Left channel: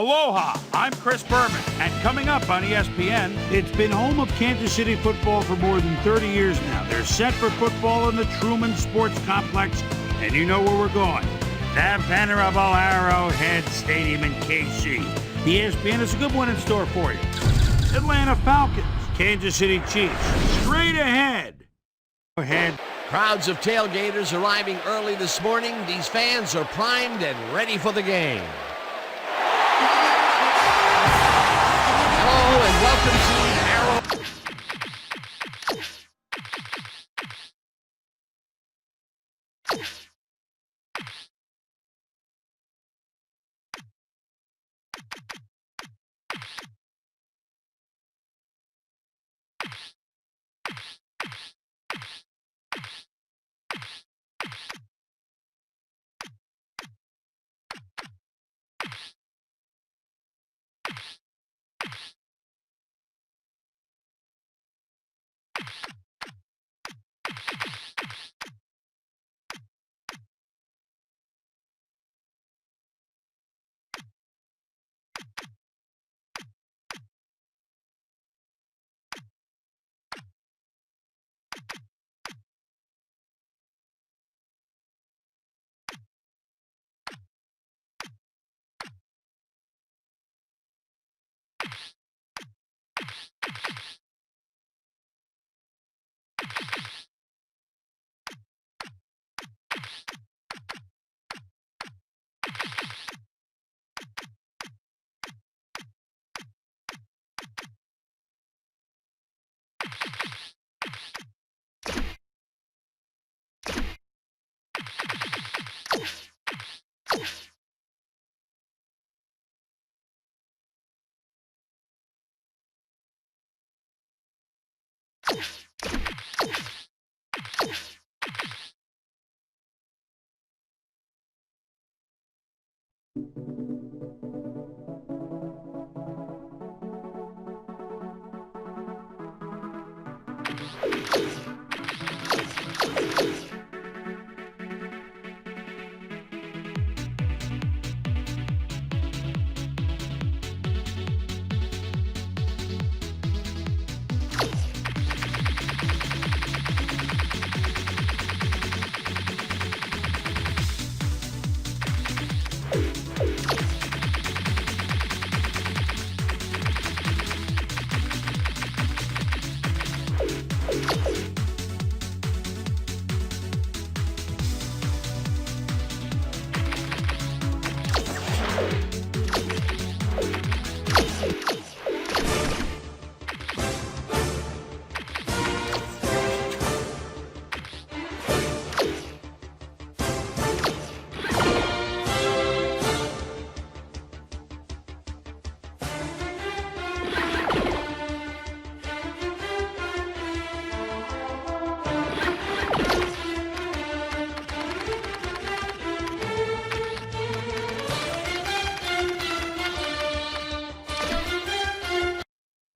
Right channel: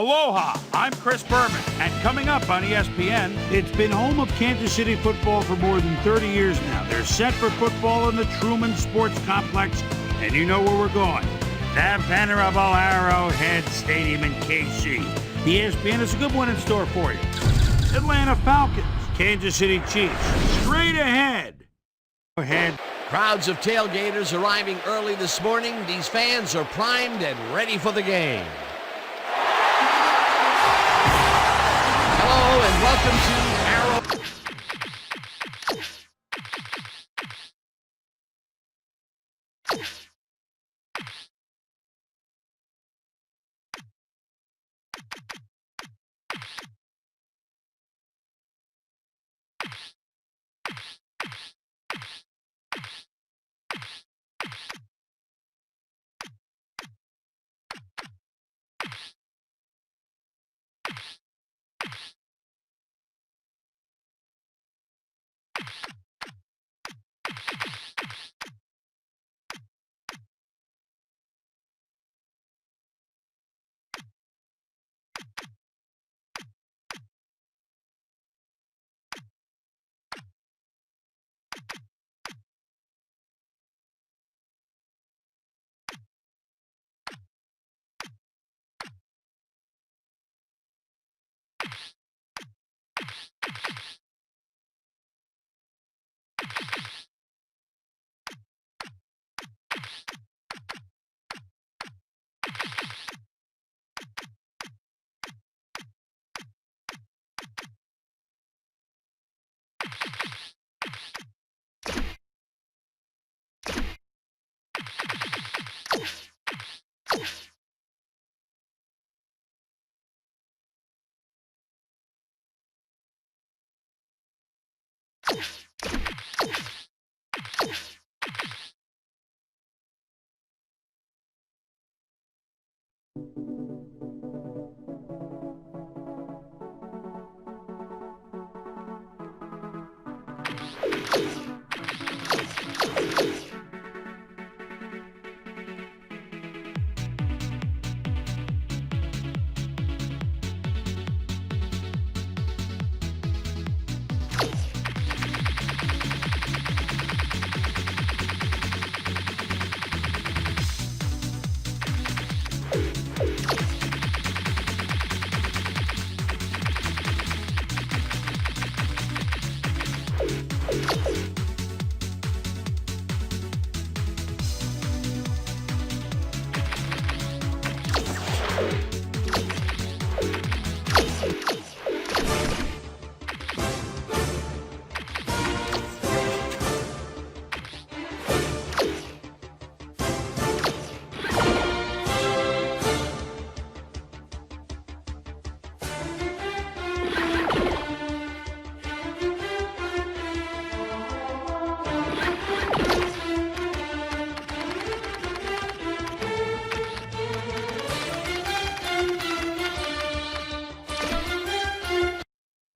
Aloha, I'm Chris Berman, and coming up on ESPN, it's been home of Kansas City football for more than 30 years now. They're set for football in the Truman Sports Complex, and you know where we're going. The venerable Arrowhead Stadium in KC. The ESPN has a good one in store for you. Atlanta Falcons, Kansas City Chiefs, straight ahead. Crowds of tailgaters arriving early this morning. These fans are primed and ready for the game. Hello and welcome to Arrow.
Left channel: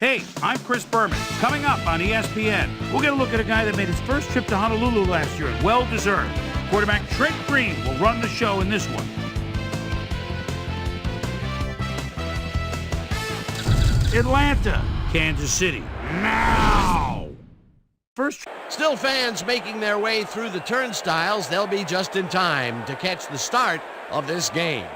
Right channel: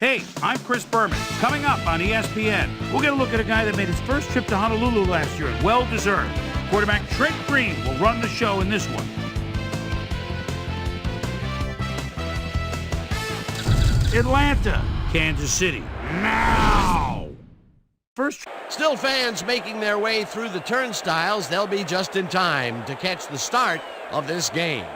Hey, I'm Chris Berman. Coming up on ESPN, we'll get a look at a guy that made his first trip to Honolulu last year, and well-deserved. Quarterback Trent Green will run the show in this one. Atlanta, Kansas City, now! First. Still fans making their way through the turnstiles. They'll be just in time to catch the start of this game.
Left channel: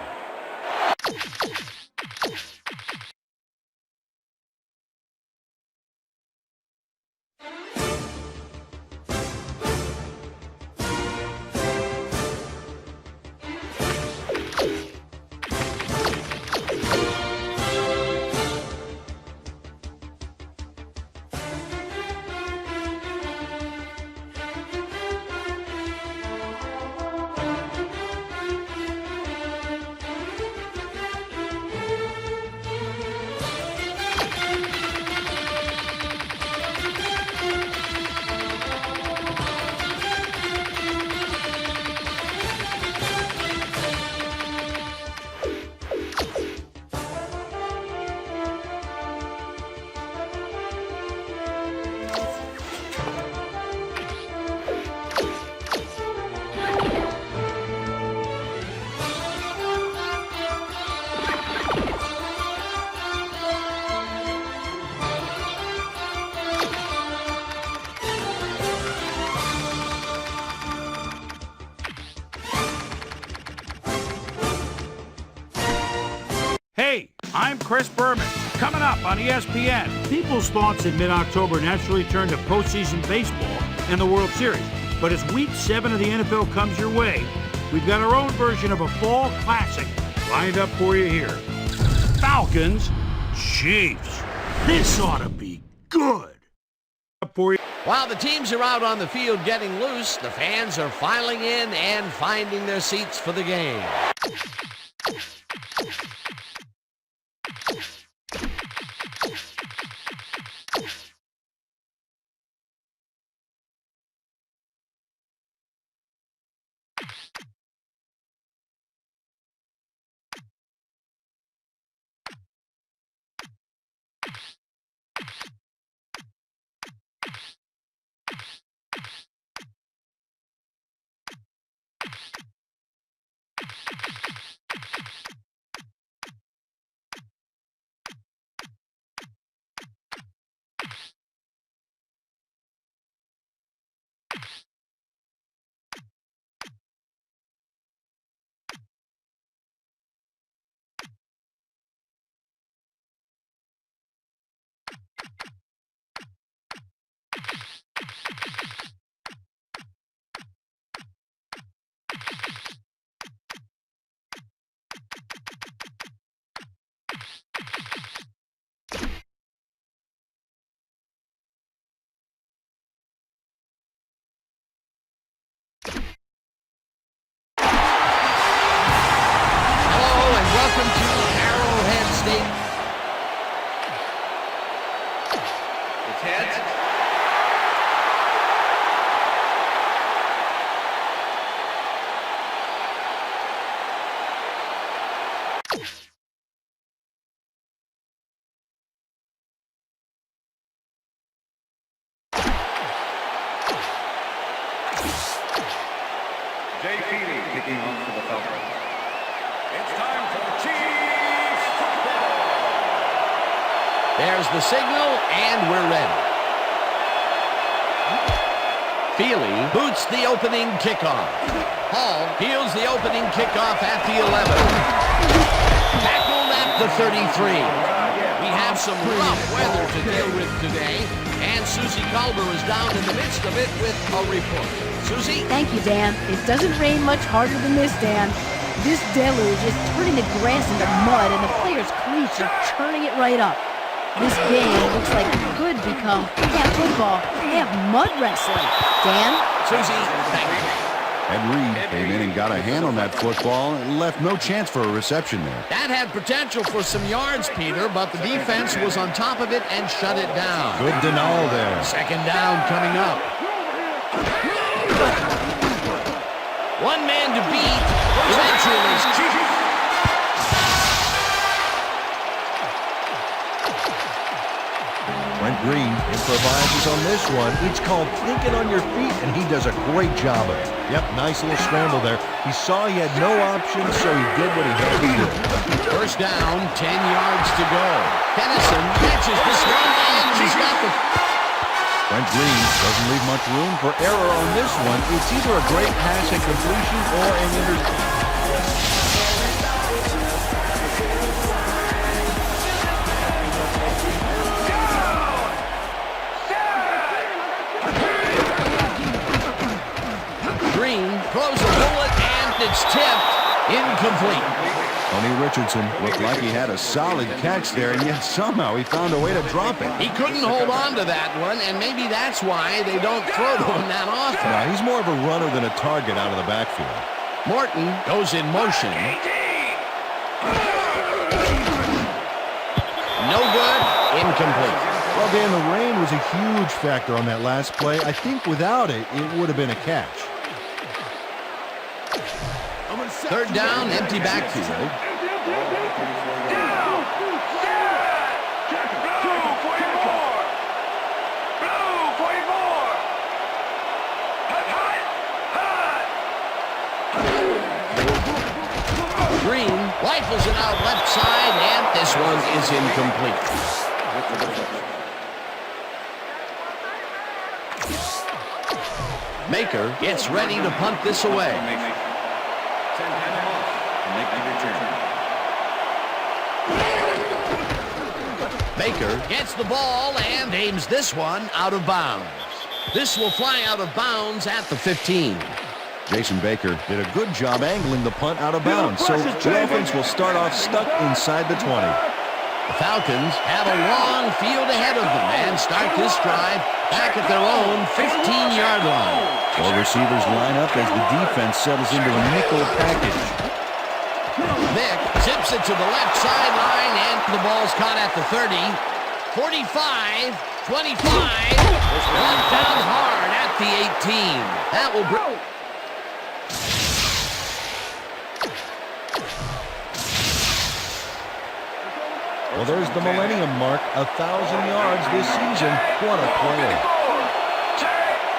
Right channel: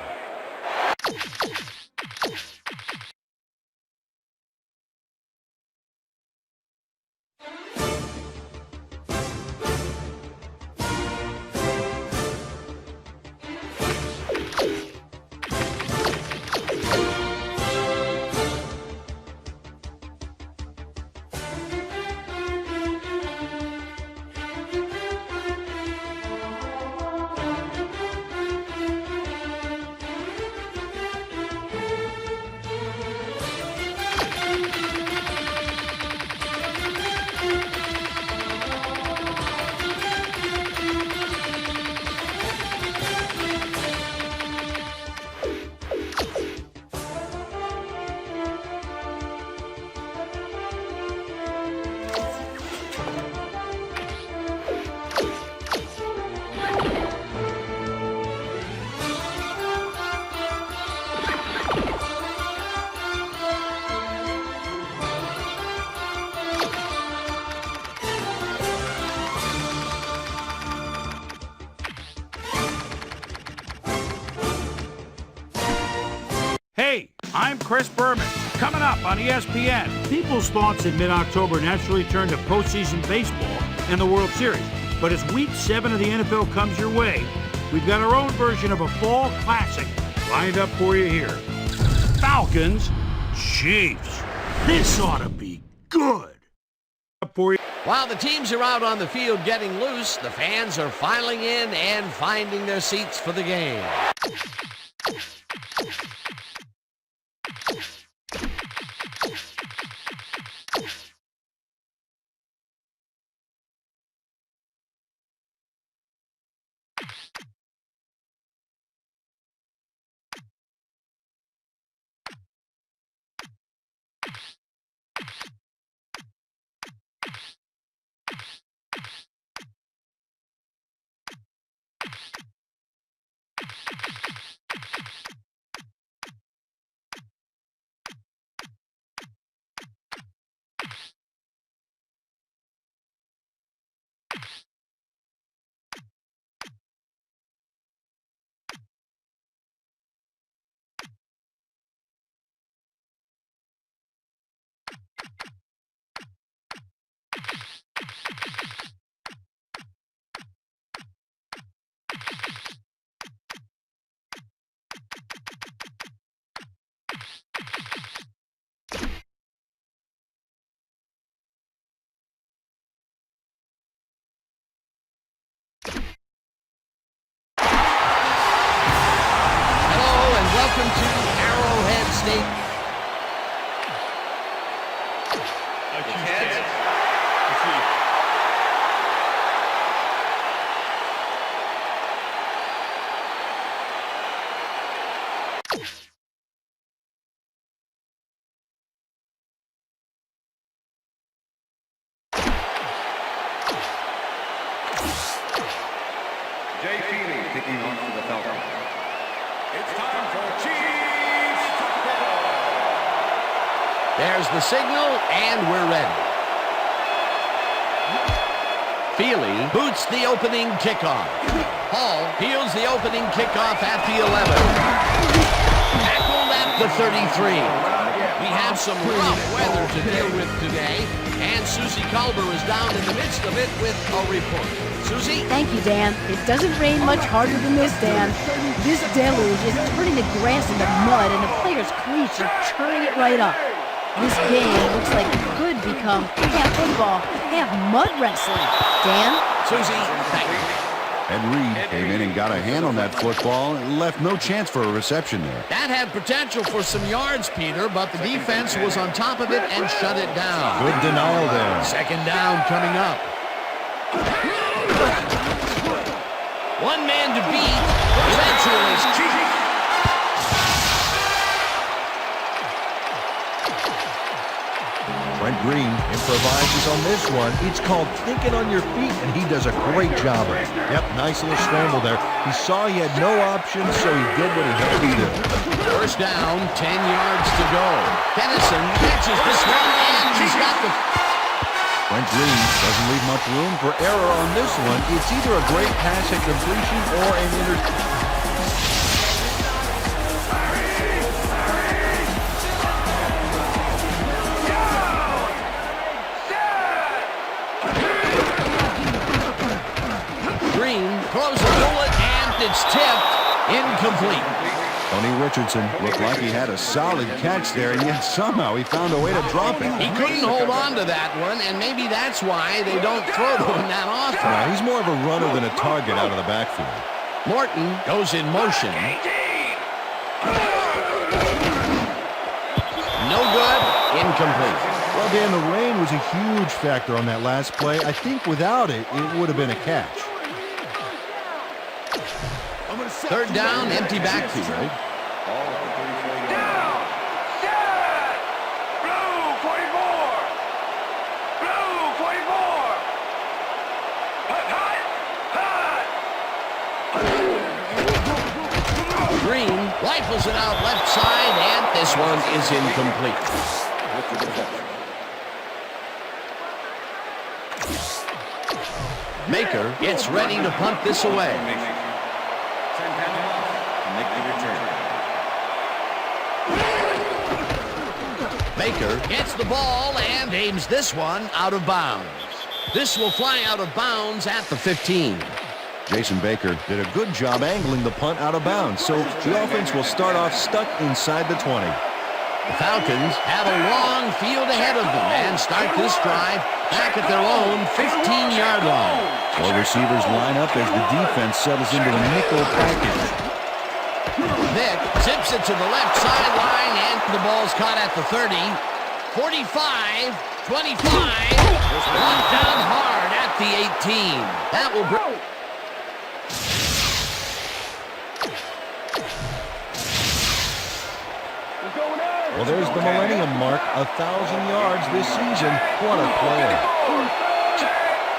I'm Chris Berman. Coming up on ESPN, people's thoughts in mid-October naturally turn to postseason baseball and the World Series. But as Week 7 of the NFL comes your way, we've got our own version of a fall classic lined up for you here. Falcons, Chiefs. This ought to be good. For you. While the teams are out on the field getting loose, the fans are filing in and finding their seats for the game. Welcome to Arrowhead State. It's heads. Jay Feely kicking off for the Falcons. It's time for Chiefs football. There's the signal, and we're ready. Feely boots the opening kickoff. Hall fields the opening kickoff at the 11. Tackled at the 33. We have some rough weather to deal with today, and Susie Culber is down in the midst of it with a report. Susie? Thank you, Dan. It doesn't rain much harder than this, Dan. This deluge is turning the grass into mud, and the players' cleats are churning it right up. This game looks like it could become half football, half mud wrestling. Dan? Susie, thank you. Ed Reed came in and got a hand on that football and left no chance for a reception there. That had potential for some yards, Peter, but the defense was on top of it and shut it down. Good denial there. Second down coming up. One man to beat. Eventually. Brent Green improvises on this one. It's called thinking on your feet, and he does a great job of it. Yep, nice little scramble there. He saw he had no options, so he did what he had to do. First down, 10 yards to go. Tennyson catches this one, and he's got the... Brent Green doesn't leave much room for error on this one. It's either a great pass at completion or an interception. Green throws a bullet, and it's tipped. Incomplete. Tony Richardson looked like he had a solid catch there, and yet somehow he found a way to drop it. He couldn't hold on to that one, and maybe that's why they don't throw to him that often. Now, he's more of a runner than a target out of the backfield. Morton goes in motion. No good. Incomplete. Well, Dan, the rain was a huge factor on that last play. I think without it, it would have been a catch. Third down, empty backfield. Ball at the 34-yard Down, set, blue 44, blue 44, hut, Green rifles it out left side, and this one is incomplete. with the deflection. Maker gets ready to punt this away. Santana off to make the return. Baker gets the ball and aims this one out of bounds. This will fly out of bounds at the 15. Jason Baker did a good job angling the punt out of bounds, so the offense will start off stuck inside the 20. The Falcons have a long field ahead of them and start this drive back at their own 15-yard line. 4 receivers line up as the defense settles into a nickel package. Vick zips it to the left sideline, and the ball's caught at the 30. 45, 25, brought down hard at the 18. That will bring... Well, there's the millennium mark, 1,000 yards this season. What a player.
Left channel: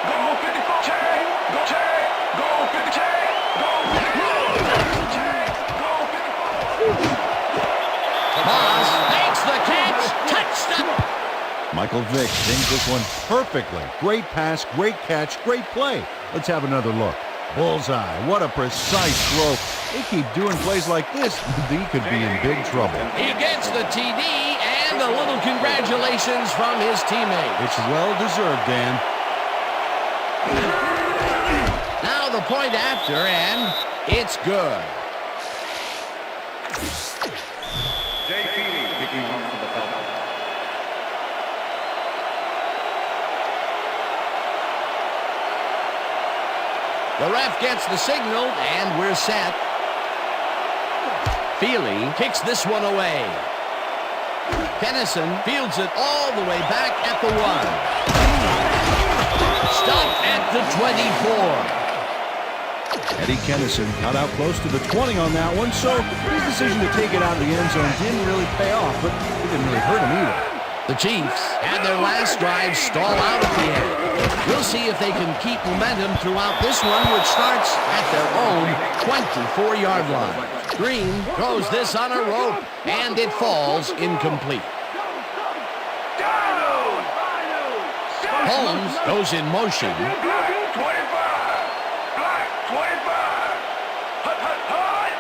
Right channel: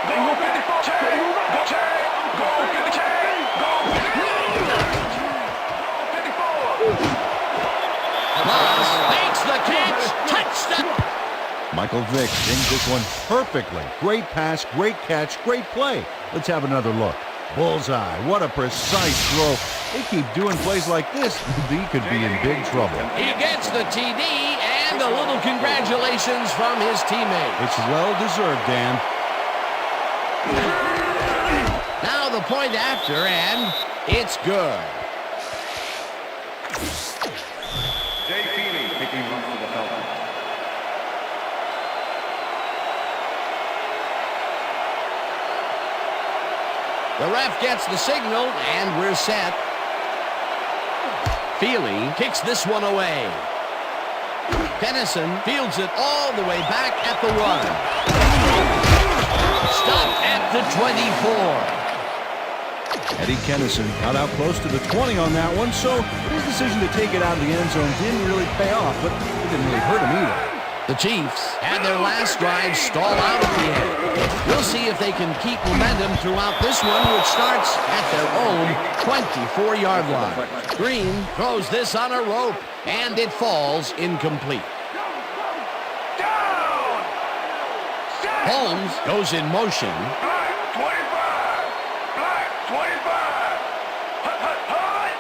Go 54, go 50, Moss makes the catch. Touchdown. Michael Vick dinged this one perfectly. Great pass, great catch, great play. Let's have another look. Bullseye. What a precise throw. They keep doing plays like this, he could be in big trouble. He gets the TD and a little congratulations from his teammates. It's well-deserved, Dan. Now the point after, and it's good. Jay Feely kicking off for the Falcons. The ref gets the signal, and we're set. Feely kicks this one away. Kennison fields it all the way back at the 1. Stopped at the 24. Eddie Kennison got out close to the 20 on that one, so his decision to take it out of the end zone didn't really pay off, but it didn't really hurt him either. The Chiefs had their last drive stall out at the end. We'll see if they can keep momentum throughout this one, which starts at their own 24-yard line. Green throws this on a rope, and it falls incomplete. down. Holmes goes in motion. Black 25. Black 25. Hut, hut, hut.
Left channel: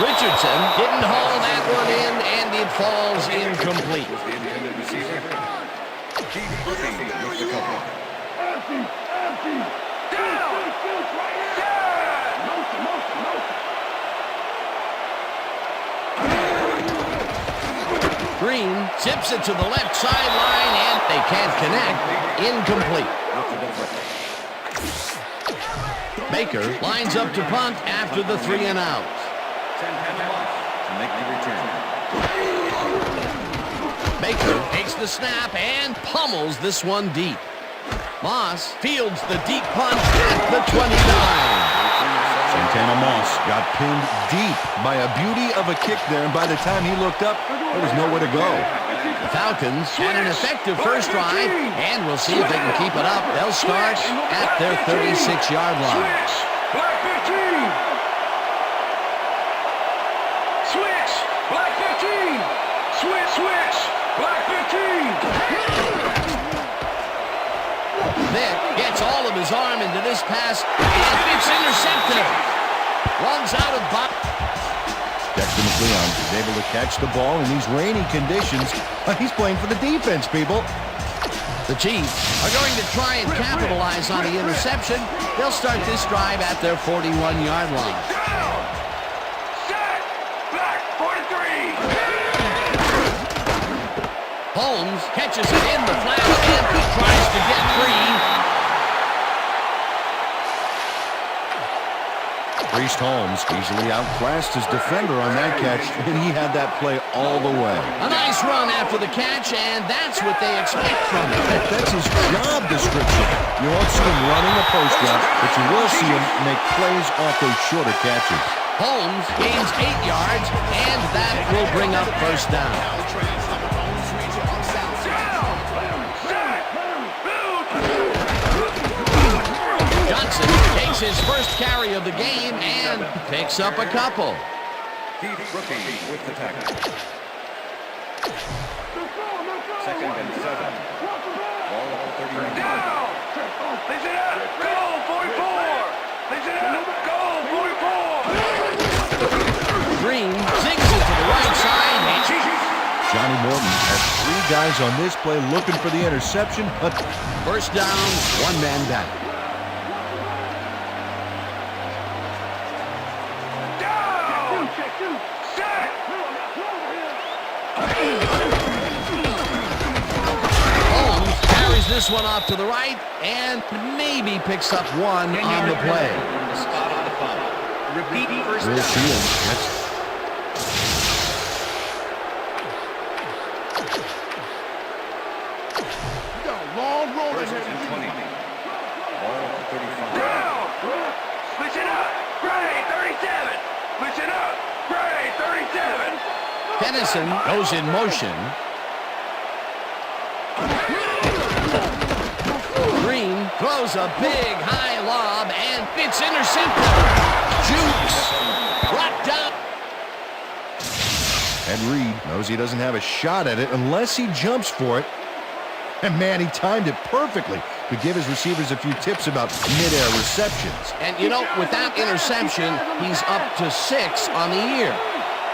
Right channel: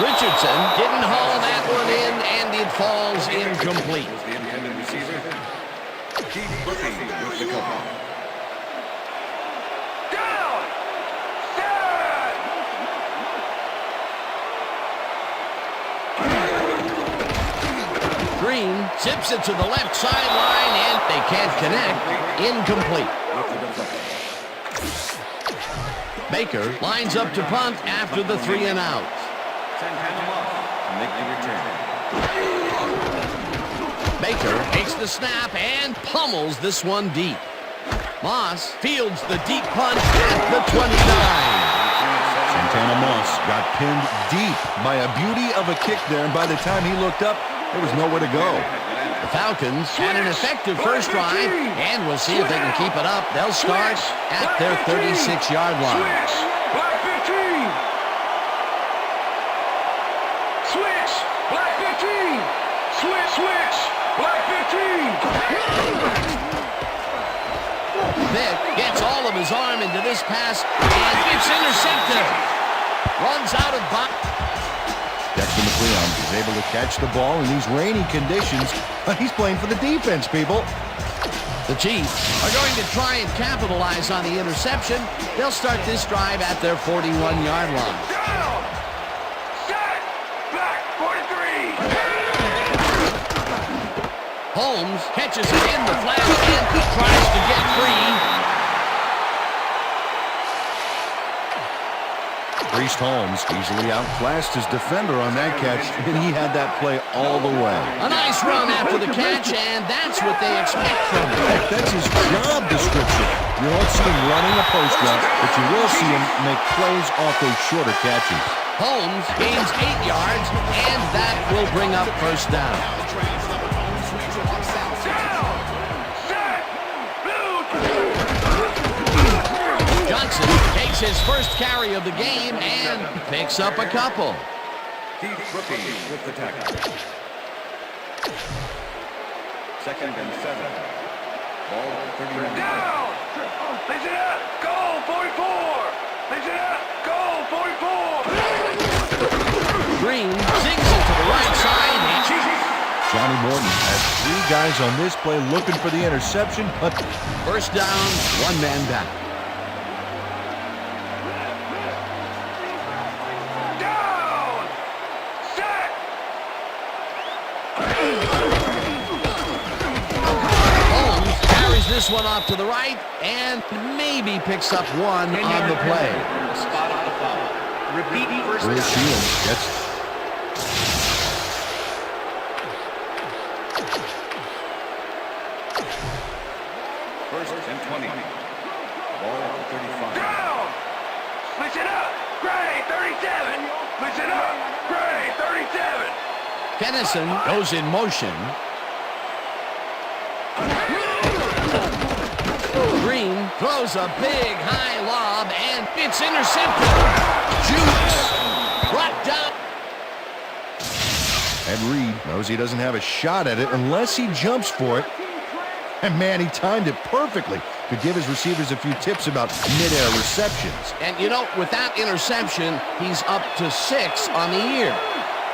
Richardson didn't haul that one in, and it falls incomplete. Was the intended receiver. Keith Brooking with the cover. Down. Set. Green zips it to the left sideline, and they can't connect. Incomplete. With the deflection. Baker lines up to punt after the 3 and out. Santana Moss to make the return. Baker takes the snap and pummels this one deep. Moss fields the deep punt at the 29. Santana Moss got pinned deep by a beauty of a kick there, and by the time he looked up, there was nowhere to go. The Falcons had an effective first drive, and we'll see if they can keep it up. They'll start at their 36-yard line. Switch. Black 15. Switch. Black 15. Switch, switch. Black 15. Vick gets all of his arm into this pass, and it's intercepted. Runs out of bounds. Dexter McLeon is able to catch the ball in these rainy conditions, but he's playing for the defense, people. The Chiefs are going to try and capitalize on the interception. They'll start this drive at their 41-yard line. Down. Set. Black 43. Holmes catches it in the flat and tries to get free. Priest Holmes easily outclassed his defender on that catch, and he had that play all the way. A nice run after the catch, and that's what they expect from him. That's his job description. You won't see him running a post route, but you will see him make plays off those shorter catches. Holmes gains 8 yards, and that will bring up first down. Johnson takes his first carry of the game and picks up a couple. Keith Brooking with the tackle. 2nd and 7. Ball at the 39. Down. Lays it up. Go 44. Lays it up. Go 44. Green zings it to the right side. And Johnny Morton has 3 guys on this play looking for the interception, but first down, 1 man down. Down! Set! Holmes carries this one off to the right and maybe picks up 1 on the play. From the spot of the foul. Repeat first Will down. Shields gets First and 20. Ball at the 35. Down! Listen up! Grade 37! Listen up! Grade 37! Tennyson goes in motion. Green throws a big high lob and it's intercepted. Jukes brought down. And Reed knows he doesn't have a shot at it unless he jumps for it. And man, he timed it perfectly. Could give his receivers a few tips about mid-air receptions. And you know, with that interception, he's up to 6 on the year.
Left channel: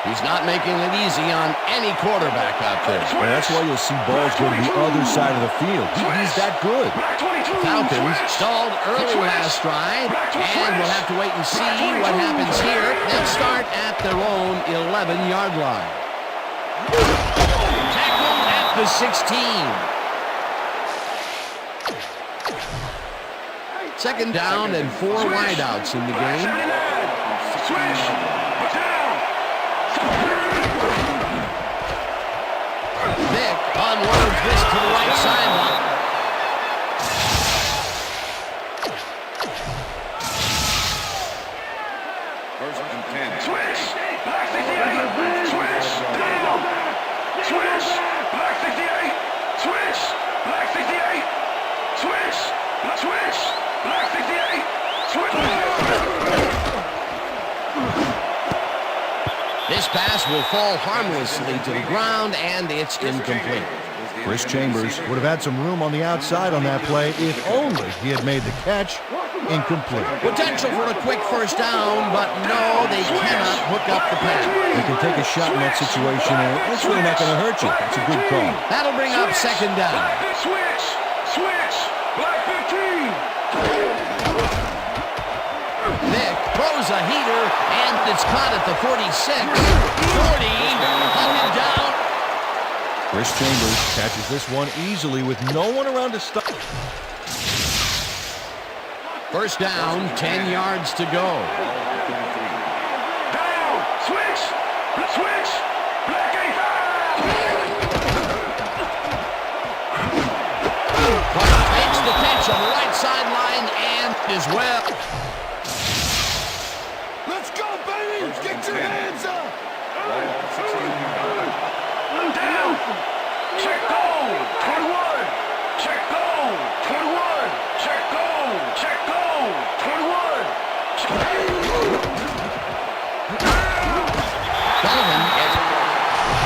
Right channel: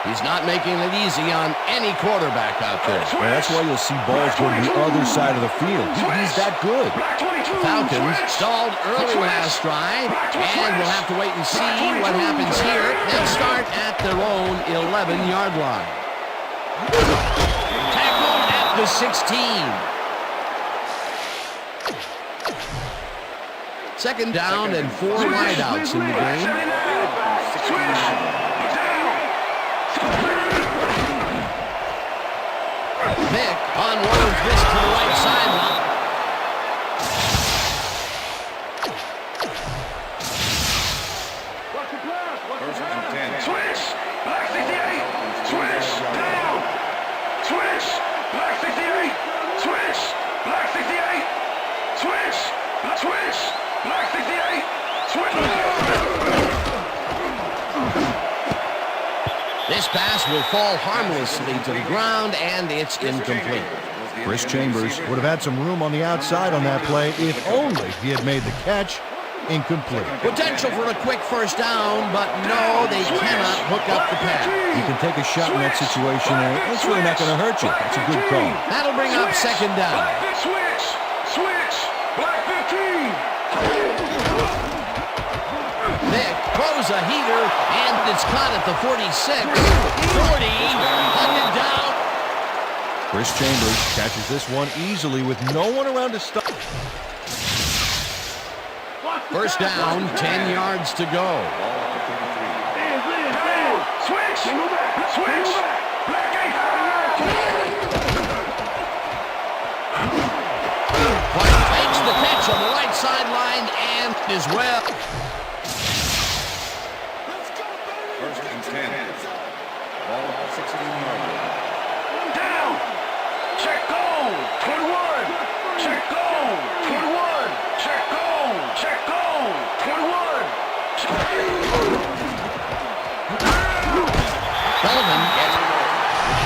He's not making it easy on any quarterback out there. Well, that's why you'll see balls go to the other side of the field. He's that good. Falcons stalled early last drive, and we'll have to wait and see what happens here. They'll start at their own 11-yard line. Tackled at the 16. Second down and 4 wideouts in the game. Vick unloads this to the right sideline. First and 10. Switch! Black 68! Switch! Down! Switch! Black 68! Switch! Black 68! Switch! Switch! Black 68! Switch! This pass will fall harmlessly to the ground, and it's incomplete. Chris Chambers would have had some room on the outside on that play if only he had made the catch. Incomplete. Potential for a quick first down, but no, they cannot hook up the pass. You can take a shot in that situation, and it's really not going to hurt you. That's a good call. That'll bring up second down. Switch! Switch! Black 15! Vick throws a heater, and it's caught at the 46. 40, hunted down. Chris Chambers catches this one easily with no one around to stop. First down, 10 yards to go. Ball at the 33. Down! Switch! Switch! Black 85! White takes the catch on the right sideline and is well. Let's go, baby! First and 10. Ball at the 16-yard line. Down! Check goal! 21! Check goal! 21! Check goal! Check goal! 21! Sullivan gets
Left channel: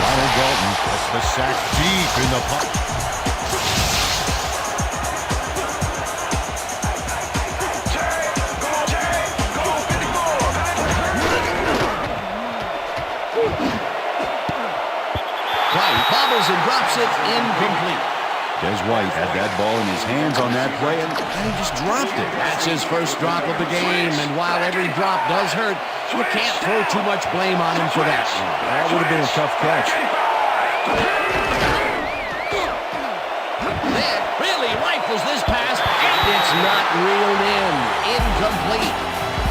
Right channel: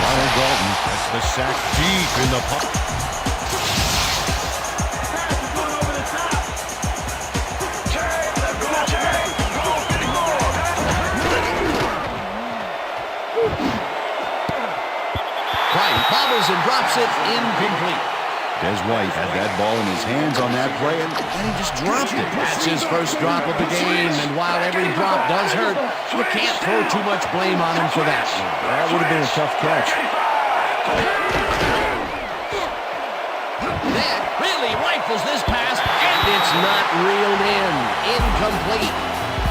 Lionel Dalton gets the sack deep in the pocket. Check! Go! Check! Go! 54! White bobbles and drops it incomplete. Des White had that ball in his hands on that play, and then he just dropped it. That's his first drop of the game, and while every drop does hurt, you can't throw too much blame on him for that. That would have been a tough catch. Vick really rifles this pass, and it's not reeled in. Incomplete.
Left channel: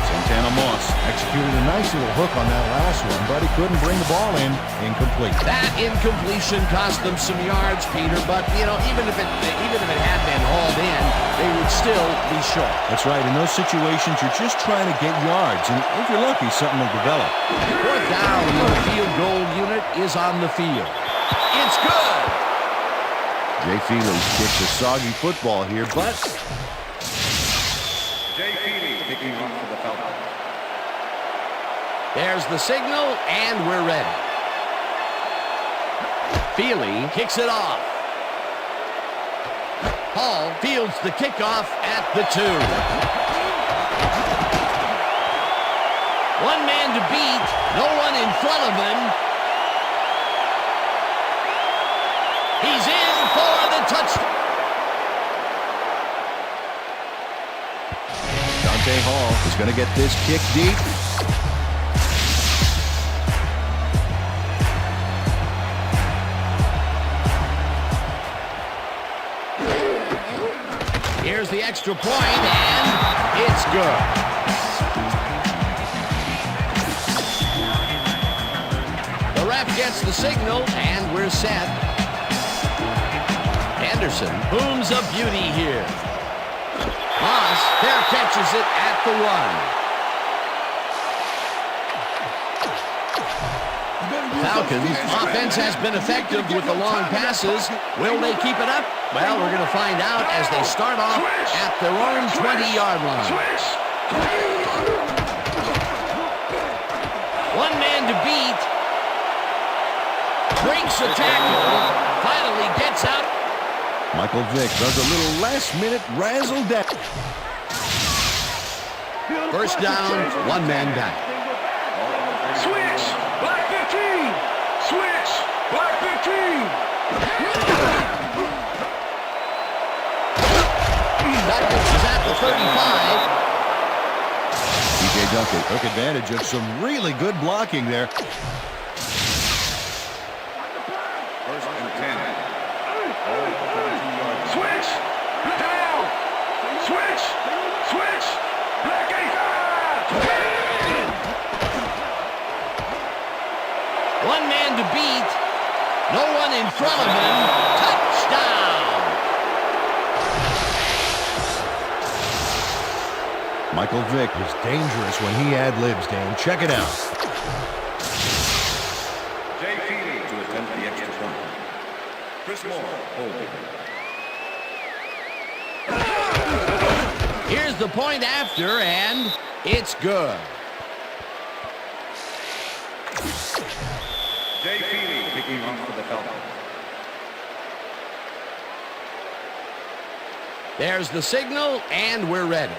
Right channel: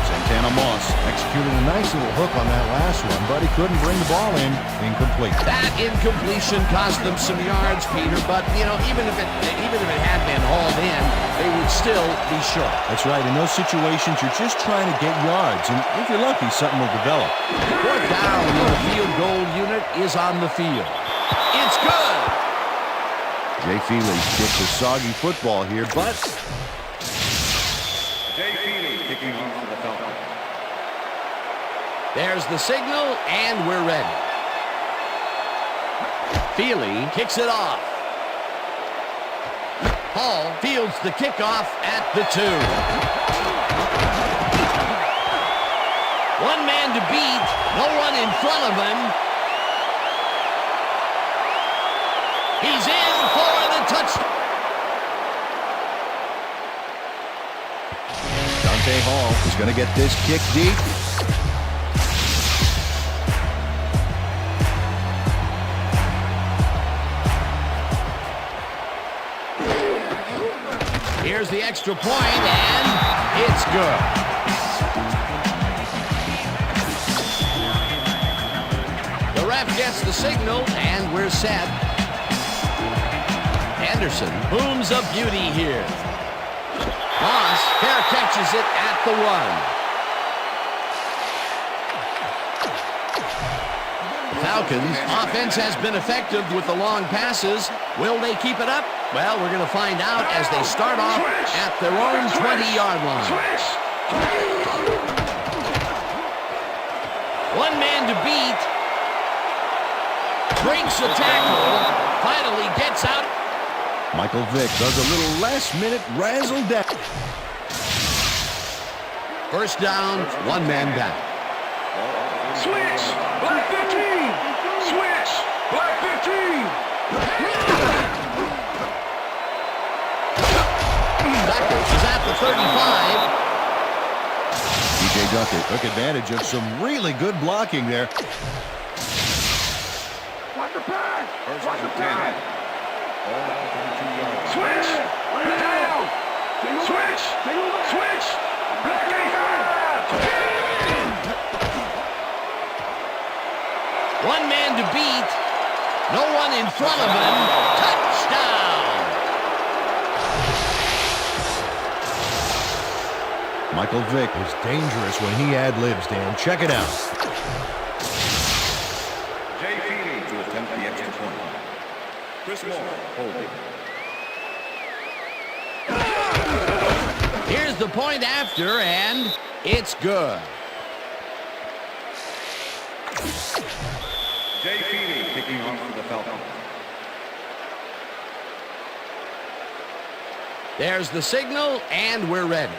Santana Moss executed a nice little hook on that last one, but he couldn't bring the ball in. Incomplete. That incompletion cost them some yards, Peter, but, you know, even if it had been hauled in, they would still be short. That's right. In those situations, you're just trying to get yards, and if you're lucky, something will develop. Fourth down, and the field goal unit is on the field. It's good. Jay Feely kicks a soggy football here, but Jay Feely kicking off for the Falcons. There's the signal, and we're ready. Feely kicks it off. Hall fields the kickoff at the 2. One man to beat. No one in front of him. He's in for the touchdown. Dante Hall is going to get this kick deep. Here's the extra point, and it's good. The ref gets the signal, and we're set. Anderson booms a beauty here. Moss fair catches it at the 1. Falcons offense has been effective with the long passes. Will they keep it up? Well, we're going to find out as they start off at their own 20-yard line. One man to beat. Breaks a tackle. Finally gets out. Michael Vick does a little last-minute razzle-dazzle. First down, one man back. Switch! Black 15! Switch! Black 15! Duckett is at the 35. TJ Duckett took advantage of some really good blocking there. First and 10. Ball at the 32-yard line. Switch! Down! Switch! Switch! Black 85! One man to beat. No one in front of him. Touchdown! Michael Vick is dangerous when he ad-libs, Dan. Check it out. Jay Feely to attempt the extra point. Chris Moore holding. Here's the point after, and it's good. Jay Feely kicking off for the Falcons. There's the signal, and we're ready.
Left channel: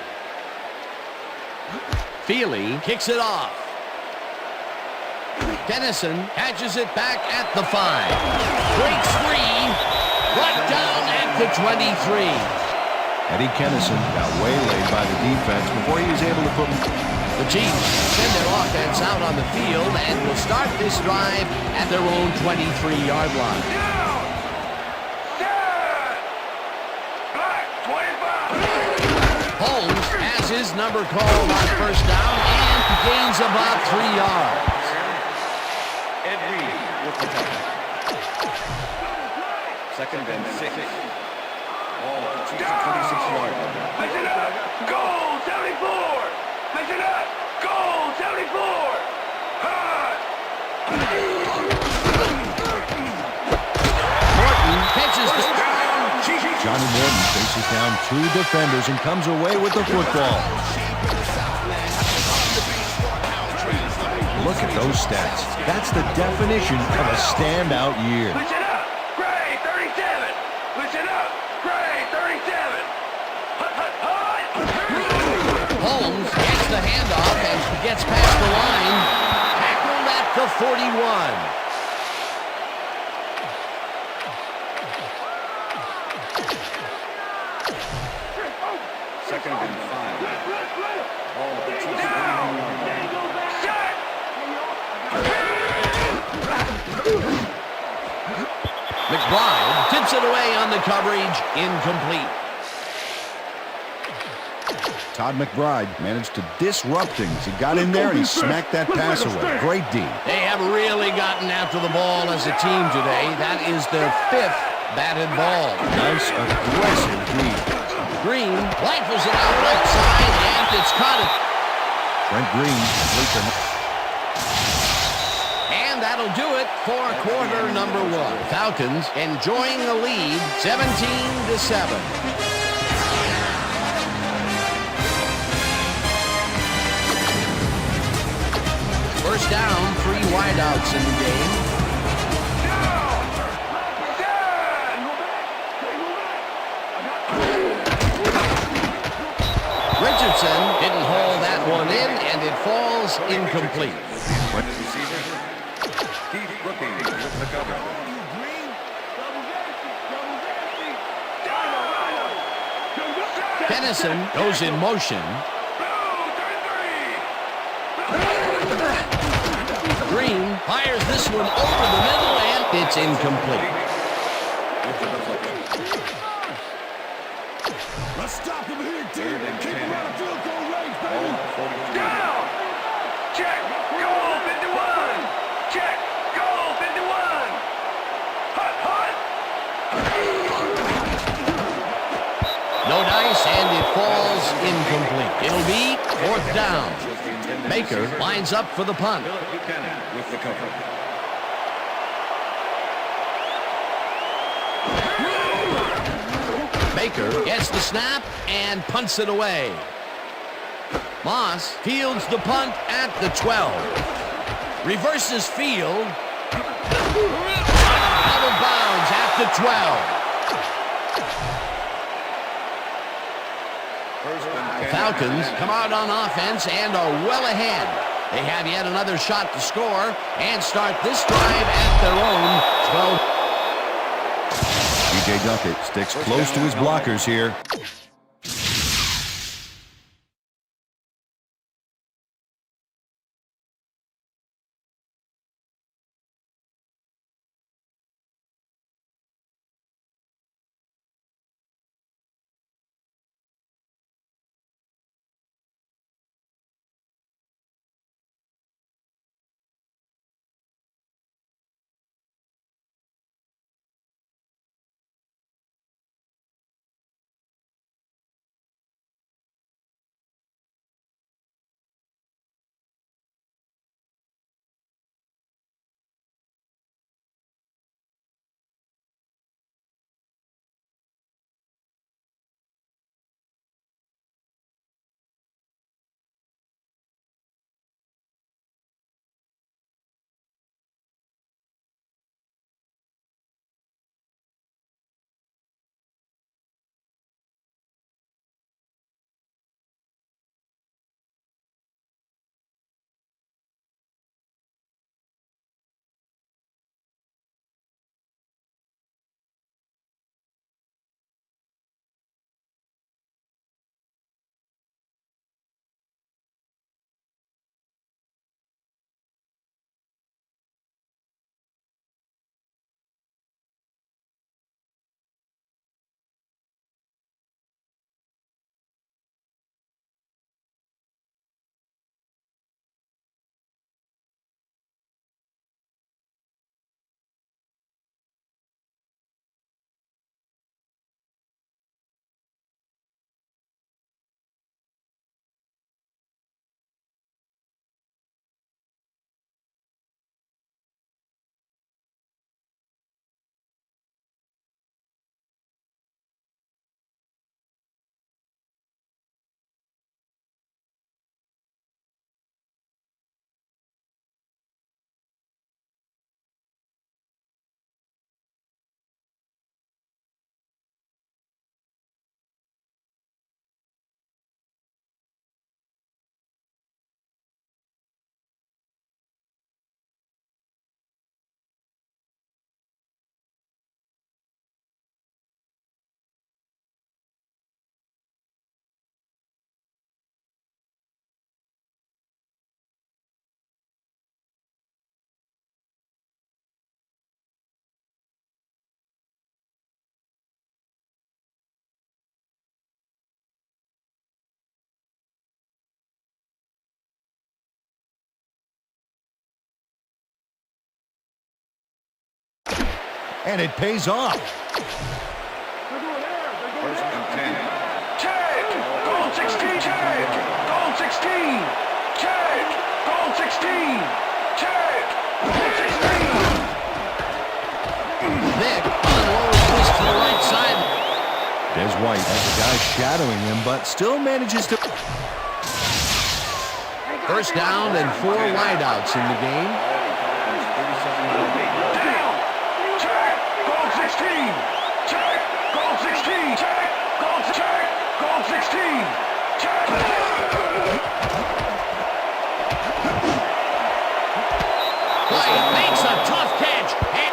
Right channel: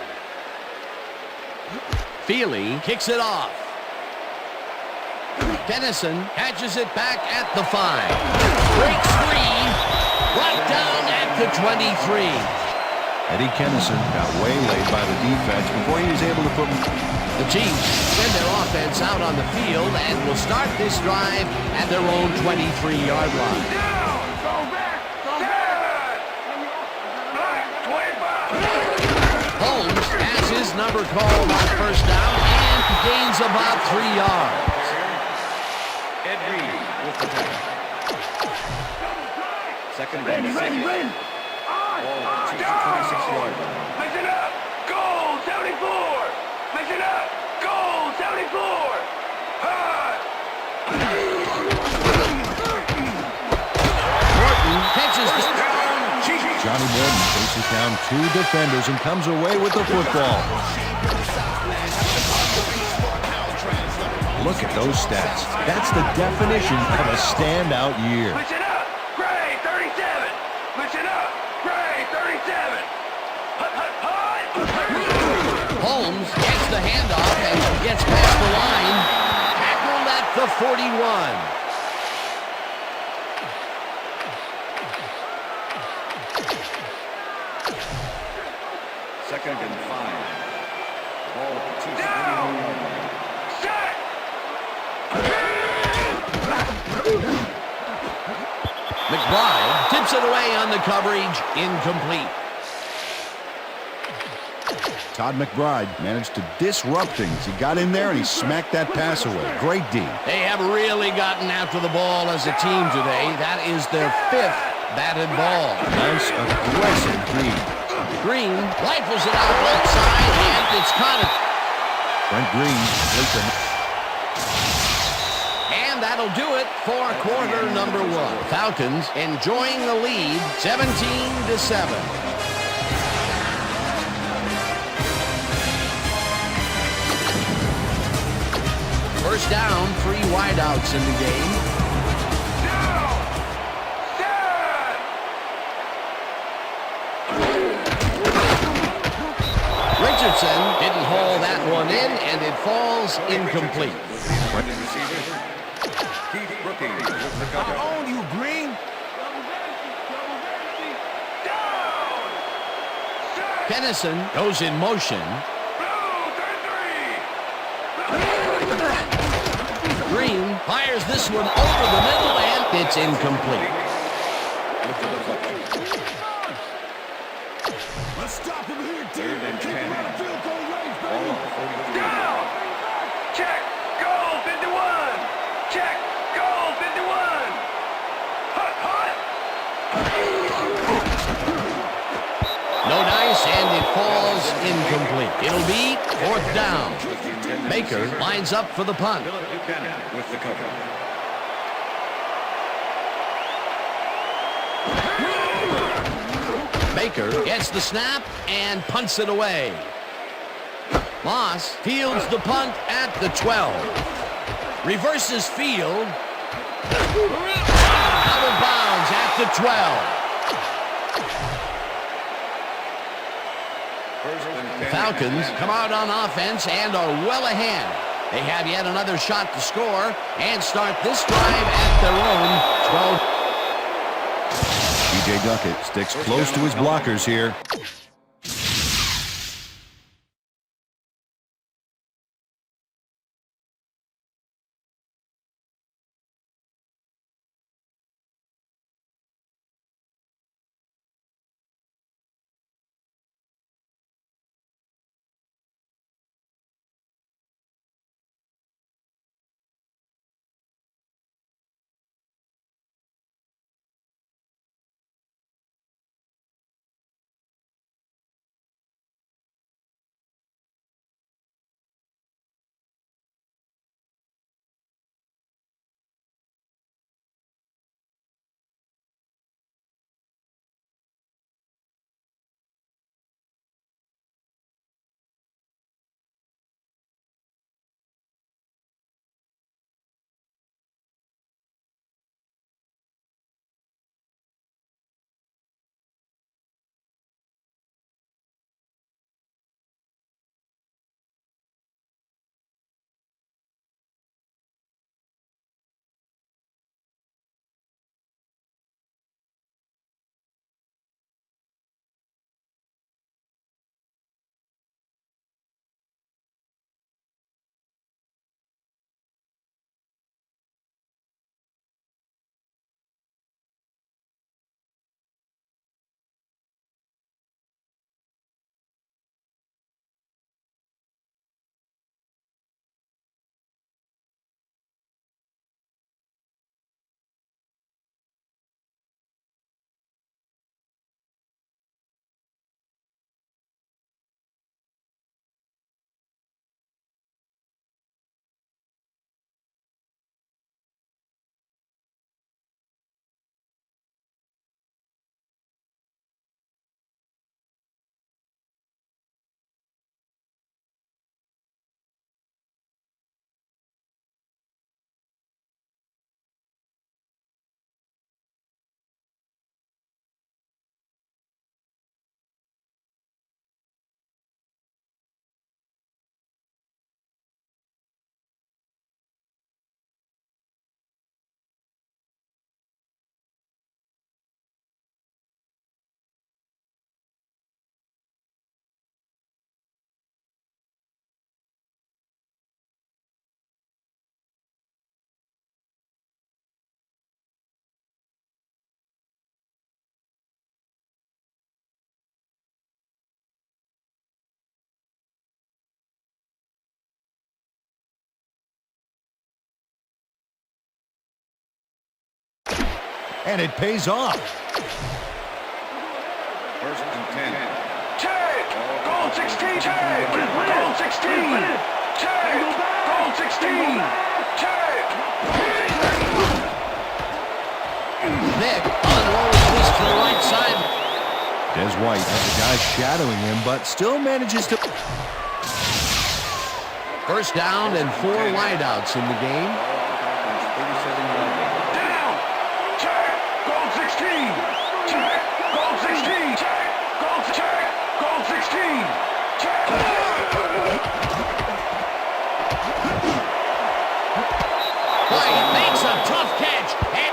Feely kicks it off. Dennison catches it back at the 5. Breaks free. Brought down at the 23. Eddie Kennison got waylaid by the defense before he was able to put... The Chiefs send their offense out on the field and will start this drive at their own 23-yard line. Down! Set! Black 25! Holmes has his number called on first down and gains about 3 yards. Ed Reed with the tackle. Second and 6. Ball at the Chiefs 26-yard line. Listen up! Goal 74! Listen up! Goal 74! Hot! Morton catches the... Down, Chiefs. Johnny Morton faces down 2 defenders and comes away with the football. Look at those stats. That's the definition of a standout year. Listen up! Gray 37! Listen up! Gray 37! Hut, hut, hut! Holmes gets the handoff and gets past the line. Tackled at the 41. Second and 5. Ball at the Chiefs 41-yard line. Set! McBride tips it away on the coverage. Incomplete. Todd McBride managed to disrupt things. He got in there and he smacked that pass away. Great D. They have really gotten after the ball as a team today. That is their 5th batted ball. Nice, aggressive D. Green rifles it out left side, and it's caught it. Brent Green completes a... And that'll do it for quarter number 1. Falcons enjoying the lead, 17-7. First down, 3 wideouts in the game. Down! Set! Richardson didn't haul that one in, and it falls incomplete. With the intended receiver. Keith Brookings with the cover. On you, Green. Doubles empty. Doubles empty. Rhino. Kennison goes in motion. Green fires this one over the middle, and it's incomplete. With the deflection. Let's stop him here, Third team. and Keep 10. him out of field goal range, Ball baby. at the 43. Down. Check. Goal 51. Check. Goal 51. Hut, hut. No dice, and it falls incomplete. It'll be fourth down. Was the intended Baker receiver. lines up for the punt. Philip Buchanan with the coverage. Baker gets the snap and punts it away. Moss fields the punt at the 12. Reverses field. Out of bounds at the 12. First and 10. Falcons come out on offense and are well ahead. They have yet another shot to score and start this drive at their own 12. T.J. Duckett sticks First close down, to his Cowboys. blockers here. And it pays off. First and 10. Check. Goal 16. Check. Goal 16. Check. Goal 16. Check. Vick unloads this to the right side. Des White has a guy shadowing him, but still manages to... First down and 4 wideouts in the game. Ball at the Falcons 37-yard line. Down. Check. Goal 16. Check. Goal 16. Check. Goal. Check. Goal 16. White makes a tough catch. And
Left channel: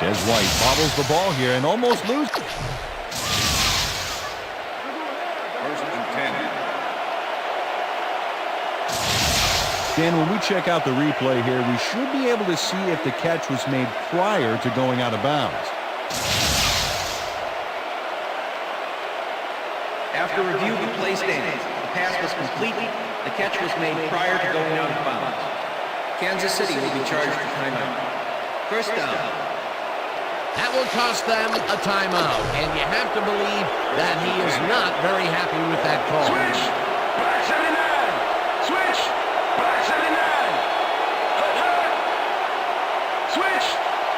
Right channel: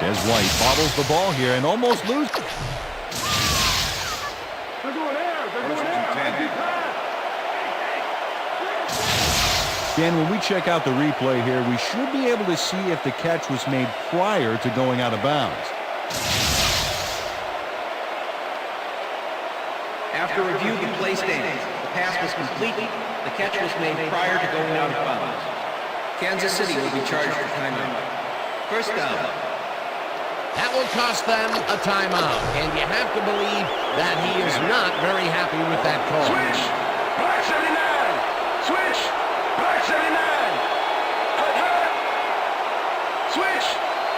Des White bobbles the ball here and almost loses. First and 10. Dan, when we check out the replay here, we should be able to see if the catch was made prior to going out of bounds. After review, the play stands. The pass was complete. The catch was made prior to going out of bounds. Kansas City will be charged a timeout. First down. that will cost them a timeout. And you have to believe that he is not very happy with that call. Switch! Black 79! Switch! Black 79! Hut, hut! Switch!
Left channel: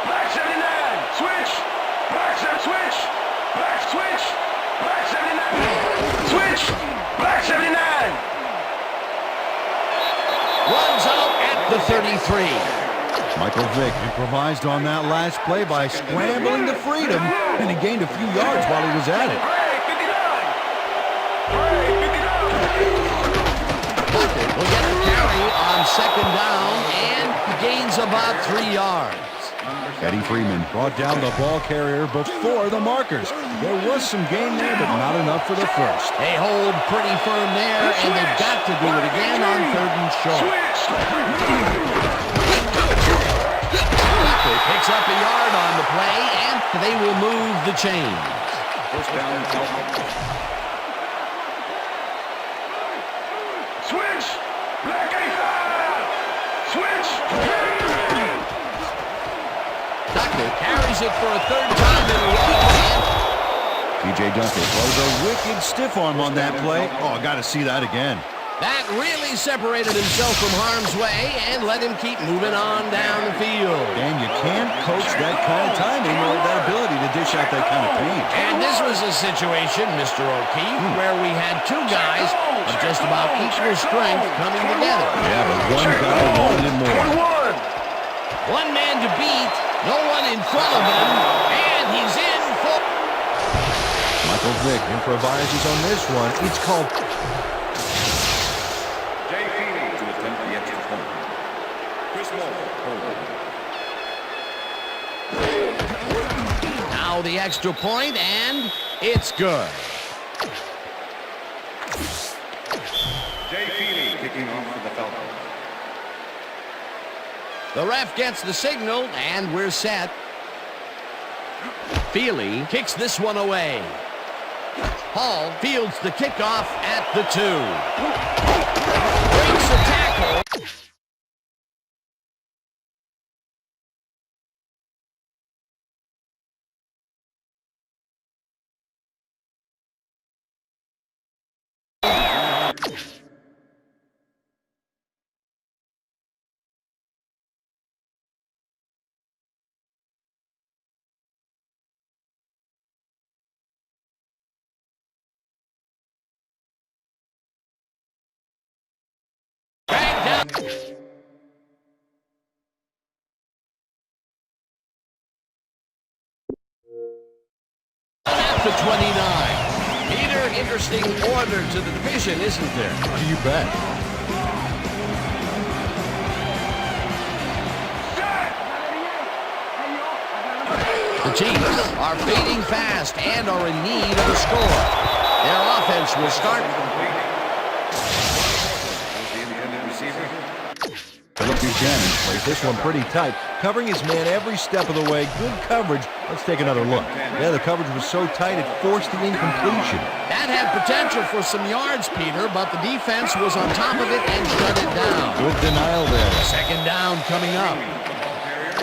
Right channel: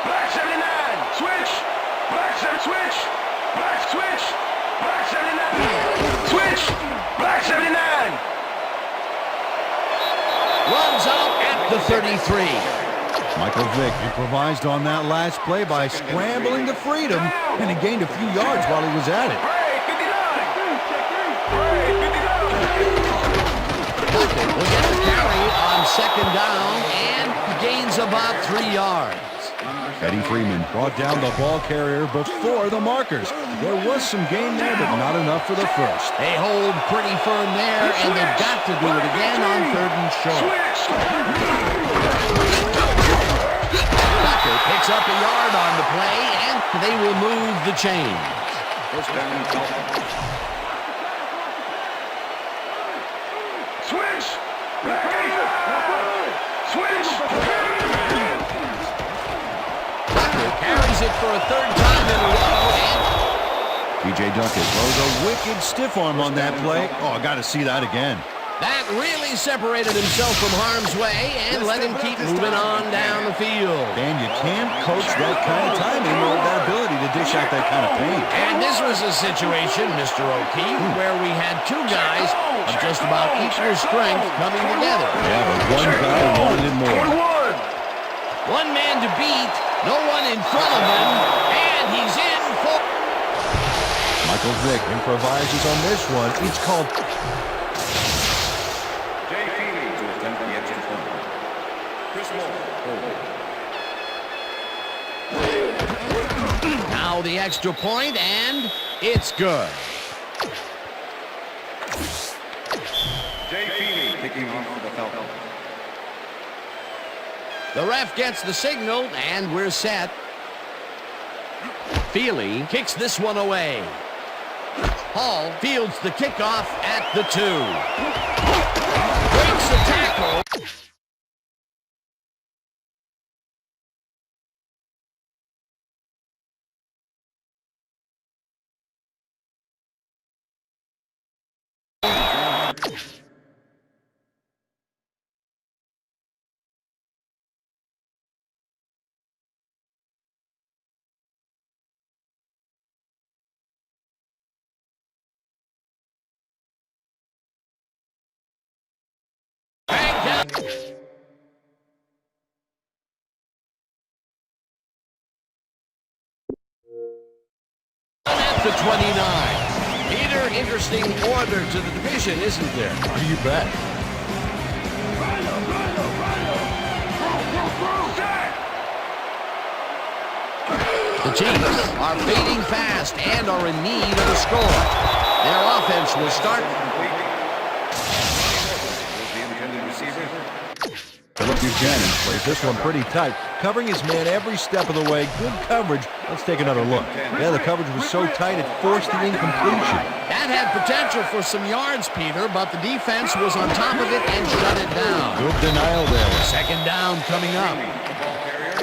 Black 79! Switch! Black 7, switch! Black switch! Black 79! Switch! Black 79! Runs out at the 33. Michael Vick improvised on that last play by scrambling to freedom, and he gained a few yards while he was at it. Break 59! Break 59! Bucket will get the carry on second down and gains about 3 yards. Eddie Freeman brought down the ball carrier before the markers. There was some gain there, but not enough for the first. They hold pretty firm there, and they've got to do it again on third and short. Bucket picks up a yard on the play, and they will move the chains. First down, Falcons. Switch! Black 85! Switch! Duckett carries it for a third time in a row, and T.J. Duckett throws a wicked stiff arm on that play. Oh, I got to see that again. that really separated himself from harm's way and let him keep moving on down the field. Dan, you can't coach that kind of timing or that ability to dish out that kind of pain. And this was a situation, Mr. O'Keefe, where we had two guys of just about equal strength coming together. Yeah, but one guy wanted it more. One man to beat, no one in front of him, and he's in for... Michael Vick improvises on this one. It's called... Jay Feely to attempt the extra point. Chris Moore holding. Now the extra point, and it's good. Jay Feely kicking off for the Falcons. The ref gets the signal, and we're set. Feely kicks this one away. Hall fields the kickoff at the 2. Breaks the tackle. Bang down. At the 29. Peter, interesting order to the division, isn't there? Oh, you bet. The Chiefs are fading fast and are in need of a score. Their offense will start. Was the intended receiver. Philip Buchanan plays this one pretty tight, covering his man every step of the way. Good coverage. Let's take another look. Yeah, the coverage was so tight it forced the incompletion. That had potential for some yards, Peter, but the defense was on top of it and shut it down. Good denial there. Second down coming up. The ball carrier.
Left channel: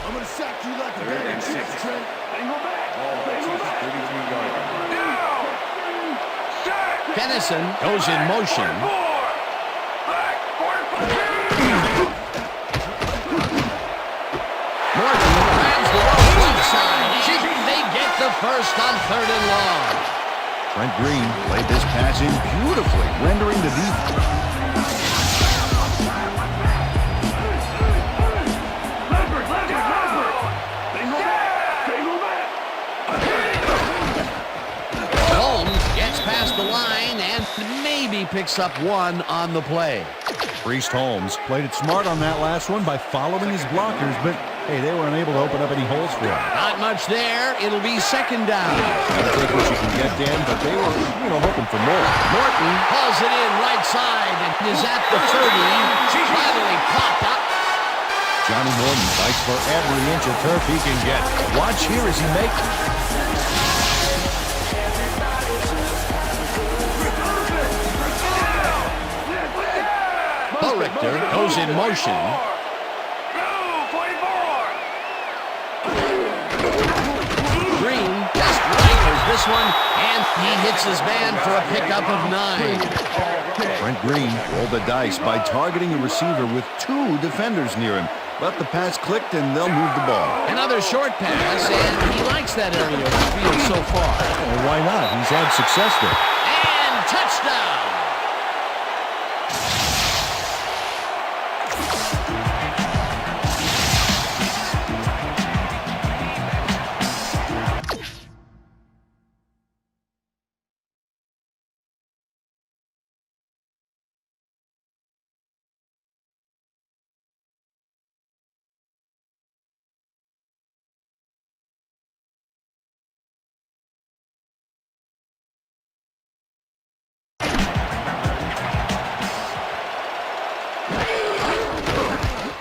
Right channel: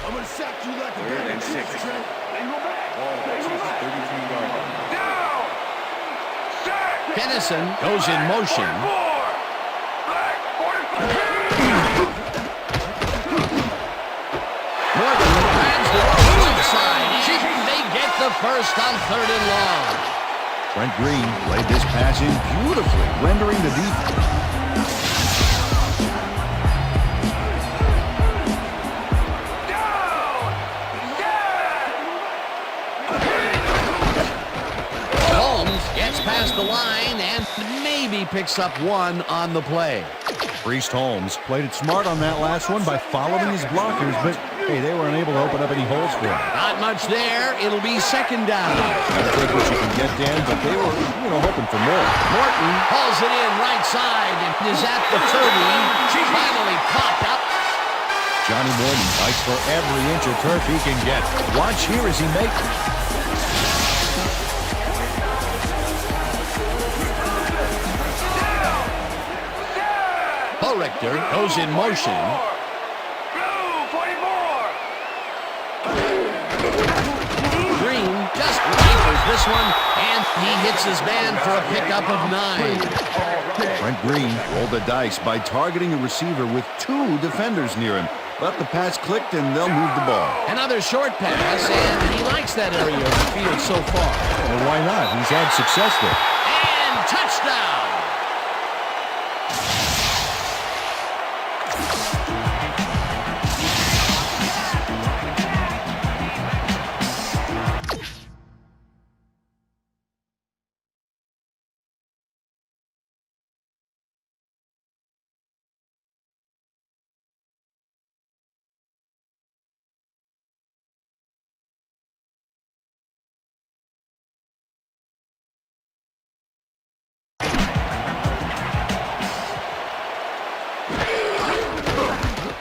I'm gonna sack you like a Third bag and of chips, 6. Trent. Then go back. Ball at the Chiefs 33-yard line. Down! Sack! Kennison goes in motion. 44! Black 44! Morton grabs the rope right side, and they get the first on third and long. Trent Green played this pass in beautifully, rendering the defense. Down! Sack! Ball Holmes gets past the line and maybe picks up one on the play. Priest Holmes played it smart on that last one by following his blockers, but hey, they were unable to open up any holes for him. Not much there. It'll be second down. Gotta take what you can get, Dan, but they were, hoping for more. Morton hauls it in right side and is at the 30. Finally popped up. Johnny Morton fights for every inch of turf he can get. Watch here as he makes it. Richter goes in motion. Blue 44. Green just rifles this one, and he hits his man for a pickup of 9. Brent Green rolled the dice by targeting a receiver with 2 defenders near him. But the pass clicked, and they'll move the ball. Another short pass, and he likes that area of the field so far. And why not? He's had success there. And touchdown!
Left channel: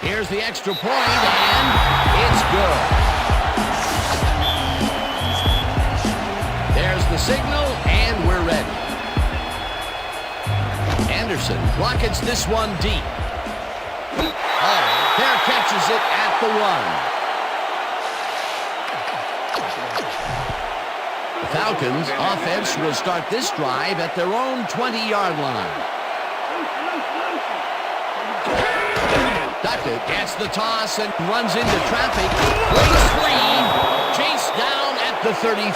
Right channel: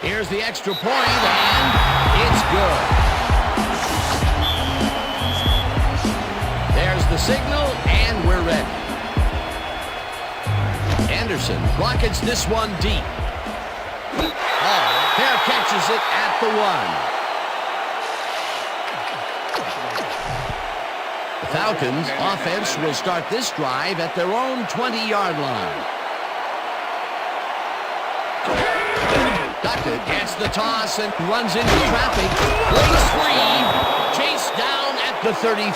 Here's the extra point, and it's good. There's the signal, and we're ready. Anderson rockets this one deep. Hall there catches it at the 1. The Falcons' offense will start this drive at their own 20-yard line. Duckett gets the toss and runs into traffic. Breaks free. Chased down at the 33.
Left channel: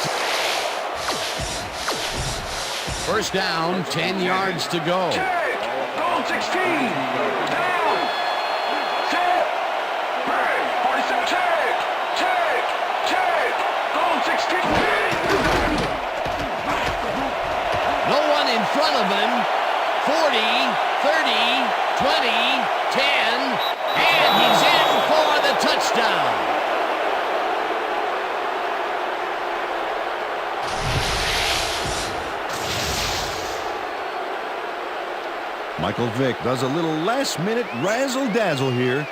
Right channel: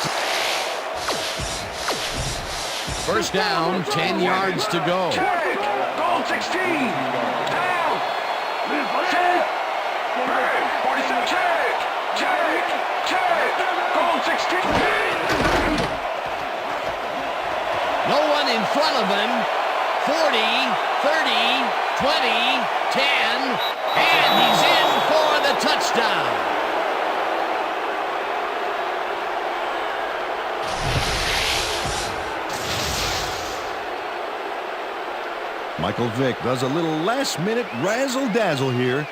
First down, 10 yards to go. Check. Goal 16. Down. Check. Break. 47. Check. Check. Check. Goal 16. No one in front of him. 40, 30, 20, 10, and he's in for the touchdown. Michael Vick does a little last-minute razzle-dazzle here,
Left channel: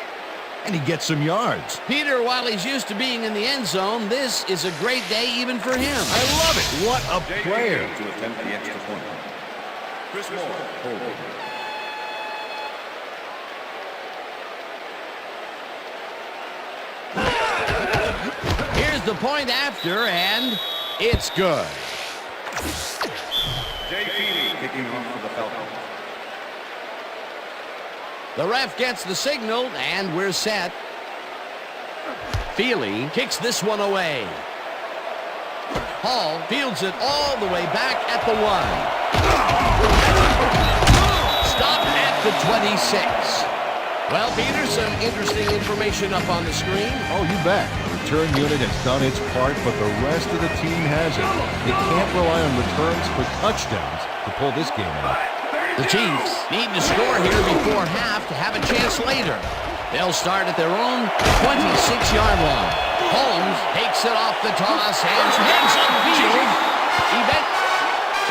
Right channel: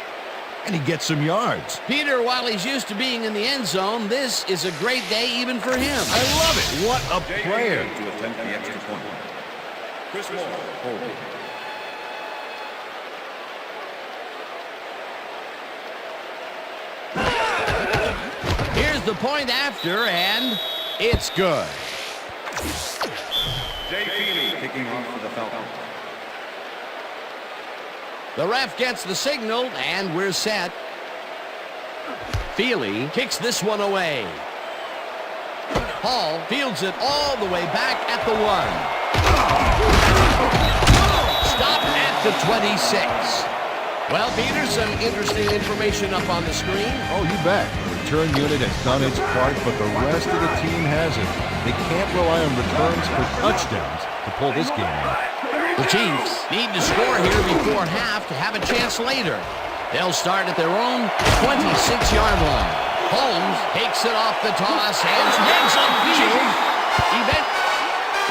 and he gets some yards. Peter, while he's used to being in the end zone, this is a great day even for him. I love it. What a player. To attempt the extra point. Chris Moore, holding. Here's the point after, and it's good. Jay Feely kicking off for the Falcons. The ref gets the signal, and we're set. Feely kicks this one away. Hall fields it all the way back at the 1. Stop at the 26. Well, Peter, some interesting information up on the screen. Oh, you bet. Return unit has done its part, but the rest of the team hasn't. They can't rely on returns for touchdowns to pull this game out. The Chiefs need to score here before half to have a chance later. They'll start at their own 26-yard line. Holmes takes it off the toss and heads upfield.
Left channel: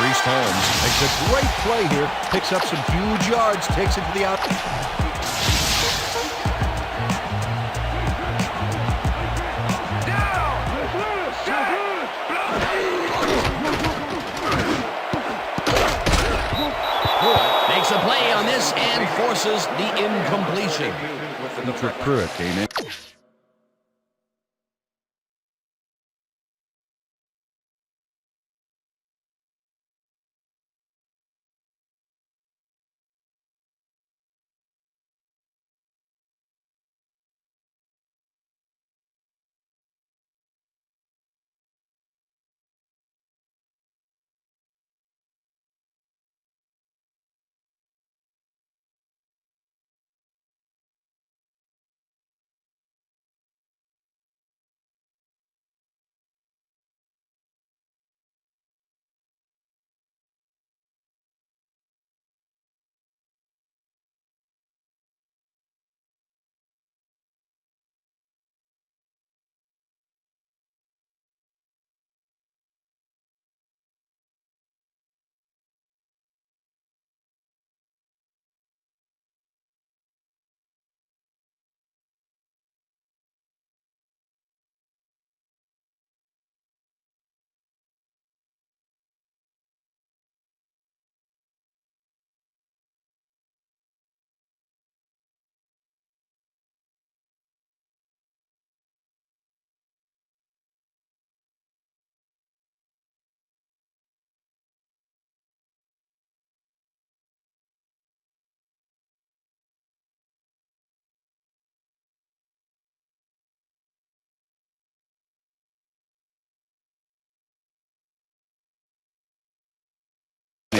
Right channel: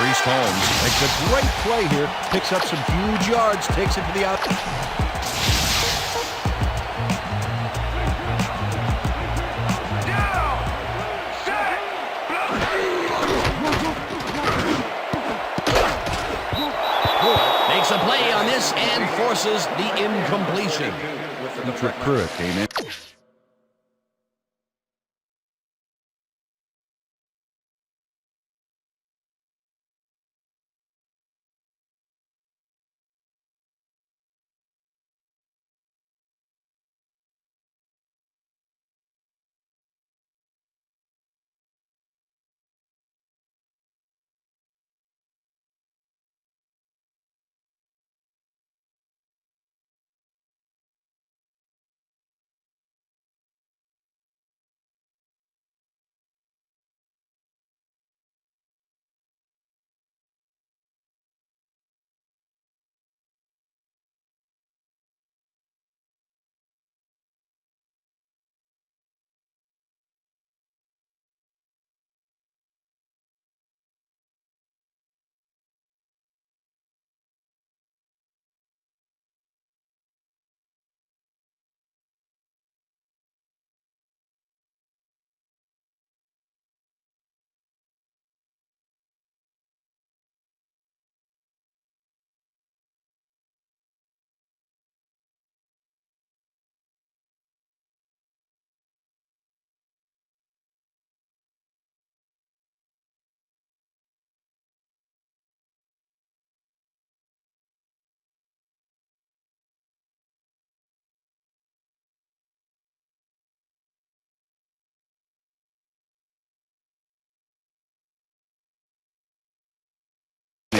Priest Holmes makes a great play here, picks up some huge yards, takes it to the out. Makes a play on this and forces the incompletion. Dietrich Pruitt came in.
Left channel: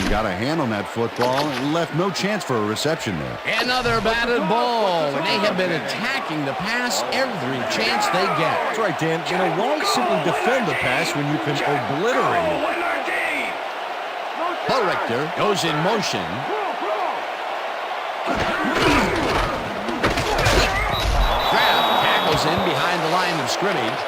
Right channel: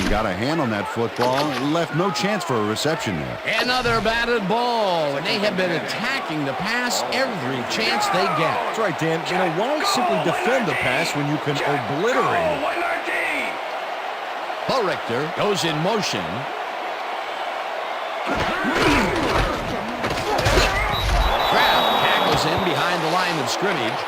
got a hand on that football and left no chance for a reception there. Another batted ball, and they have been attacking the pass every chance they get. That's right, Dan. You know, why simply defend the pass when you can obliterate it? 119. Richter goes in motion. Kraft tackles him behind the line of scrimmage.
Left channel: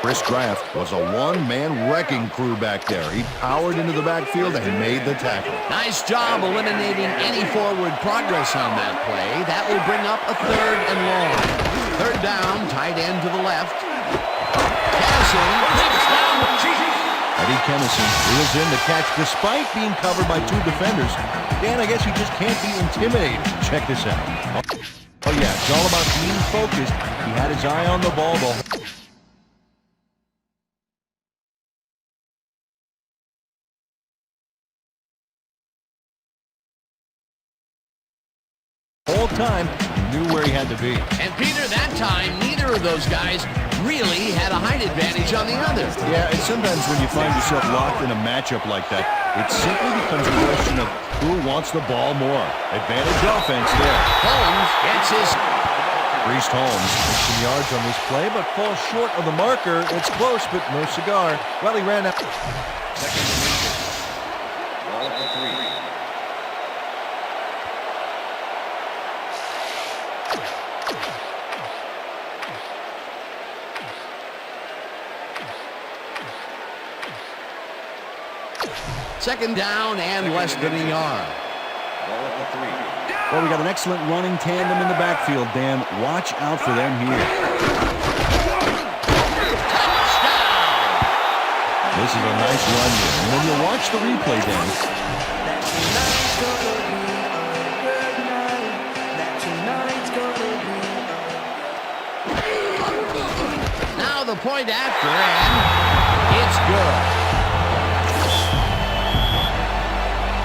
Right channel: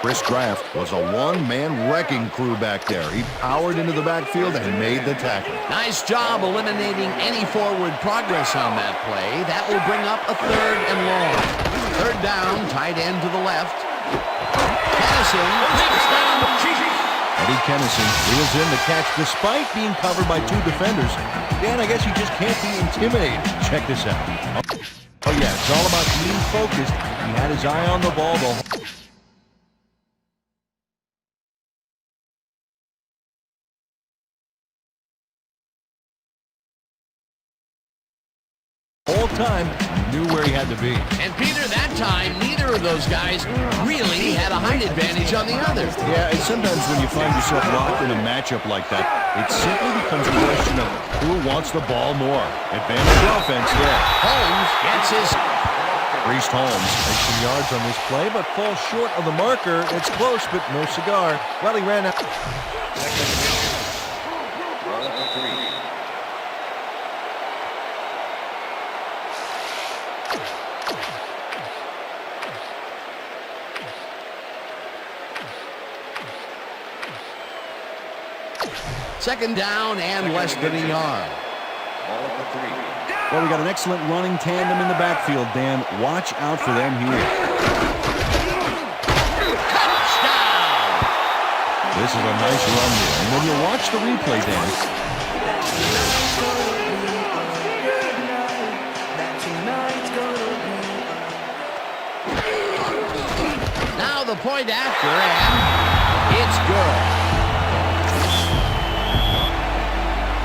Chris Kraft was a one-man wrecking crew back there. He powered into the backfield and made the tackle. Nice job eliminating any forward progress on that play. That will bring up a 3rd and long. 3rd down, tight end to the left. Kennison leaps down. Eddie Kennison reels in the catch despite being covered by 2 defenders. Dan, I guess he just can't be intimidated. Check this out. Oh yeah, it's all about being focused. He had his eye on the ball the whole time. He knew where he had to be. And Peter, that time, neither of those guys really had a height advantage on the other. Yeah, and sometimes when you find yourself locked in a matchup like that, it simply becomes a question of who wants the ball more. Advantage offense there. Holmes gets his... Priest Holmes makes some yards on this play, but falls short of the marker. It's close, but no cigar. Well, he ran out. Second and inches. Ball at the 3. Second down and less than a yard. Ball at the 3. Well, we got an excellent running tandem in the backfield, Dan. Watch out for them here. Touchdown! This is a nice run here. And when you watch the replay, Dan, now the point after, and it's good.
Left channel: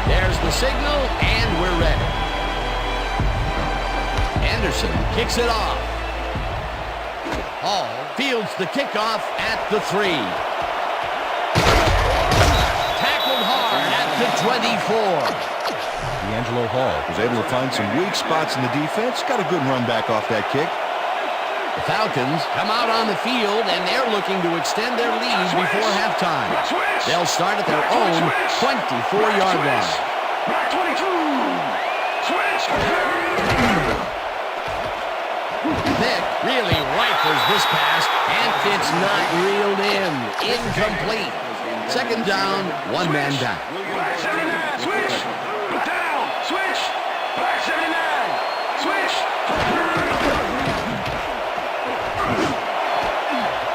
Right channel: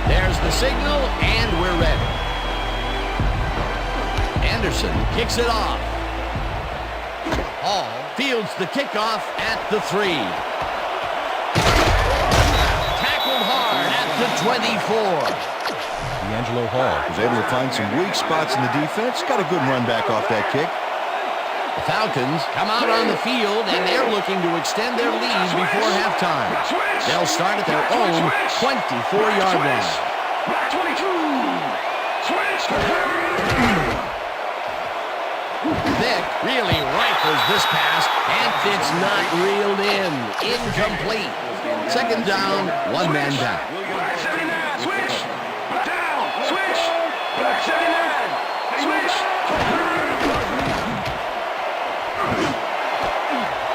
There's the signal, and we're ready. Anderson kicks it off. Hall fields the kickoff at the 3. Tackled hard at the 24. D'Angelo Hall was able to find some weak spots in the defense. Got a good run back off that kick. The Falcons come out on the field, and they're looking to extend their lead before halftime. They'll start at their own 24-yard line. Black 22. Switch. Vick really rifles this pass, and it's not reeled in. Incomplete. Second down, 1 man down. Black 79. Switch. Black down. Switch. Black 79. Switch.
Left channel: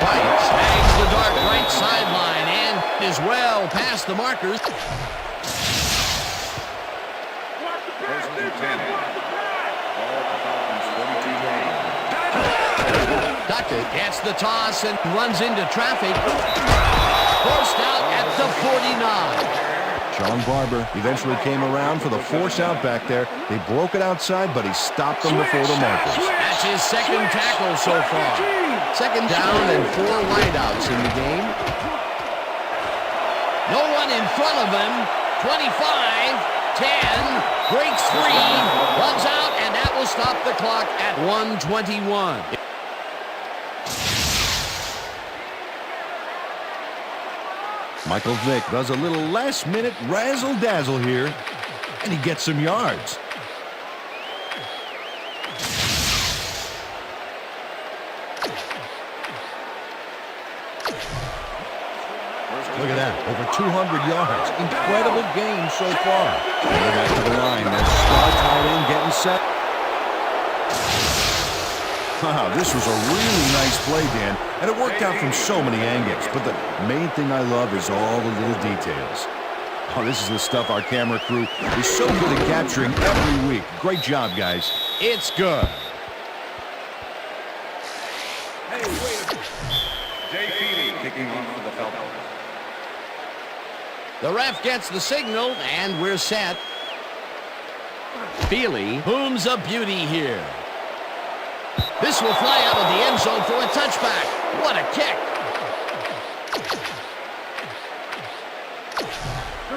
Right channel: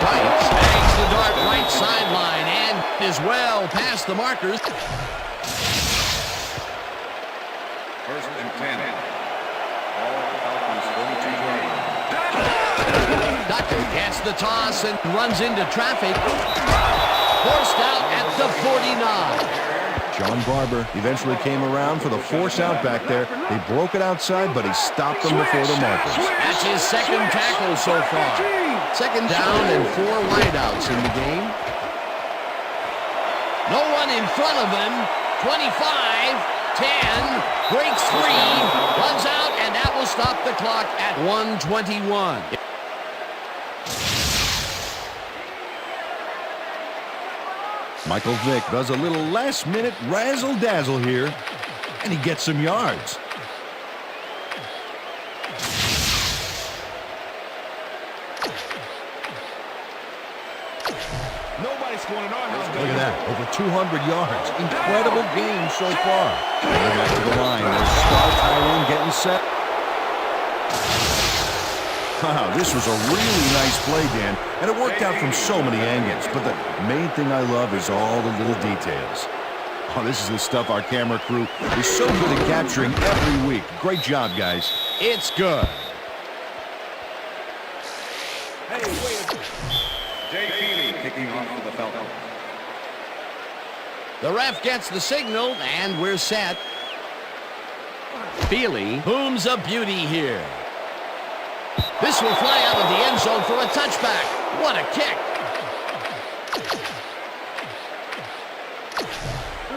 White snags the dart right sideline and is well past the markers. First and 10. Ball at the Falcons' 42-yard line. Duckett gets the toss and runs into traffic. Forced out at the 49. John Barber eventually came around for the force out back there. They broke it outside, but he stopped them before the markers. That's his second tackle so far. Second down and 4 wideouts in the game. No one in front of him. 25, 10, breaks free, runs out, and that will stop the clock at 1:21. Michael Vick does a little last-minute razzle-dazzle here, and he gets some yards. Look at that, over 200 yards. Incredible game so far. They're back to the line. There's star tight end getting set. Wow, this was a really nice play, Dan, and it worked out from so many angles. But the main thing I love is all the little details. Oh, this is the stuff our camera crew is so good at capturing every week. Great job, guys. It's good. Hey, wait a minute. Jay Feely kicking off for the Falcons. The ref gets the signal, and we're set. Feely booms a beauty here. This will fly out of the end zone for a touchback. What a kick.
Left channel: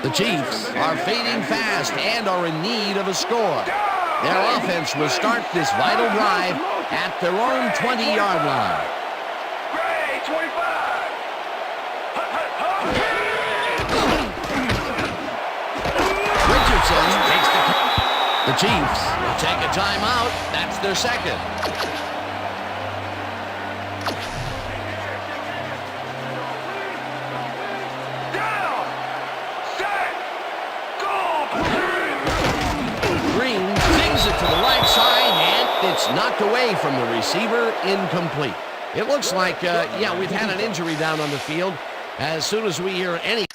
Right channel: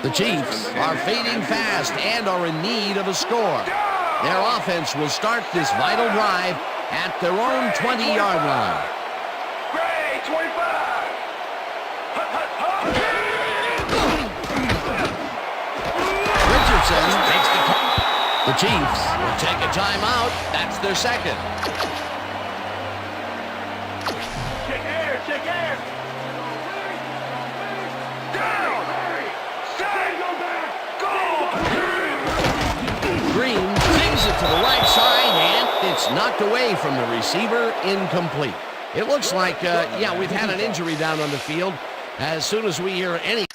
The Chiefs are fading fast and are in need of a score. Their offense will start this vital drive at their own 20-yard line. Gray, 25. Hut, hut, hut. Richardson takes the Chiefs will take a timeout. That's their second. Check air. Down. Set. Go. Green sings it to the right side, and it's knocked away from the receiver, incomplete. It looks like, yeah, we've had an injury down on the field. As soon as we hear any...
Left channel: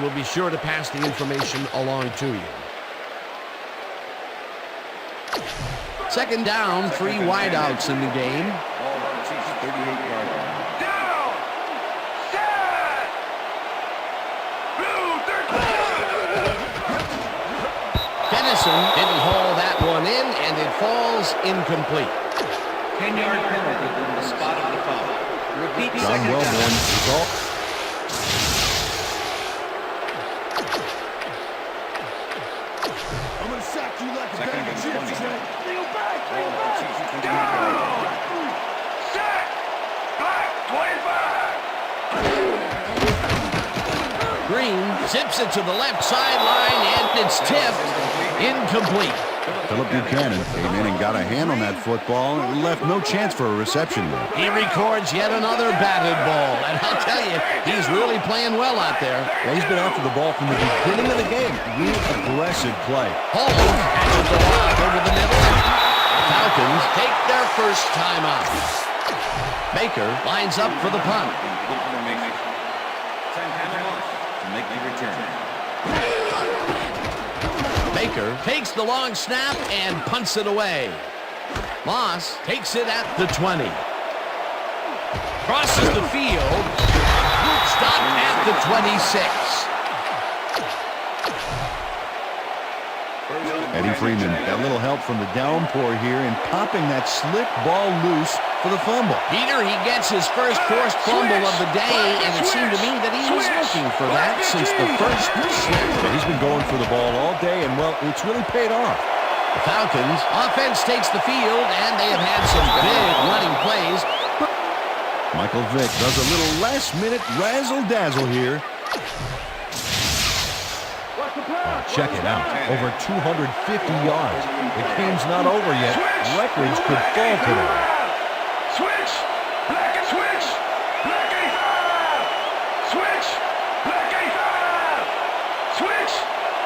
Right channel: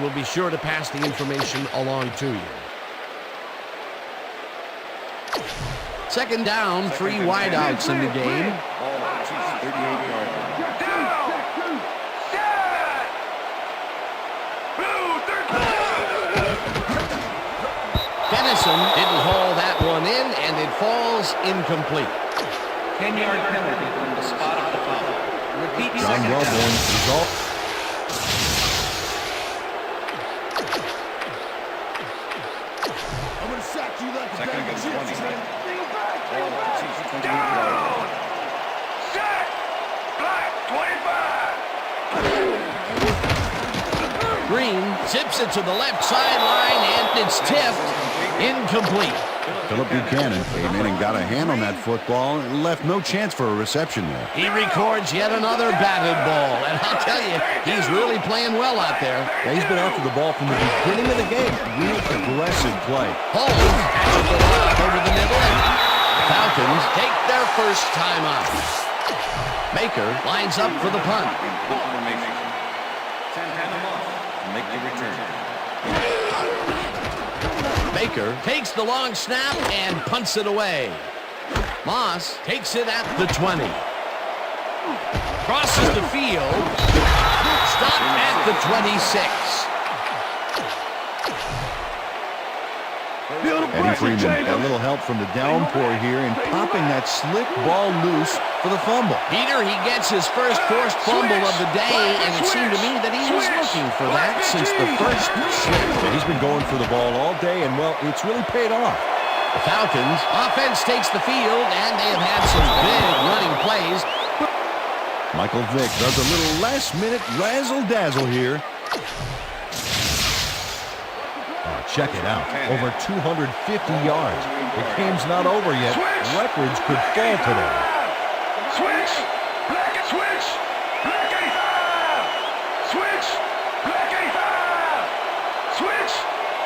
We'll be sure to pass the information along to you. Second down, three wideouts in the game. Ball at the Chiefs, 38-yard line. Down. Set. Blue, 13. Dennison didn't haul that one in, and it falls incomplete. 10-yard penalty from the spot of the foul. Repeat John second Wellborn down. is all. Second and 20. Ball at the Chiefs, 28-yard Down. line. Set. Black, 25. Green zips it to the left sideline, and it's tipped incomplete. Philip Buchanan came in and got a hand on that football and left no chance for a reception there. He records yet another batted ball, and I'll tell you, he's really playing well out there. Yeah, he's been after the ball from the beginning of the game. Real aggressive play. Holmes catches the lob over the middle, and the Falcons take their first timeout. Baker lines up for the punt. In punt formation. Santana Moss to make the return. Baker takes the long snap and punts it away. Moss takes it at the 20. Crosses the field. Stopped at the 26. Eddie Freeman got a little help from the downpour here in popping that slick ball loose for the fumble. Peter, he gets his first forced fumble of the day, and it seemed to me that he was looking for that since the first snap. Yeah, he's been going for the ball all day, and, well, it's really paid off. The Falcons offense takes the field, and they have had some big running plays. Michael Vick does a little last-minute razzle-dazzle here. Oh, check it out. Over 250 yards. The game's not over yet. Records could fall today. Switch. Black and switch. Black 85. Switch. Black 85. Switch.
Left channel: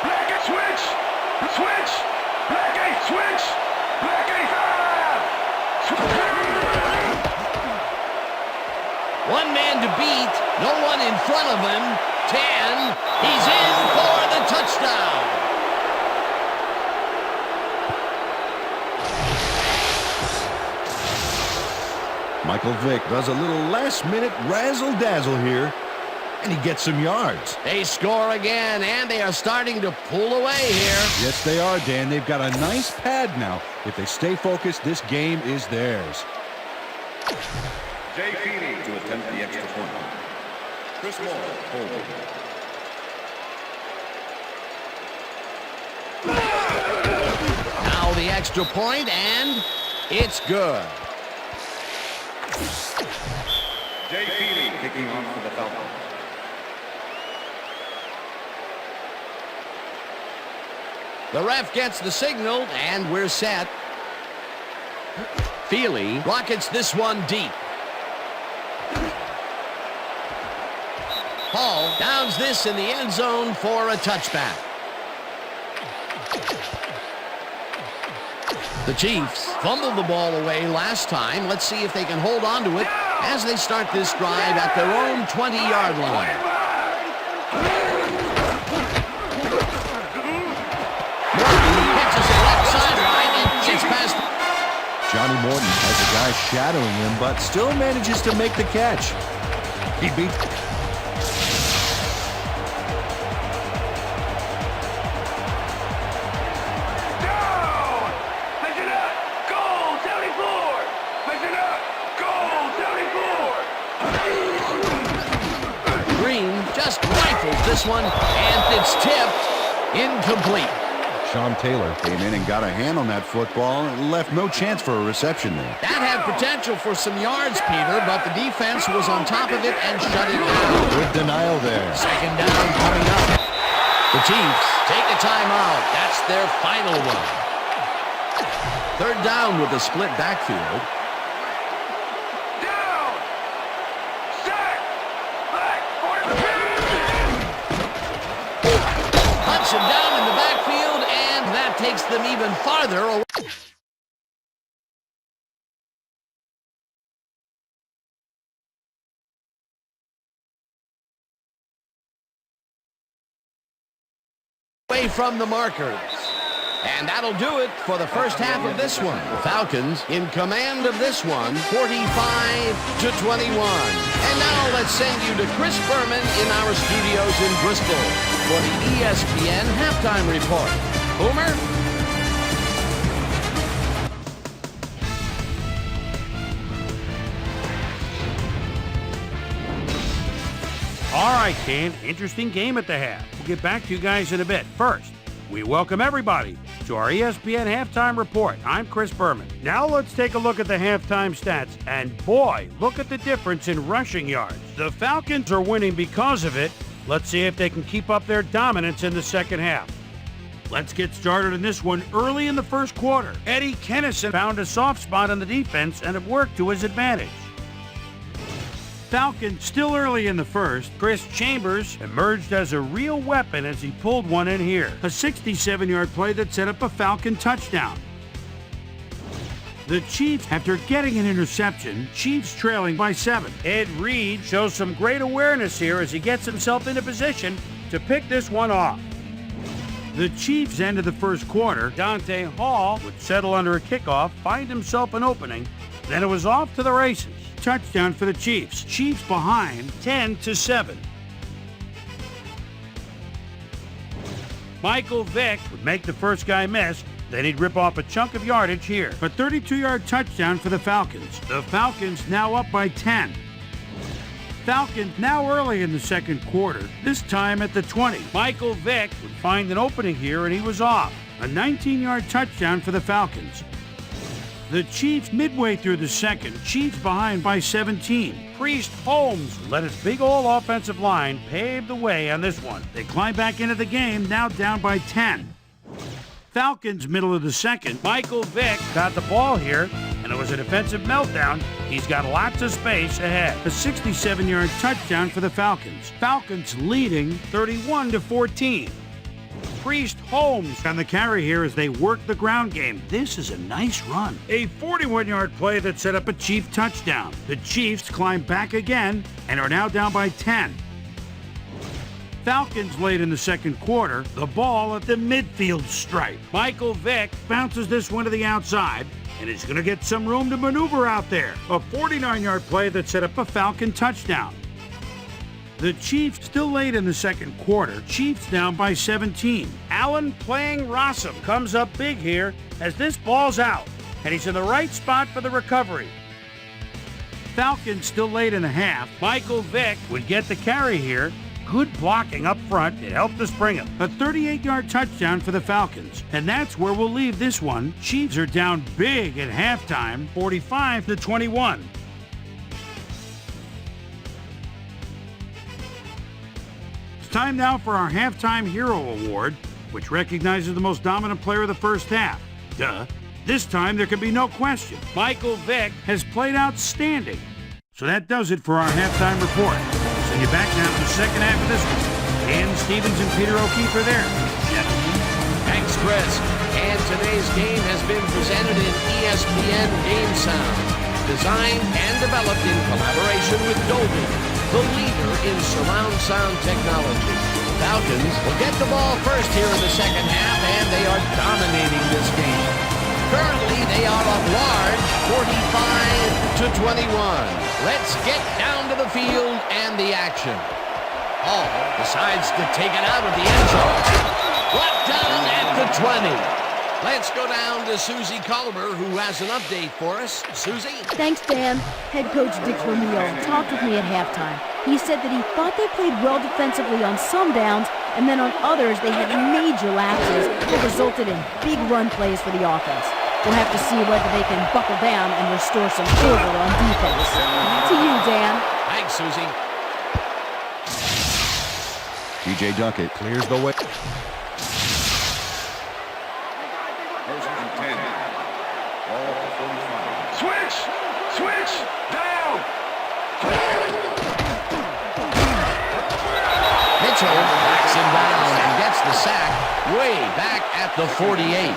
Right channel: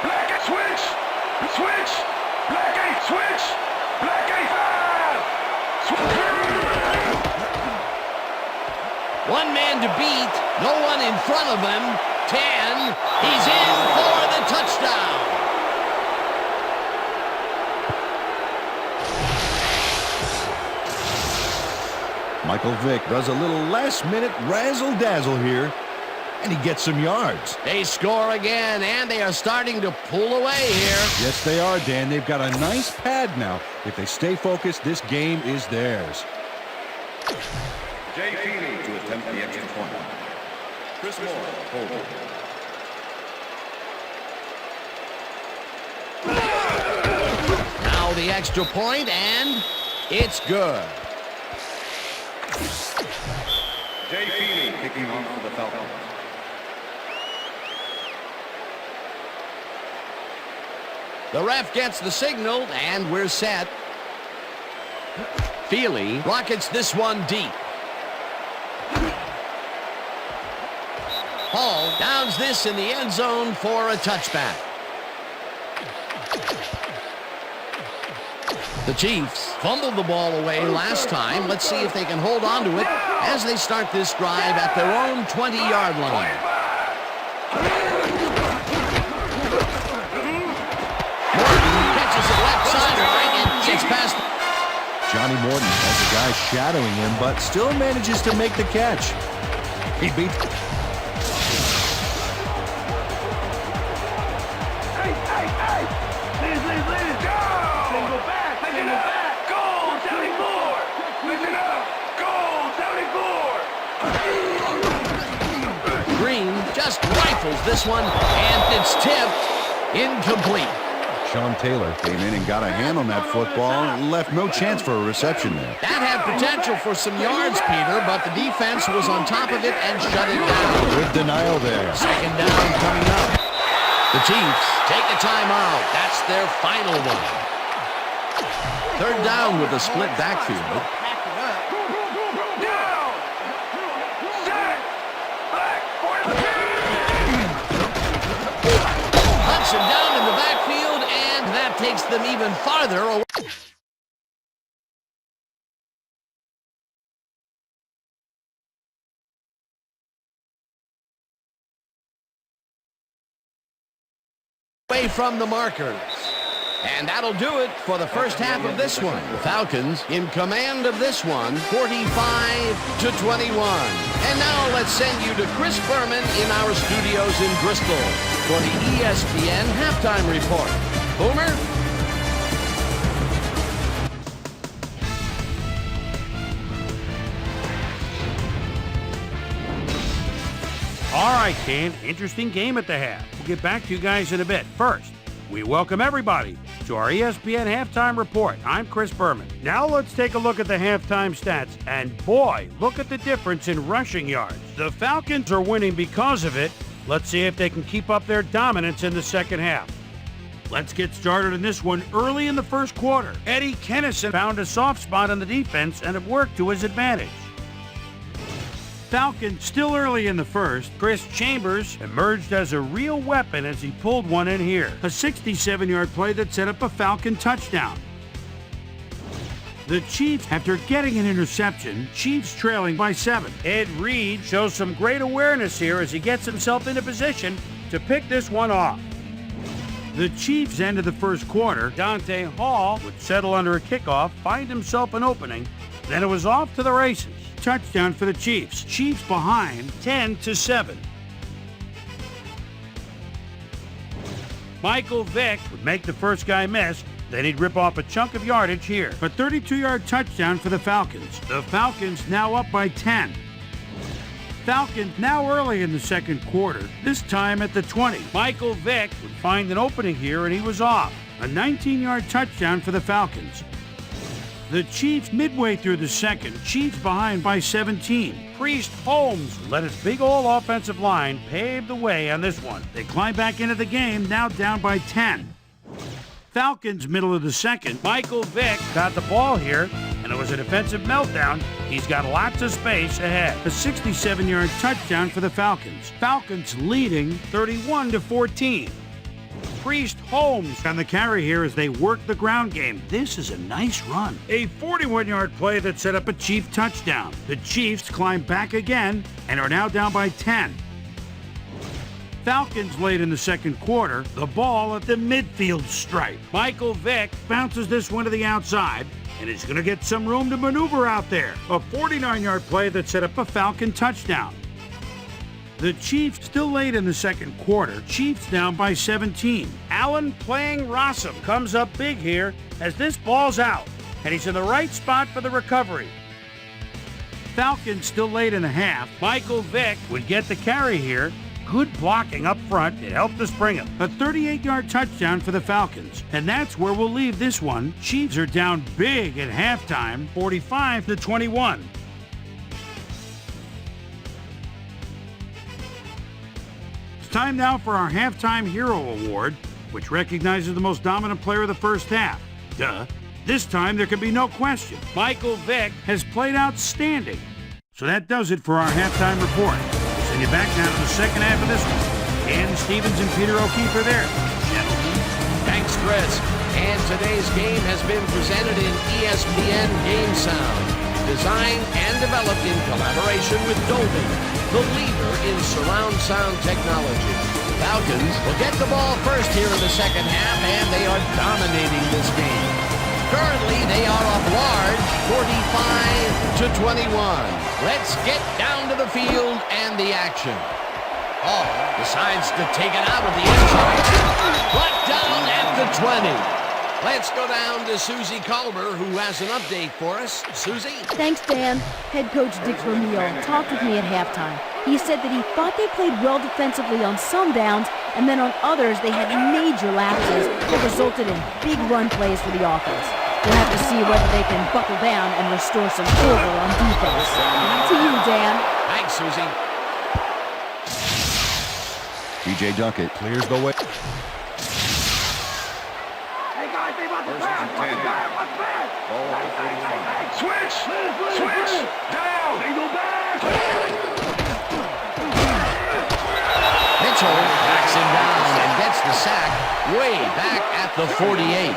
Black and switch. Switch. Black 8. Switch. Black 85. One man to beat. No one in front of him. 10. He's in for the touchdown. Michael Vick does a little last-minute razzle-dazzle here, and he gets some yards. They score again, and they are starting to pull away here. Yes, they are, Dan. They've got a nice pad now. If they stay focused, this game is theirs. Jay Feely to attempt the extra point. Chris Moore holding. Now the extra point, and it's good. Jay Feely kicking off for the Falcons. The ref gets the signal, and we're set. Feely rockets this one deep. Hall downs this in the end zone for a touchback. The Chiefs fumbled the ball away last time. Let's see if they can hold on to it as they start this drive at their own 20-yard line. Morton catches it left sideline and gets past. Johnny Morton has a guy shadowing him, but still manages to make the catch. He beats... Down! Listen up! Goal 74! Listen up! Goal 74! Green just rifles this one, and it's tipped incomplete. Sean Taylor came in and got a hand on that football and left no chance for a reception there. That had potential for some yards, Peter, but the defense was on top of it and shut it down. Good denial there. Second down coming up. The Chiefs take a timeout. That's their final one. Third down with a split backfield. Down! Set! Black 42! Hunts him down in the backfield, and that takes them even farther away. From the markers. And that'll do it for the first half of this one. The Falcons in command of this one, 45-21. And now let's send you to Chris Berman in our studios in Bristol for the ESPN halftime report. Boomer? All right, Kane, interesting game at the half. We'll get back to you guys in a bit. First, we welcome everybody to our ESPN Halftime Report. I'm Chris Berman. Now let's take a look at the halftime stats. And boy, look at the difference in rushing yards. The Falcons are winning because of it. Let's see if they can keep up their dominance in the second half. Let's get started in this one early in the first quarter. Eddie Kennison found a soft spot on the defense and it worked to his advantage. Falcons still early in the first. Chris Chambers emerged as a real weapon as he pulled one in here. A 67-yard play that set up a Falcon touchdown. The Chiefs, after getting an interception, Chiefs trailing by 7. Ed Reed shows some great awareness here as he gets himself into position to pick this one off. The Chiefs ended the first quarter. Dante Hall would settle under a kickoff, find himself an opening, then it was off to the races. Touchdown for the Chiefs. Chiefs behind 10-7. Michael Vick would make the first guy miss, then he'd rip off a chunk of yardage here. A 32-yard touchdown for the Falcons. The Falcons now up by 10. Falcons now early in the second quarter, this time at the 20. Michael Vick would find an opening here and he was off. A 19-yard touchdown for the Falcons. The Chiefs midway through the second, Chiefs behind by 17. Priest Holmes let his big old offensive line pave the way on this one. They climb back into the game, now down by 10. Falcons middle of the second. Michael Vick got the ball here, and it was a defensive meltdown. He's got lots of space ahead. A 67-yard touchdown for the Falcons. Falcons leading 31-14. Priest Holmes on the carry here as they work the ground game. This is a nice run. A 41-yard play that set up a Chief touchdown. The Chiefs climb back again and are now down by 10. Falcons late in the second quarter, the ball at the midfield stripe. Michael Vick bounces this one to the outside, and he's going to get some room to maneuver out there. A 49-yard play that set up a Falcon touchdown. The Chiefs still late in the second quarter. Chiefs down by 17. Allen playing Rossum comes up big here as this ball's out, and he's in the right spot for the recovery. Falcons still late in the half. Michael Vick would get the carry here. Good blocking up front. It helped us bring him. A 38-yard touchdown for the Falcons. And that's where we'll leave this one. Chiefs are down big at halftime, 45-21. It's time now for our Halftime Hero Award, which recognizes the most dominant player of the first half. Duh. This time there can be no question. Michael Vick has played outstanding. So that does it for our halftime report. Send you back now to the second half of this one. Dan Stevens and Peter O'Keefe are there. Gentlemen. Thanks, Chris. And today's game has been presented in ESPN Game Sound, designed and developed in collaboration with Dolby, the leader in surround sound technology. Falcons will get the ball first here in the second half, and they are dominating this game. Currently, they are up large, 45-21. Let's get down to the field and the action. Hall decides to take it out of the end zone. Brought down at the 20. Let's go down to Susie Culber, who has an update for us. Susie? Thanks, Dan. Head coach Dick Vermeil talked with me at halftime. He said that he thought they played well defensively on some downs, and then on others they had major lapses that resulted in big run plays for the offense. We'll have to see whether they can buckle down and restore some order on defense. Back to you, Dan. Thanks, Susie. T.J. Duckett clears the way. First and 10. Ball at the 45. Switch! Switch! Down! Mitchell tracks him down and gets the sack way back at the 48.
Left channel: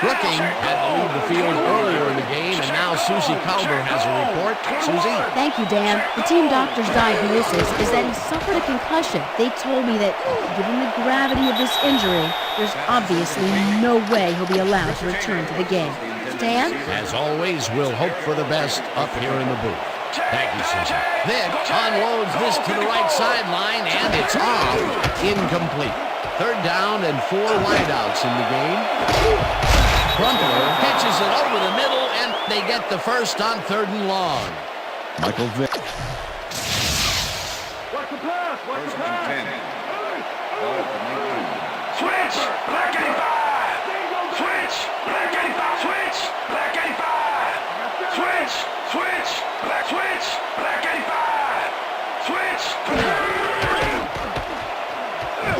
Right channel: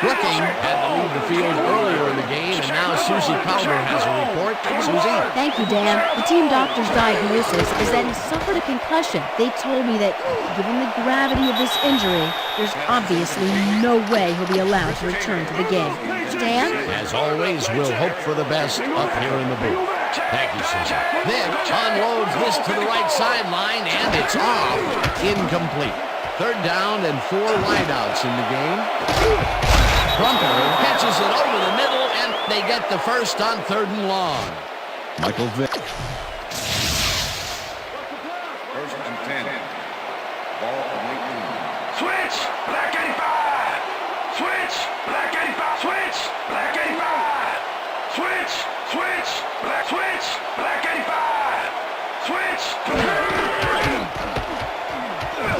Brooking had to leave the field earlier in the game, and now Susie Culber has a report. Susie? Thank you, Dan. The team doctor's diagnosis is that he suffered a concussion. They told me that, given the gravity of this injury, there's obviously no way he'll be allowed to return to the game. Dan? As always, we'll hope for the best up here in the booth. Thank you, Susie. Vick unloads this to the right sideline, and it's off. Incomplete. Third down and 4 wideouts in the game. Crumpler catches it over the middle, and they get the first on 3rd and long. Michael Vick. First and 10. Ball at the 19. Switch! Black 85! Switch! Black 85! Switch! Black 85! Switch! Switch! Black switch! Black 85! Switch!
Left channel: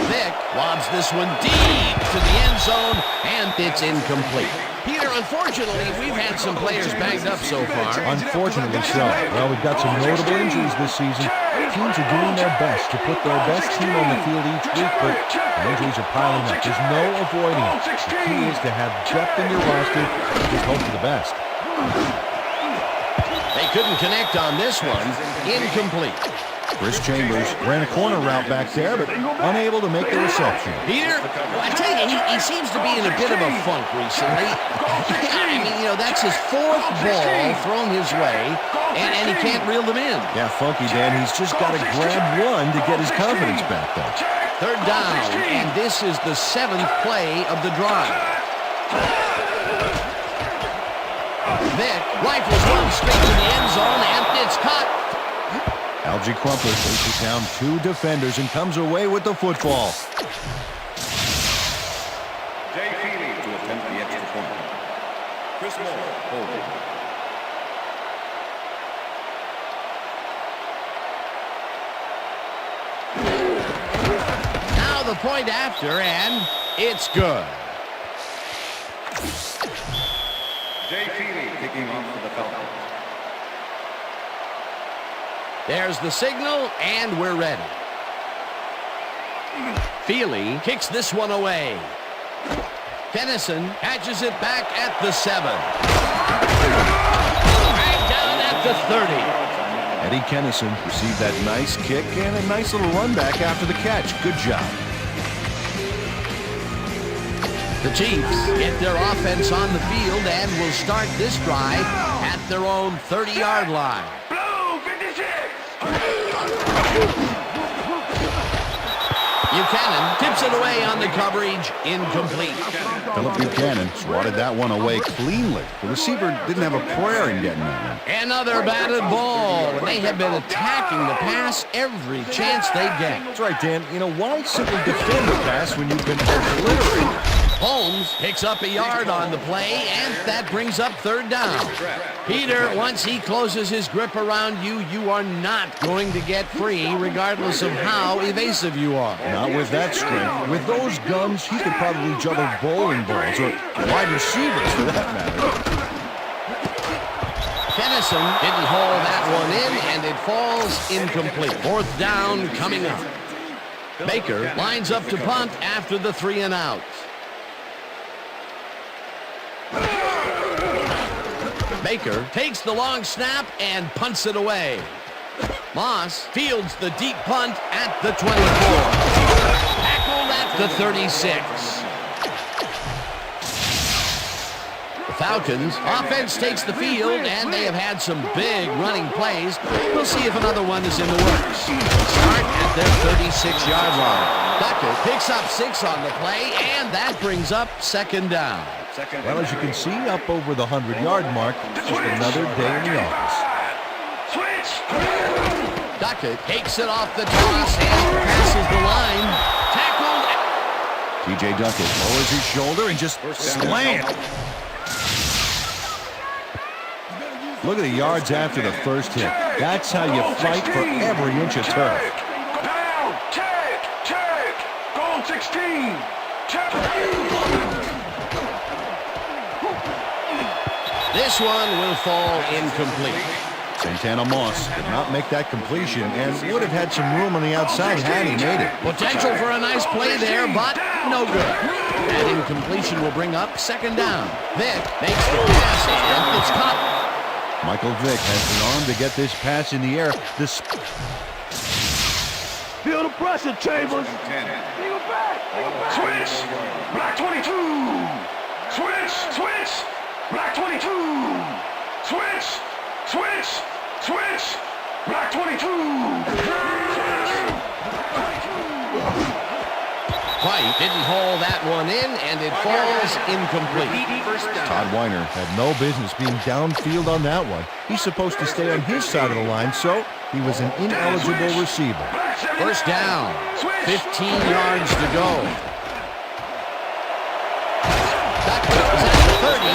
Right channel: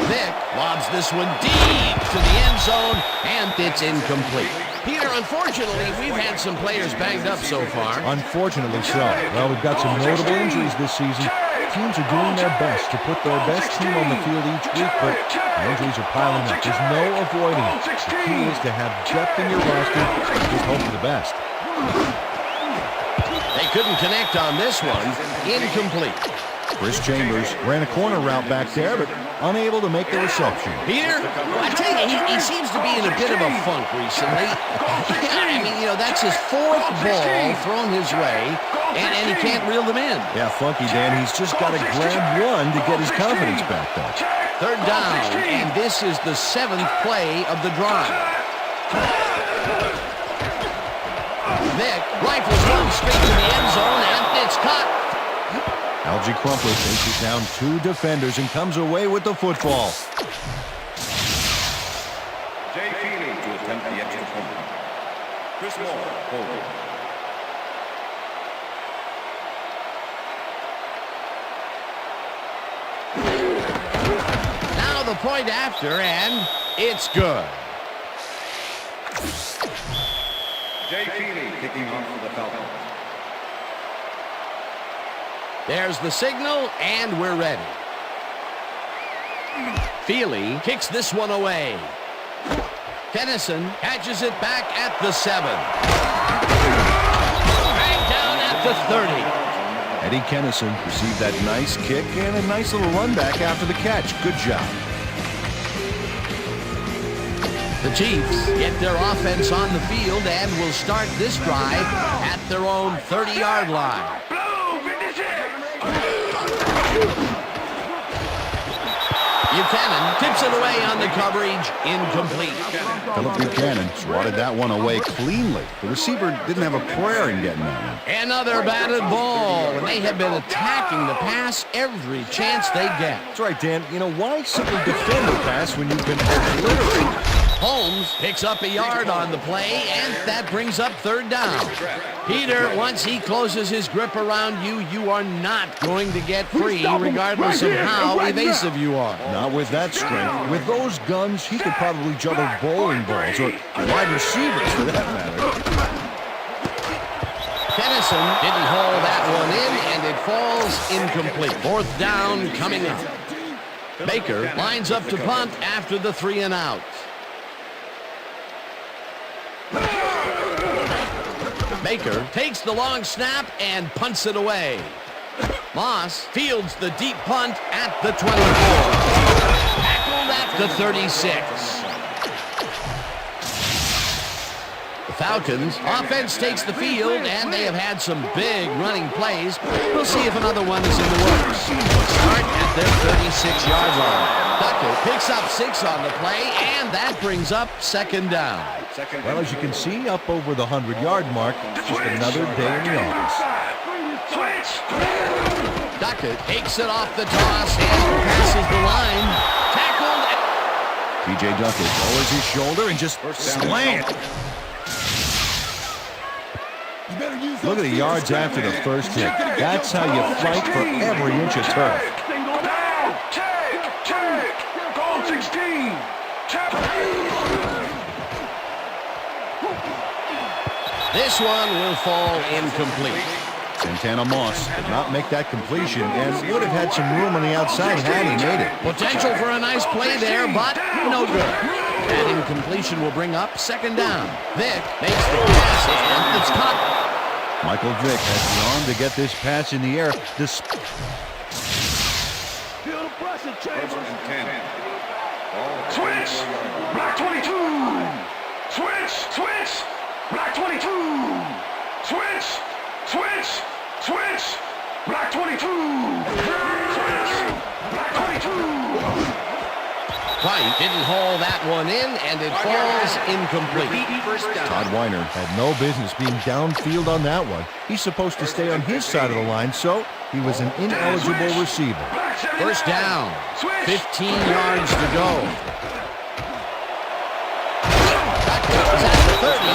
Vick lobs this one deep to the end zone, and it's incomplete. Peter, unfortunately, we've had some players banged up so far. Unfortunately so. Well, we've got some notable injuries this season. Teams are doing their best to put their best team on the field each week, but the injuries are piling up. There's no avoiding it. The key is to have depth in your roster and just hope for the best. They couldn't connect on this one. Incomplete. Chris Chambers ran a corner route back there, but unable to make the reception. Peter, well, I tell you, he seems to be in a bit of a funk recently. I mean, you know, that's his 4th ball thrown his way, and he can't reel them in. Yeah, funky, Dan. He's just got to grab one to get his confidence back, though. 3rd down, and this is the 7th play of the drive. Vick rifles one straight to the end zone, and it's caught. Algie Crumpler faces down 2 defenders and comes away with the football. Jay Feely to attempt the extra point. Chris Moore holding. Now the point after, and it's good. Jay Feely kicking off for the Falcons. There's the signal, and we're ready. Feely kicks this one away. Tennyson catches it back at the 7. Dragged down at the 30. Eddie Kennison received that nice kick and a nice little run back after the catch. Good job. The Chiefs get their offense on the field and will start this drive at their own 30-yard line. Blue 56. Buchanan tips it away on the coverage, incomplete. Philip Buchanan swatted that one away cleanly. The receiver didn't have a prayer in getting that one. Another batted ball, and they have been attacking the pass every chance they get. That's right, Dan. You know, why simply defend the pass when you can obliterate? Holmes picks up a yard on the play, and that brings up third down. Peter, once he closes his grip around you, you are not going to get free, regardless of how evasive you are. Not with that strength. With those guns, he could probably juggle bowling balls, or wide receivers for that matter. Kennison didn't haul that one in, and it falls incomplete. Fourth down coming up. Baker lines up to punt after the 3 and out. Baker takes the long snap and punts it away. Moss fields the deep punt at the 24. Tackled at the 36. The Falcons offense takes the field, and they have had some big running plays. We'll see if another one is in the works. They start at their 36-yard line. Duckett picks up 6 on the play, and that brings up second down. Well, as you can see, up over the 100-yard mark, just another day in the office. Switch. Duckett takes it off the toss and passes the line. Tackled. T.J. Duckett lowers his shoulder and just slams. Look at the yards after the first hit. That's how you fight for every inch of turf. Down. Take. Goal 16. This one will fall incomplete. Santana Moss did not make that completion and would have had some room on the outside had he made it. Potential for a nice play there, but no good. That incompletion will bring up second down. Vick makes the pass, and it's caught. Michael Vick has the arm to get this pass in the air. Feel the pressure, Chambers. 10. Switch. Black 22. Switch. Black 22. Switch. Black 22. White didn't haul that one in, and it falls incomplete. First down. Todd Weiner had no business being downfield on that one. He's supposed to stay on his side of the line, so he was an ineligible receiver. First down, 15 yards to go. Duckett is at the 30.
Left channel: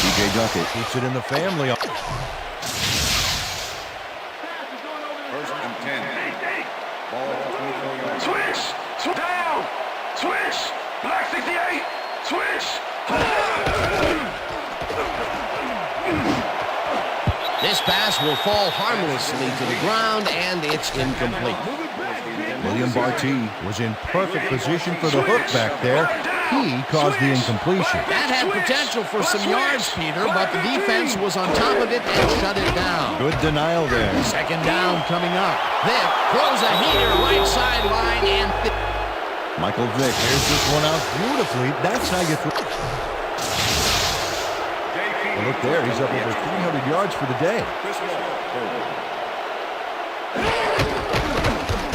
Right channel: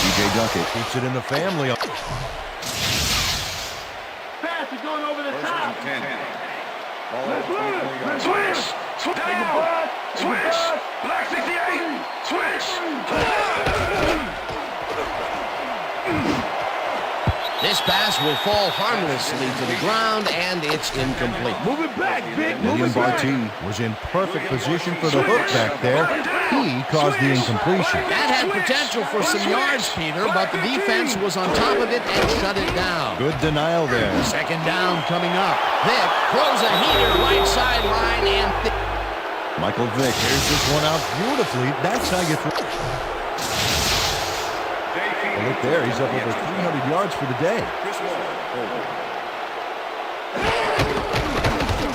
T.J. Duckett keeps it in the family. Pass is going over the First top. and 10. Ball at 24 yards. Switch. Down. Switch. Black 68. Switch. This pass will fall harmlessly to the ground, and it's incomplete. Move it back, Vic. William Barty was in perfect position for the hook back there. He caused the incompletion. That had potential for some yards, Peter, but the defense was on top of it and shut it down. Good denial there. Second down coming up. Vick throws a heater right sideline, and Michael Vick here's this one out beautifully. That's how you throw. Well, look there, he's up over 300 yards for the day. Chris Moore holding.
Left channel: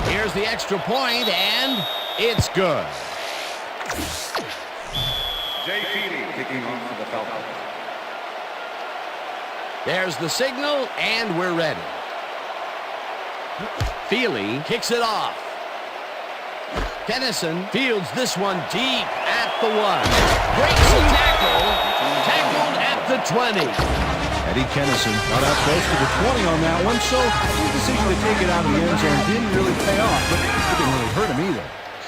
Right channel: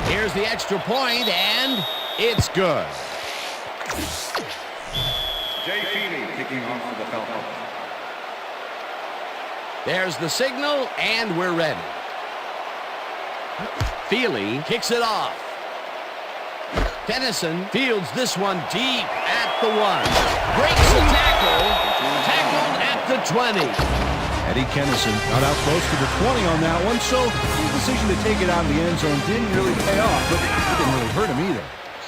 here's the extra point, and it's good. Jay Feely kicking off for the Falcons. There's the signal, and we're ready. Feely kicks it off. Kennison fields this one deep at the 1. Breaks a tackle. Tackled at the 20. Eddie Kennison got out close to the 20 on that one, so his decision to take it out of the end zone didn't really pay off, but it didn't really hurt him either.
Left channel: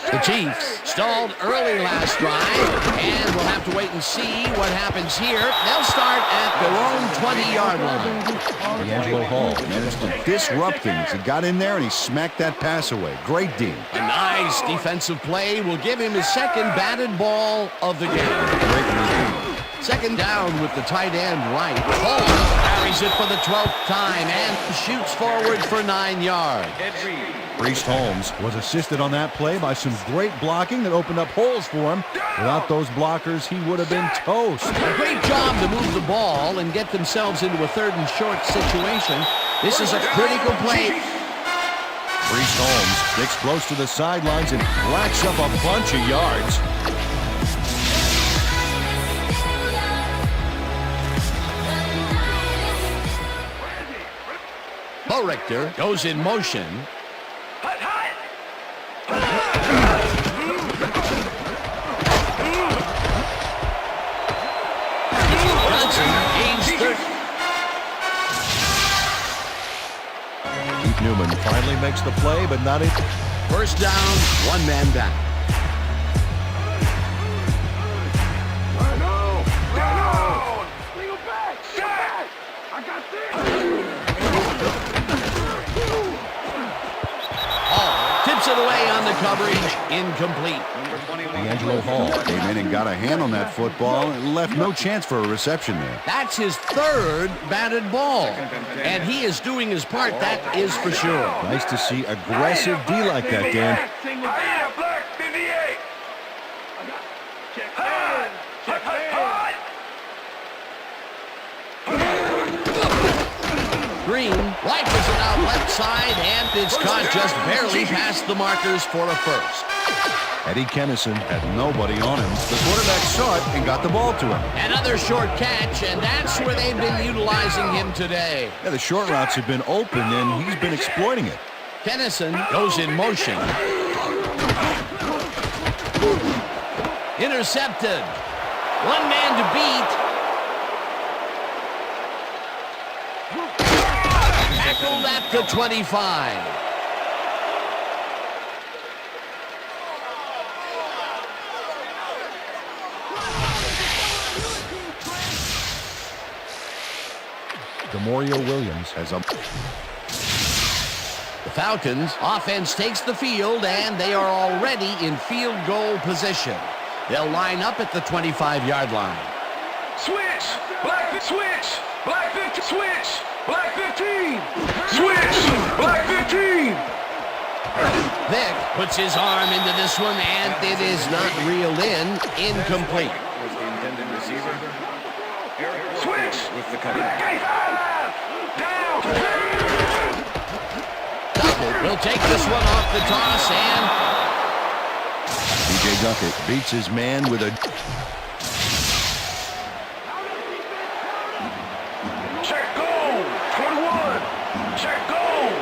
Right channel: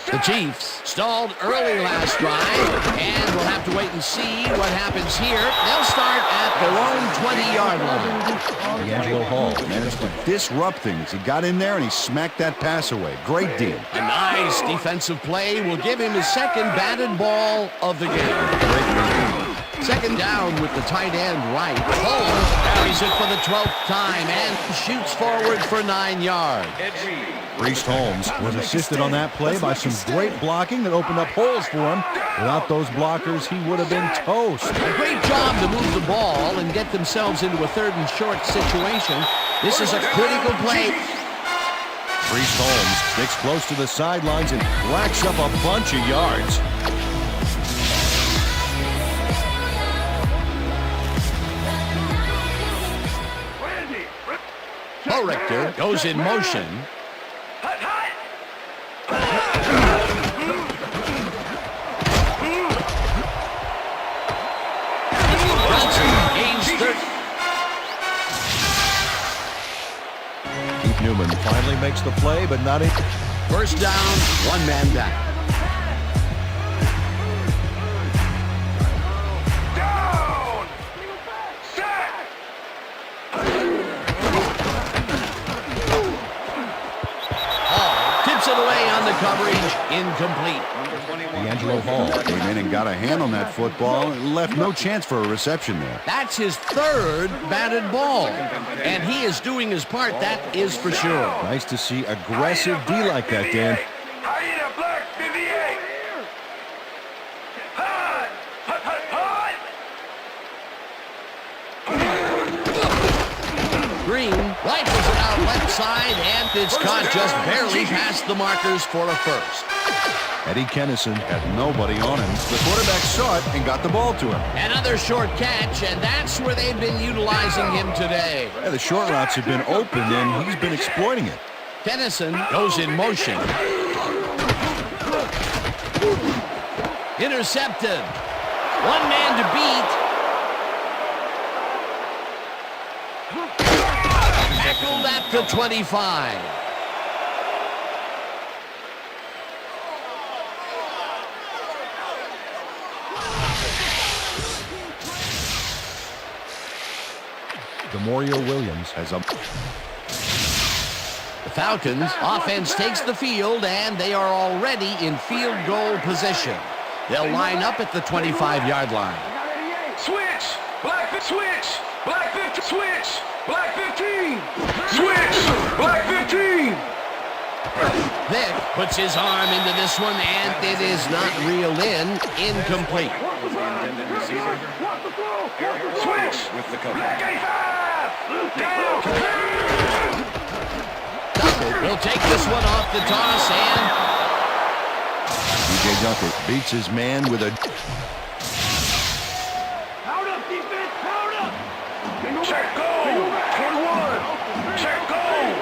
The Chiefs stalled early last drive, and we'll have to wait and see what happens here. They'll start at their own 20-yard line. D'Angelo Hall managed to disrupt things. He got in there and he smacked that pass away. Great deal. A nice defensive play will give him his second batted ball of the game. Great move. Second down with the tight end right. Holmes carries it for the 12th time and shoots forward for 9 yards. Priest Holmes was assisted on that play by some great blocking that opened up holes for him. Without those blockers, he would have been toast. A great job to move the ball and get themselves into a 3rd and short situation. This is a critical play. Priest Holmes sticks close to the sidelines and racks up a bunch of yards. Richter goes in motion. Hut, hut. Johnson gains 30. Keith Newman finally makes the play, but not in. First down, 1 man down. Down. Single back. Set. I got this. Hall tips it away on the coverage. Incomplete. Number 21. D'Angelo Hall came in and got a hand on that football and left no chance for a reception there. That's his 3rd batted ball. And he is doing his part, that is for sure. Nice to see aggressive D like that, Dan. Hyena black 58. Hut. Hut, hut, hut. Green rifles it out left side, and it's caught just barely past the markers for a first. Eddie Kennison had nobody on him. The quarterback saw it and got the ball to him. Another short catch, and that's where they've been utilizing him today. Yeah, the short routes have been open, and he's been exploiting it. Kennison goes in motion. Intercepted. 1 man to beat. Tackled at the 25. Demorio Williams has a... The Falcons offense takes the field, and they are already in field goal position. They'll line up at the 25-yard line. Switch. Black switch. Black 15. Switch. Black 15. Switch. Black 15. Vic puts his arm into this one, and it is not reeled in. Incomplete. Was the intended receiver. Switch. With the cover. Black 85. Down. Duckett will take this one off the toss, and TJ Duckett beats his man with a... Powered up, defense. Powered up. Check go. 21. Check go.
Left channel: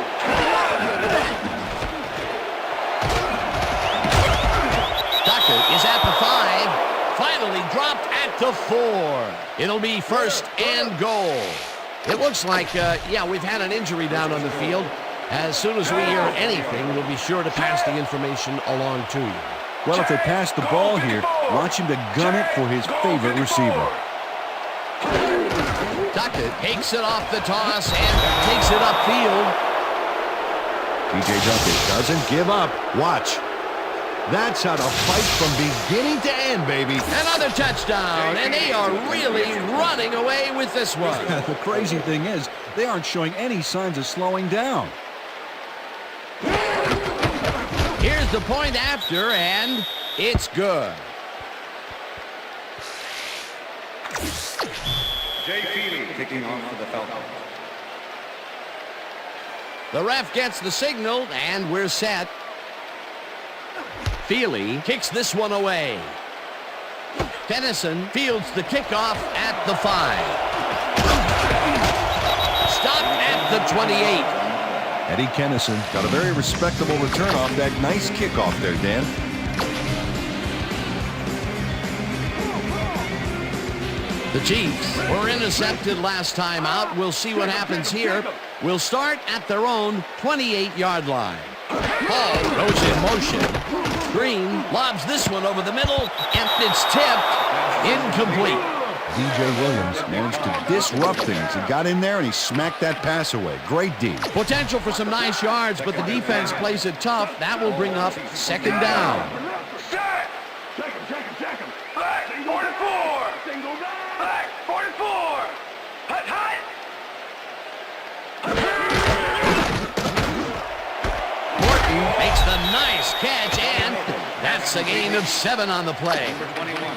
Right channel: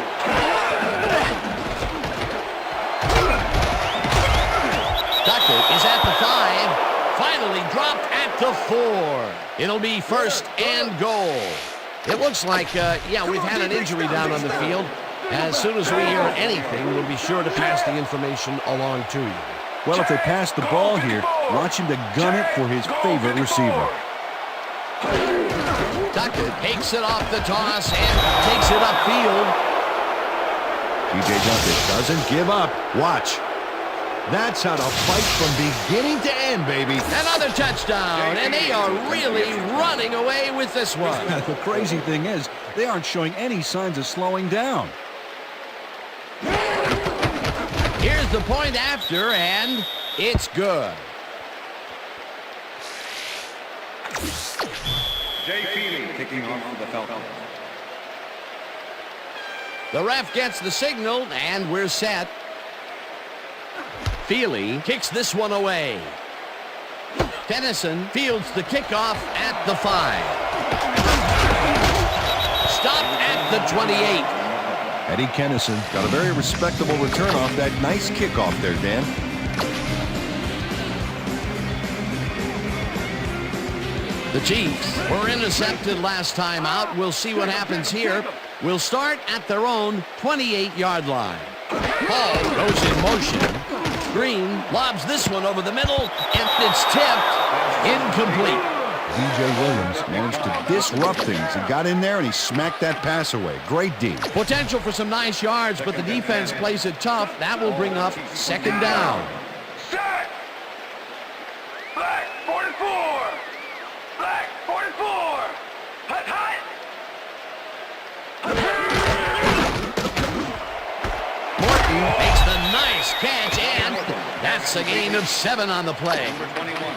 Duckett is at the 5. Finally dropped at the 4. It'll be 1st and goal. It looks like, we've had an injury down on the field. As soon as we hear anything, we'll be sure to pass the information along to you. Well, if they pass the ball here, watch him to gun it for his favorite receiver. Duckett takes it off the toss and takes it upfield. TJ Duckett doesn't give up. Watch. That's how to fight from beginning to end, baby. Another touchdown, and they are really running away with this one. The crazy thing is, they aren't showing any signs of slowing down. Here's the point after, and it's good. Jay Feely kicking off for the Falcons. The ref gets the signal, and we're set. Feely kicks this one away. Kennison fields the kickoff at the 5. Stopped at the 28. Eddie Kennison got a very respectable return off that nice kickoff there, Dan. The Chiefs were intercepted last time out. We'll see what happens here. We'll start at their own 28-yard line. Hall goes in motion. Green lobs this one over the middle, and it's tipped. Incomplete. DJ Williams managed to disrupt things. He got in there and he smacked that pass away. Great D. Potential for some nice yards, but the defense plays it tough. That will bring up 2nd down. Black 44. Black 44. Hut, hut. Makes the nice catch, and that's a gain of 7 on the play.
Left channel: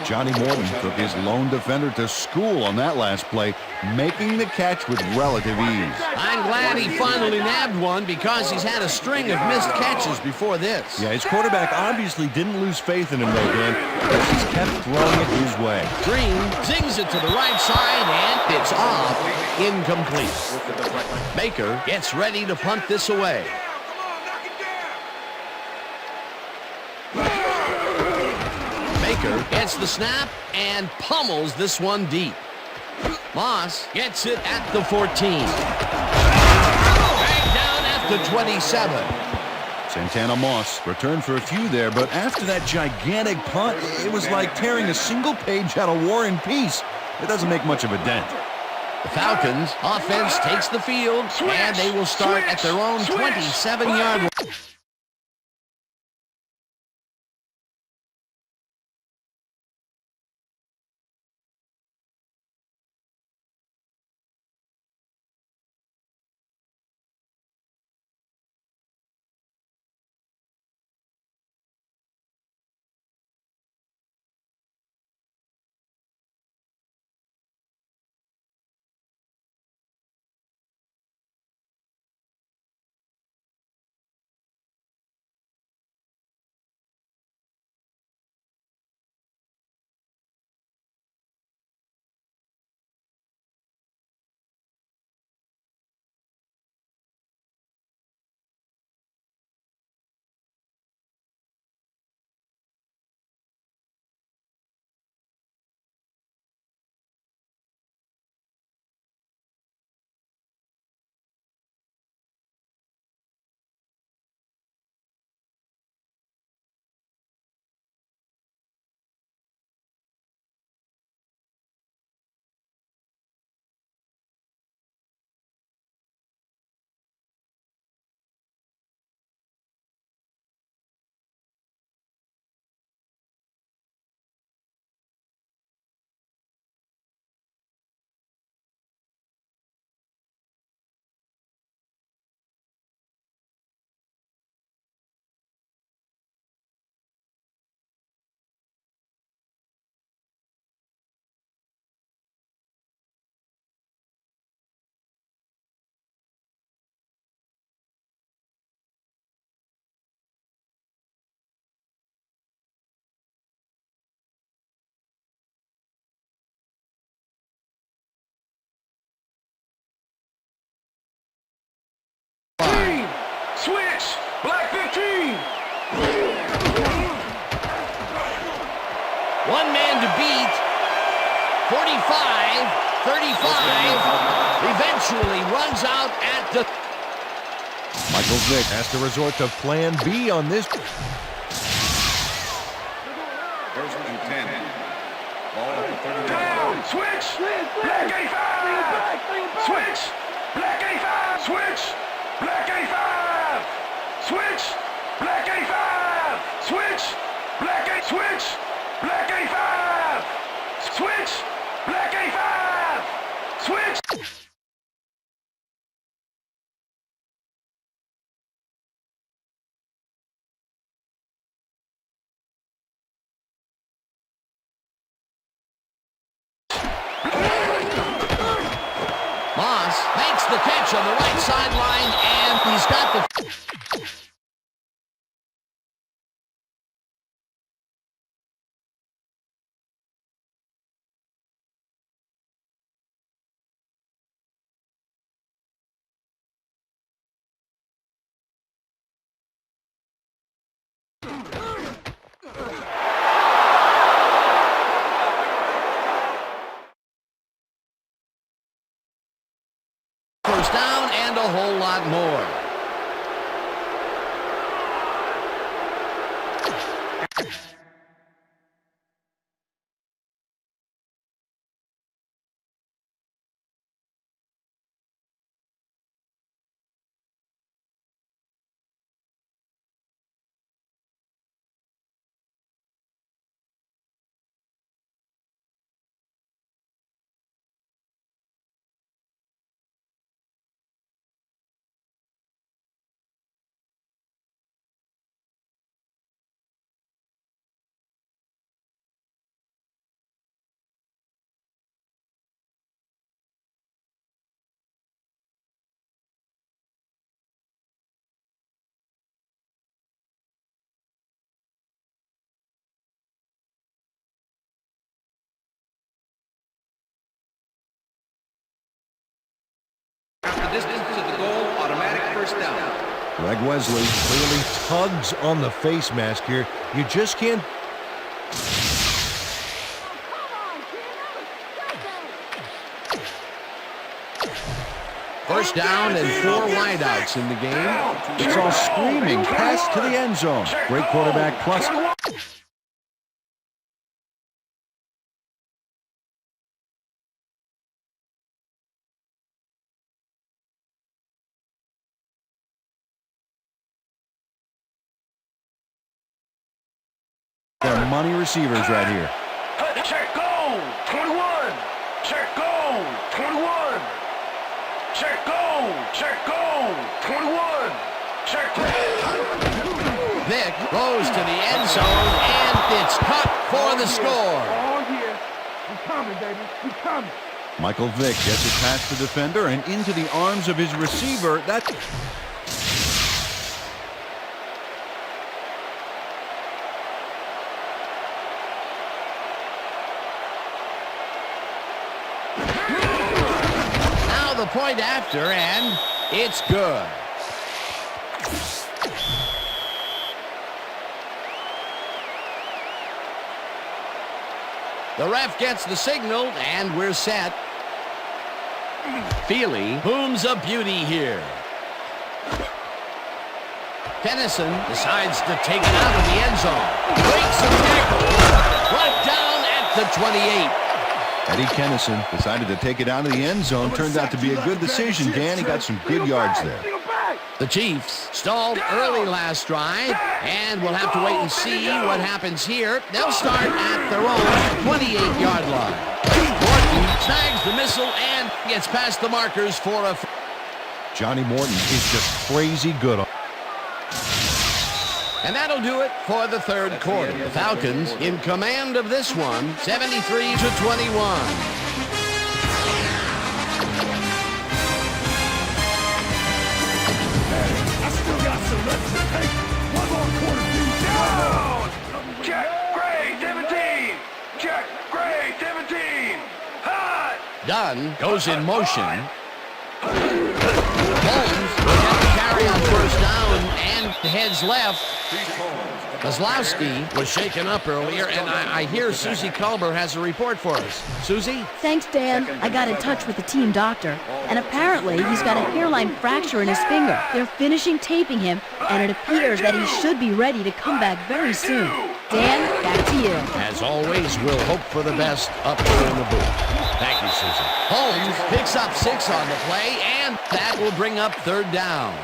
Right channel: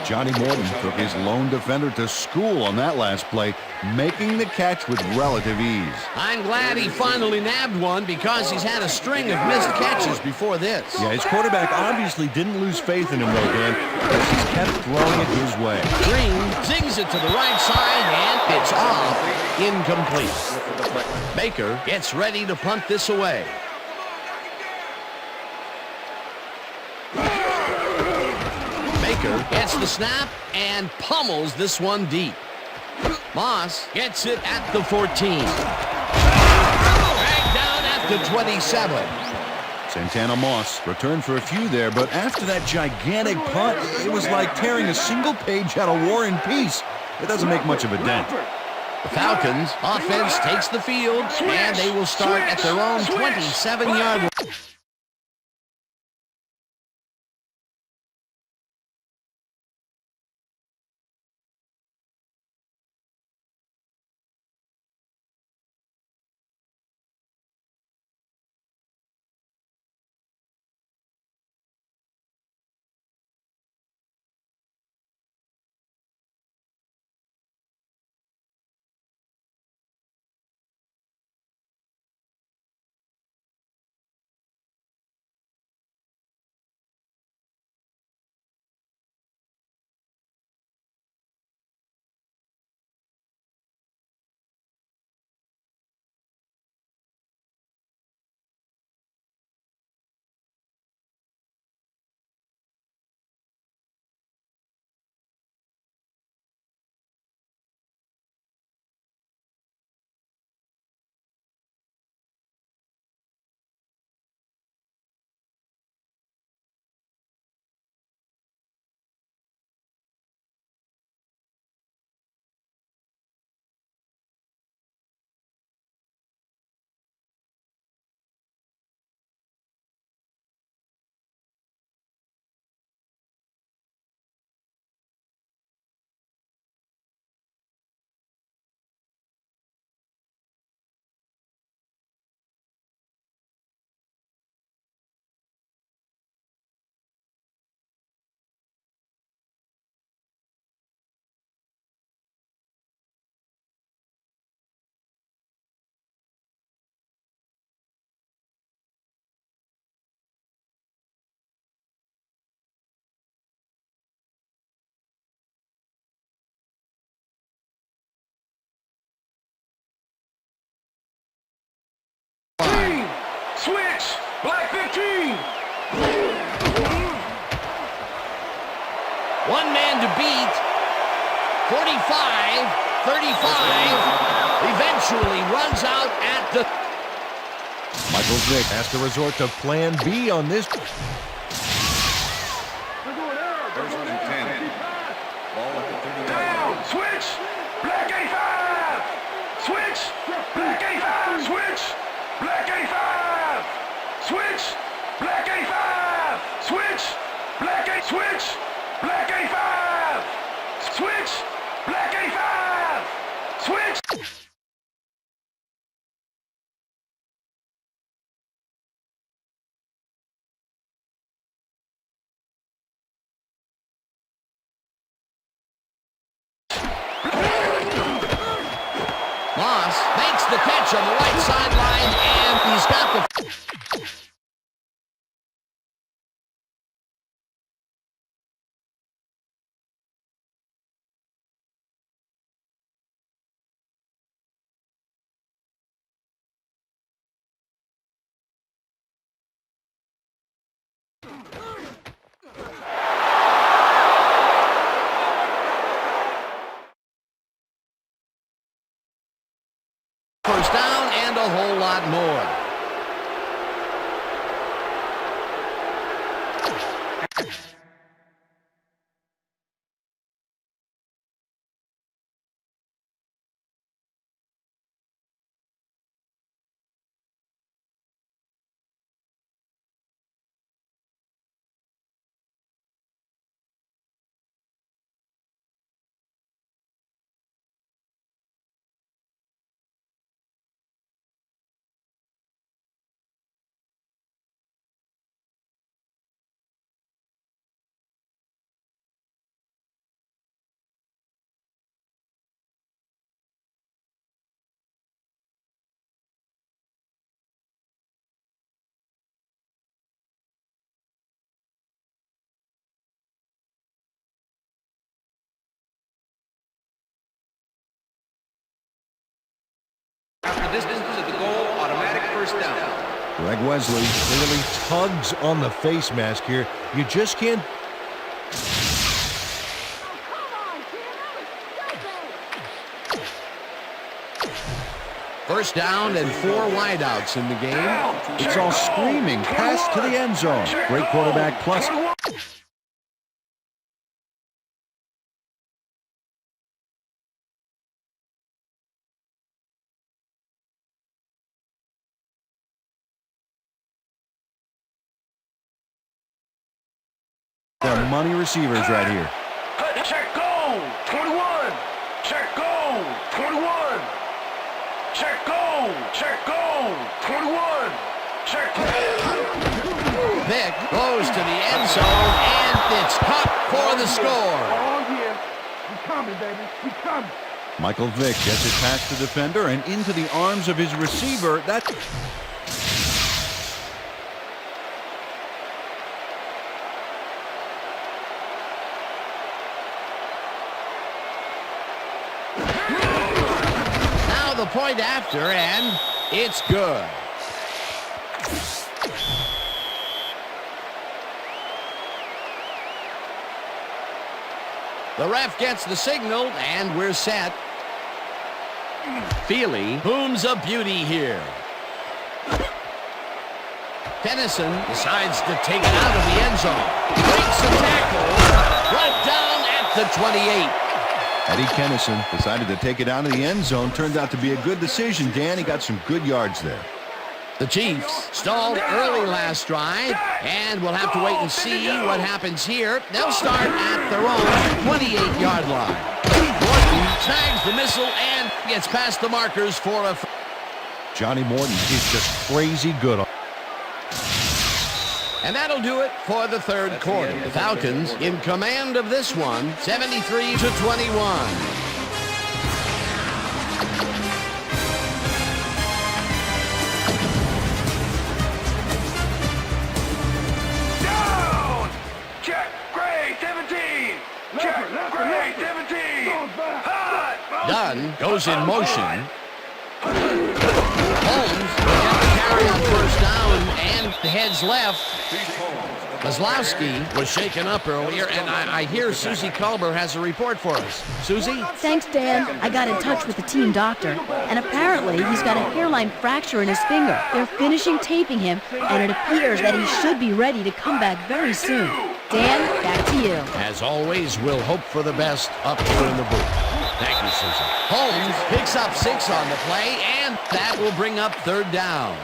Johnny Morton took his lone defender to school on that last play, making the catch with relative ease. I'm glad he finally nabbed one because he's had a string of missed catches before this. Yeah, his quarterback obviously didn't lose faith in him, though, Dan, because he's kept throwing it his way. Green zings it to the right side, and it's off, incomplete. Baker gets ready to punt this away. Baker gets the snap and pummels this one deep. Moss gets it at the 14. Dragged down at the 27. Santana Moss returned for a few there, but after that gigantic punt, it was like tearing a single page out of War and Peace. It doesn't make much of a dent. The Falcons offense takes the field, and they will start at their own 27-yard line. Switch. Black 15. One man to beat. 45, 35. Eventually runs out at the... Michael Vick has to resort to plan B on this. First and 10. Ball at the 30-yard line. Down. Switch. Black 85. Switch. Black 85. Switch. Black 85. Switch. Black 85. Switch. Black 8. Switch. Black 85. Switch. Black 85. Switch. Moss makes the catch on the right sideline, and he's got the... First down and a whole lot more. distance to the goal, automatic first down. Greg Wesley clearly tugs on the face mask here. You just can't. First down and 4 wideouts in the game. It's all screaming. Pass to the end zone. Great quarterback plus. They're money receivers right here. Check goal, 21. Check goal, 21. Check goal, 21. Check. Vick goes to the end zone, and it's caught for the score. Oh, yeah. We coming, baby. We coming. Michael Vick gets it past the defender and into the arms of his receiver. Now the point after, and it's good. The ref gets the signal, and we're set. Feely booms a beauty here. Tennyson decides to take it out of the end zone. Breaks a tackle, brought down at the 28. Eddie Kennison decided to take it out of the end zone. Turned out to be a good decision, Dan. He got some good yards there. The Chiefs stalled early last drive, and we'll have to wait and see what happens here. They'll start at their own 28-yard line. Morton snags the missile and gets past the markers for a... Johnny Morton is just crazy good. And that'll do it for the third quarter. The Falcons in command of this one, 73-21. Check, Gray, 17. Check, Gray, 17. Hot. Dunn goes in motion. Holmes will get the carry on first down and heads left. Kozlowski was shaken up earlier, and I hear Susie Culber has a report for us. Susie? Thanks, Dan. I got in touch with the team doctor, and apparently he's got a hairline fracture in his finger. They're finishing taping him, and it appears that he should be ready to come back very soon. Dan, back to you. As always, we'll hope for the best up here in the booth. Thank you, Susie. Holmes picks up 6 on the play, and that will bring up third down.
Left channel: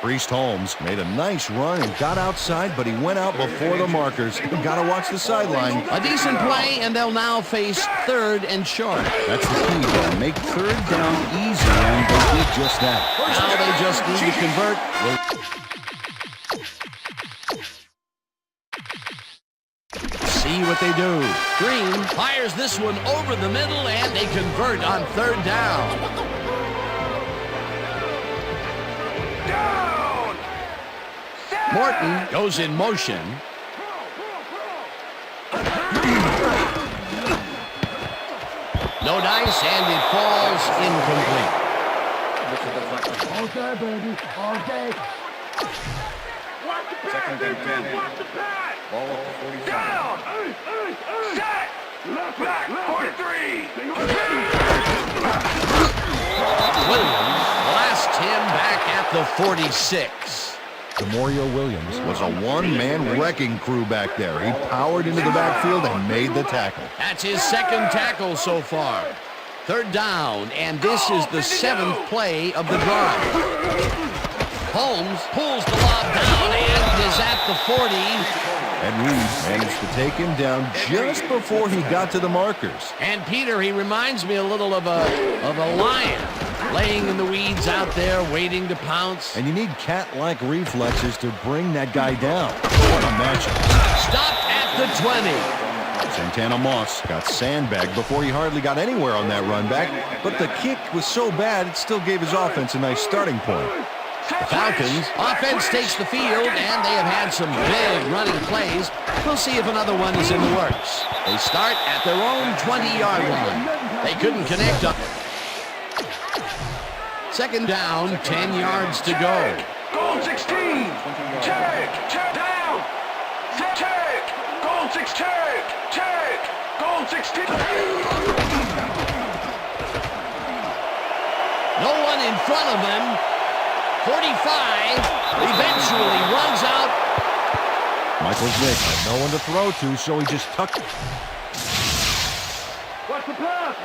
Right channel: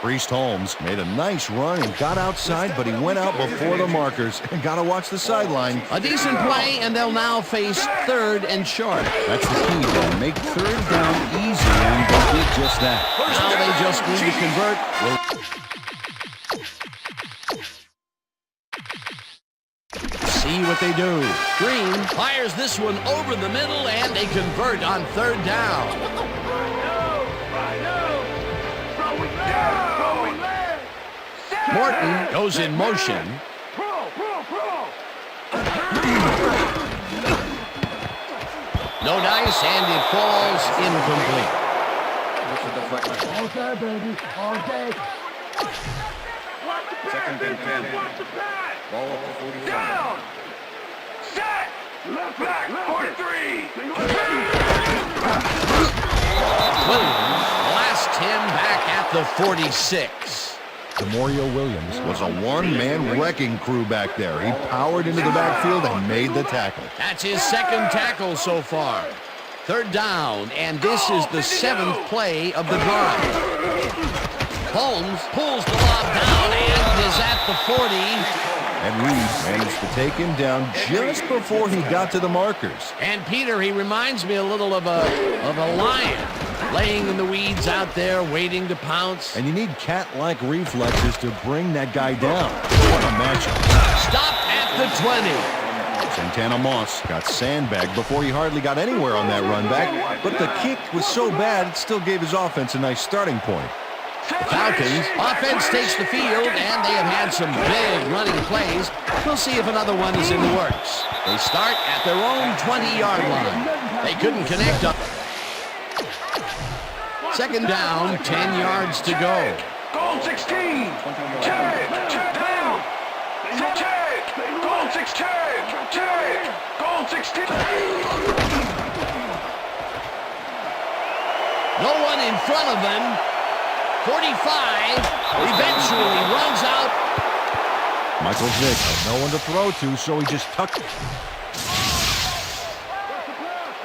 Priest Holmes made a nice run and got outside, but he went out before the markers. Got to watch the sideline. A decent play, and they'll now face third and short. That's the key, Dan. Make third down easy, and they did just that. Now they just need to convert. See what they do. Green fires this one over the middle, and they convert on third down. Morton goes in motion. No dice, and it falls incomplete. All day, baby. All day. Second and 10. Ball at the 45. Down. Set. Left back. 43. Williams blasts him back at the 46. Demario Williams was a one-man wrecking crew back there. He powered into the backfield and made the tackle. That's his second tackle so far. Third down, and this is the 7th play of the drive. Holmes pulls the lob down and is at the 40. And Reed managed to take him down just before he got to the markers. And Peter, he reminds me a little of a lion laying in the weeds out there waiting to pounce. And you need cat-like reflexes to bring that guy down. What a matchup. Stopped at the 20. Santana Moss got sandbagged before he hardly got anywhere on that run back, but the kick was so bad it still gave his offense a nice starting point. The Falcons offense takes the field, and they have had some big running plays. We'll see if another one is in the works. They start at their own 20-yard line. They couldn't connect up. Second down, 10 yards to go. Goal 16. 20 yards. Check. Down. Check. Goal 6. Check. Goal 16. No one in front of him. 45 eventually runs out. Michael Vick had no one to throw to, so he just tucked.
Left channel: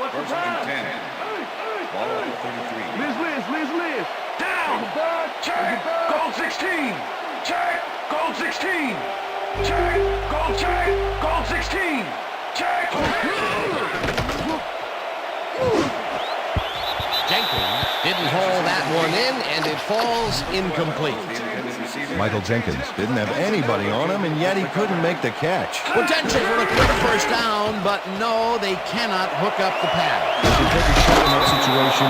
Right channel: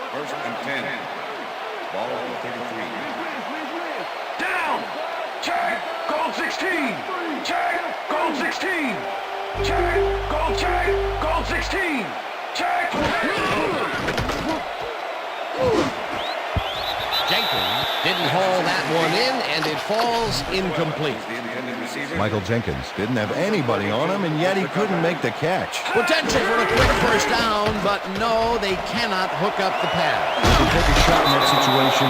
First and 10. Ball at the 33. Liz. Down. Check. Goal 16. Check. Goal 16. Check. Goal 16. Check. Jenkins didn't haul that one in, and it falls incomplete. The intended receiver. Michael Jenkins didn't have anybody on him, and yet he couldn't make the catch. Potential for a quick first down, but no, they cannot hook up the pass. He can take a shot in that situation.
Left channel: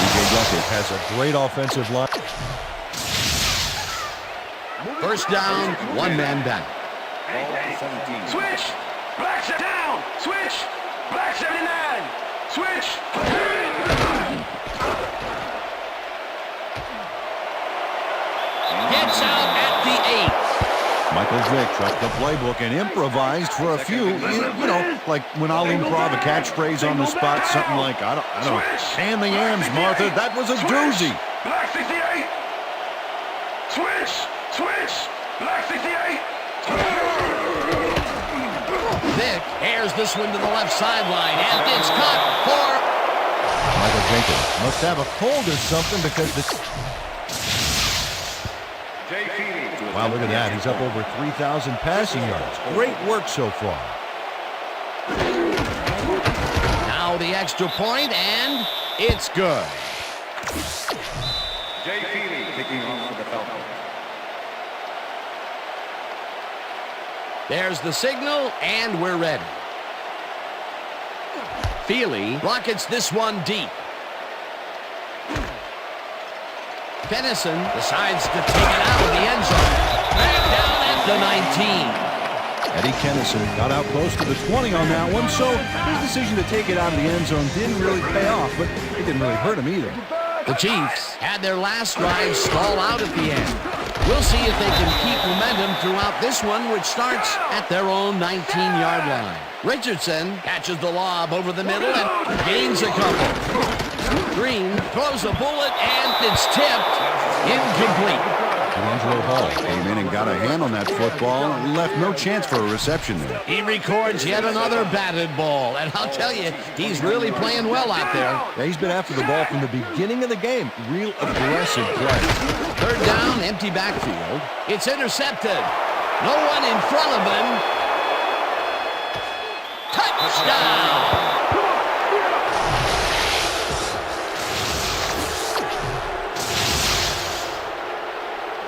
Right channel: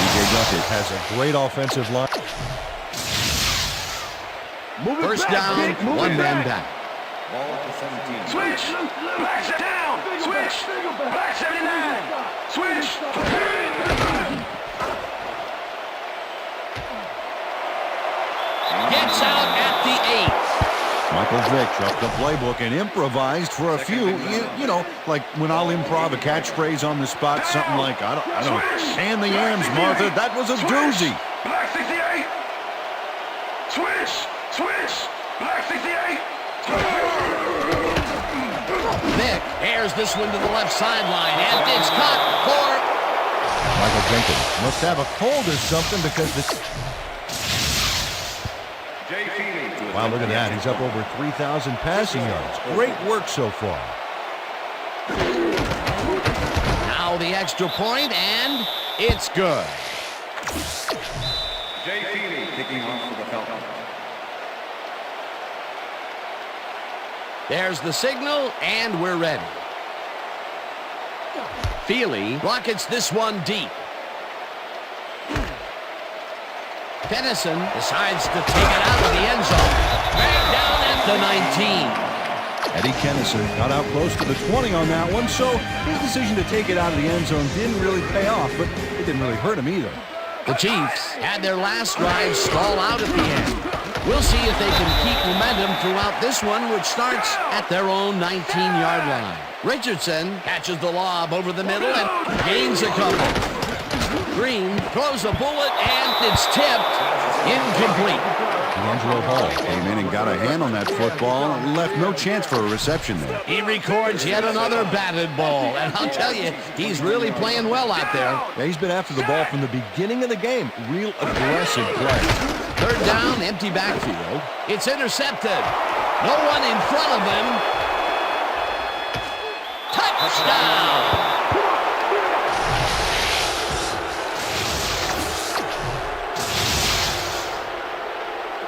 DJ Duckett has a great offensive line. First down, one man back. Ball at the 17. Switch. Black down. Switch. Black 79. Switch. Gets out at the 8. Michael Vick dropped the playbook and improvised for a few, you know, like when I'll improv a catchphrase on the spot, something like, I don't know, can the yams, Martha, that was a doozy. Black 68. Switch. Black 68. Vick airs this one to the left sideline, and it's caught for... Michael Jenkins must have a cold or something because the... Jay Feely to Wow, look at attempt the that. He's extra up point. over 3,000 passing yards. Great work so far. Now the extra point, and it's good. Jay Feely kicking off for the Falcons. There's the signal, and we're ready. Feely rockets this one deep. Dennison decides to take it out of the end zone. Back down at the 19. Eddie Kennison got out close to the 20 on that one, so his decision to take it out of the end zone didn't really pay off, but it didn't really hurt him either. The Chiefs had their last drive stall out at the end. We'll see if they can keep momentum throughout this one, which starts at their own 19-yard line. Richardson catches the lob over the middle and gains a couple. Green throws a bullet, and it's tipped. Incomplete. D'Angelo Hall came in and got a hand on that football and left no chance for a reception there. He records yet another batted ball, and I'll tell you, he's really playing well out there. Yeah, he's been after the ball from the beginning of the game. Real aggressive play. Third down, empty backfield. It's intercepted. No one in front of him. Touchdown!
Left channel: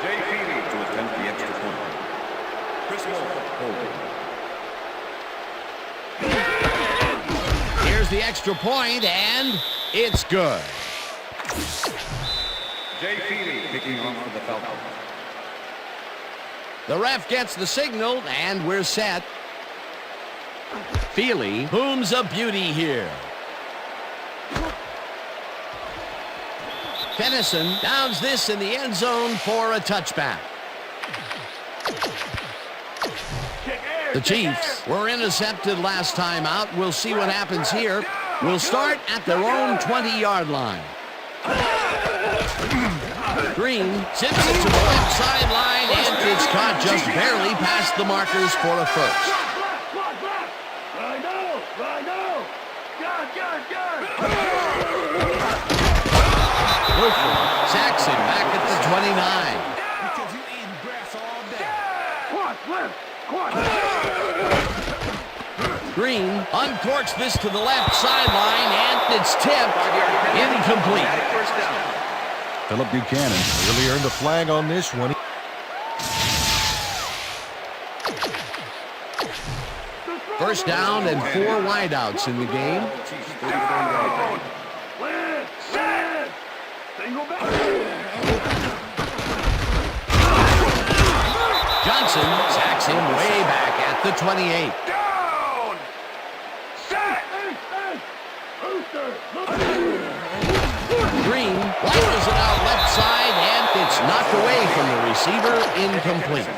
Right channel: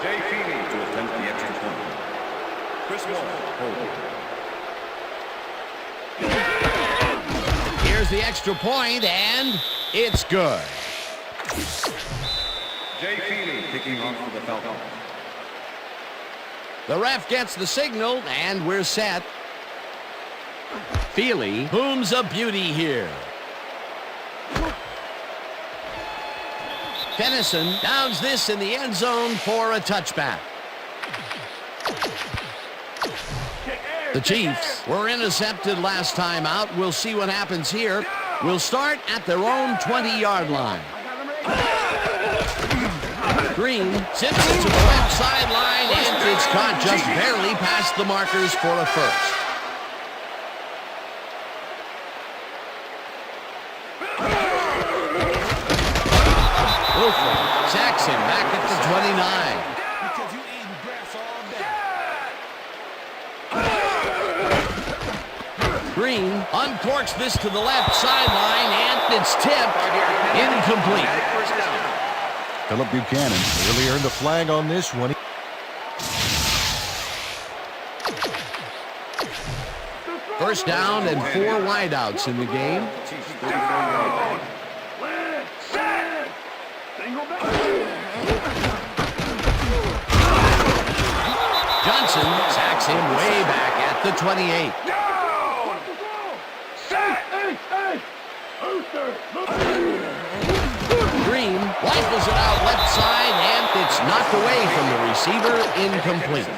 Jay Feely to attempt the extra point. Chris Moore holding. Here's the extra point, and it's good. Jay Feely kicking off for the Falcons. The ref gets the signal, and we're set. Feely booms a beauty here. Dennison downs this in the end zone for a touchback. The Chiefs were intercepted last time out. We'll see what happens here. We'll start at their own 20-yard line. Green zips it to the left sideline, and it's caught just barely past the markers for a first. Wilford sacks him back at the 29. Because you eating grass all day. Green uncorks this to the left sideline, and it's tipped. 5-yard penalty. Incomplete. Automatic first down. Philip Buchanan clearly earned a flag on this one. First down and 4 wideouts in the game. Chiefs 34-yard line. Single back. Johnson sacks him way back at the 28. Down. Set. Hey. Booster. Green rifles it out left side, and it's knocked away from the receiver, incomplete.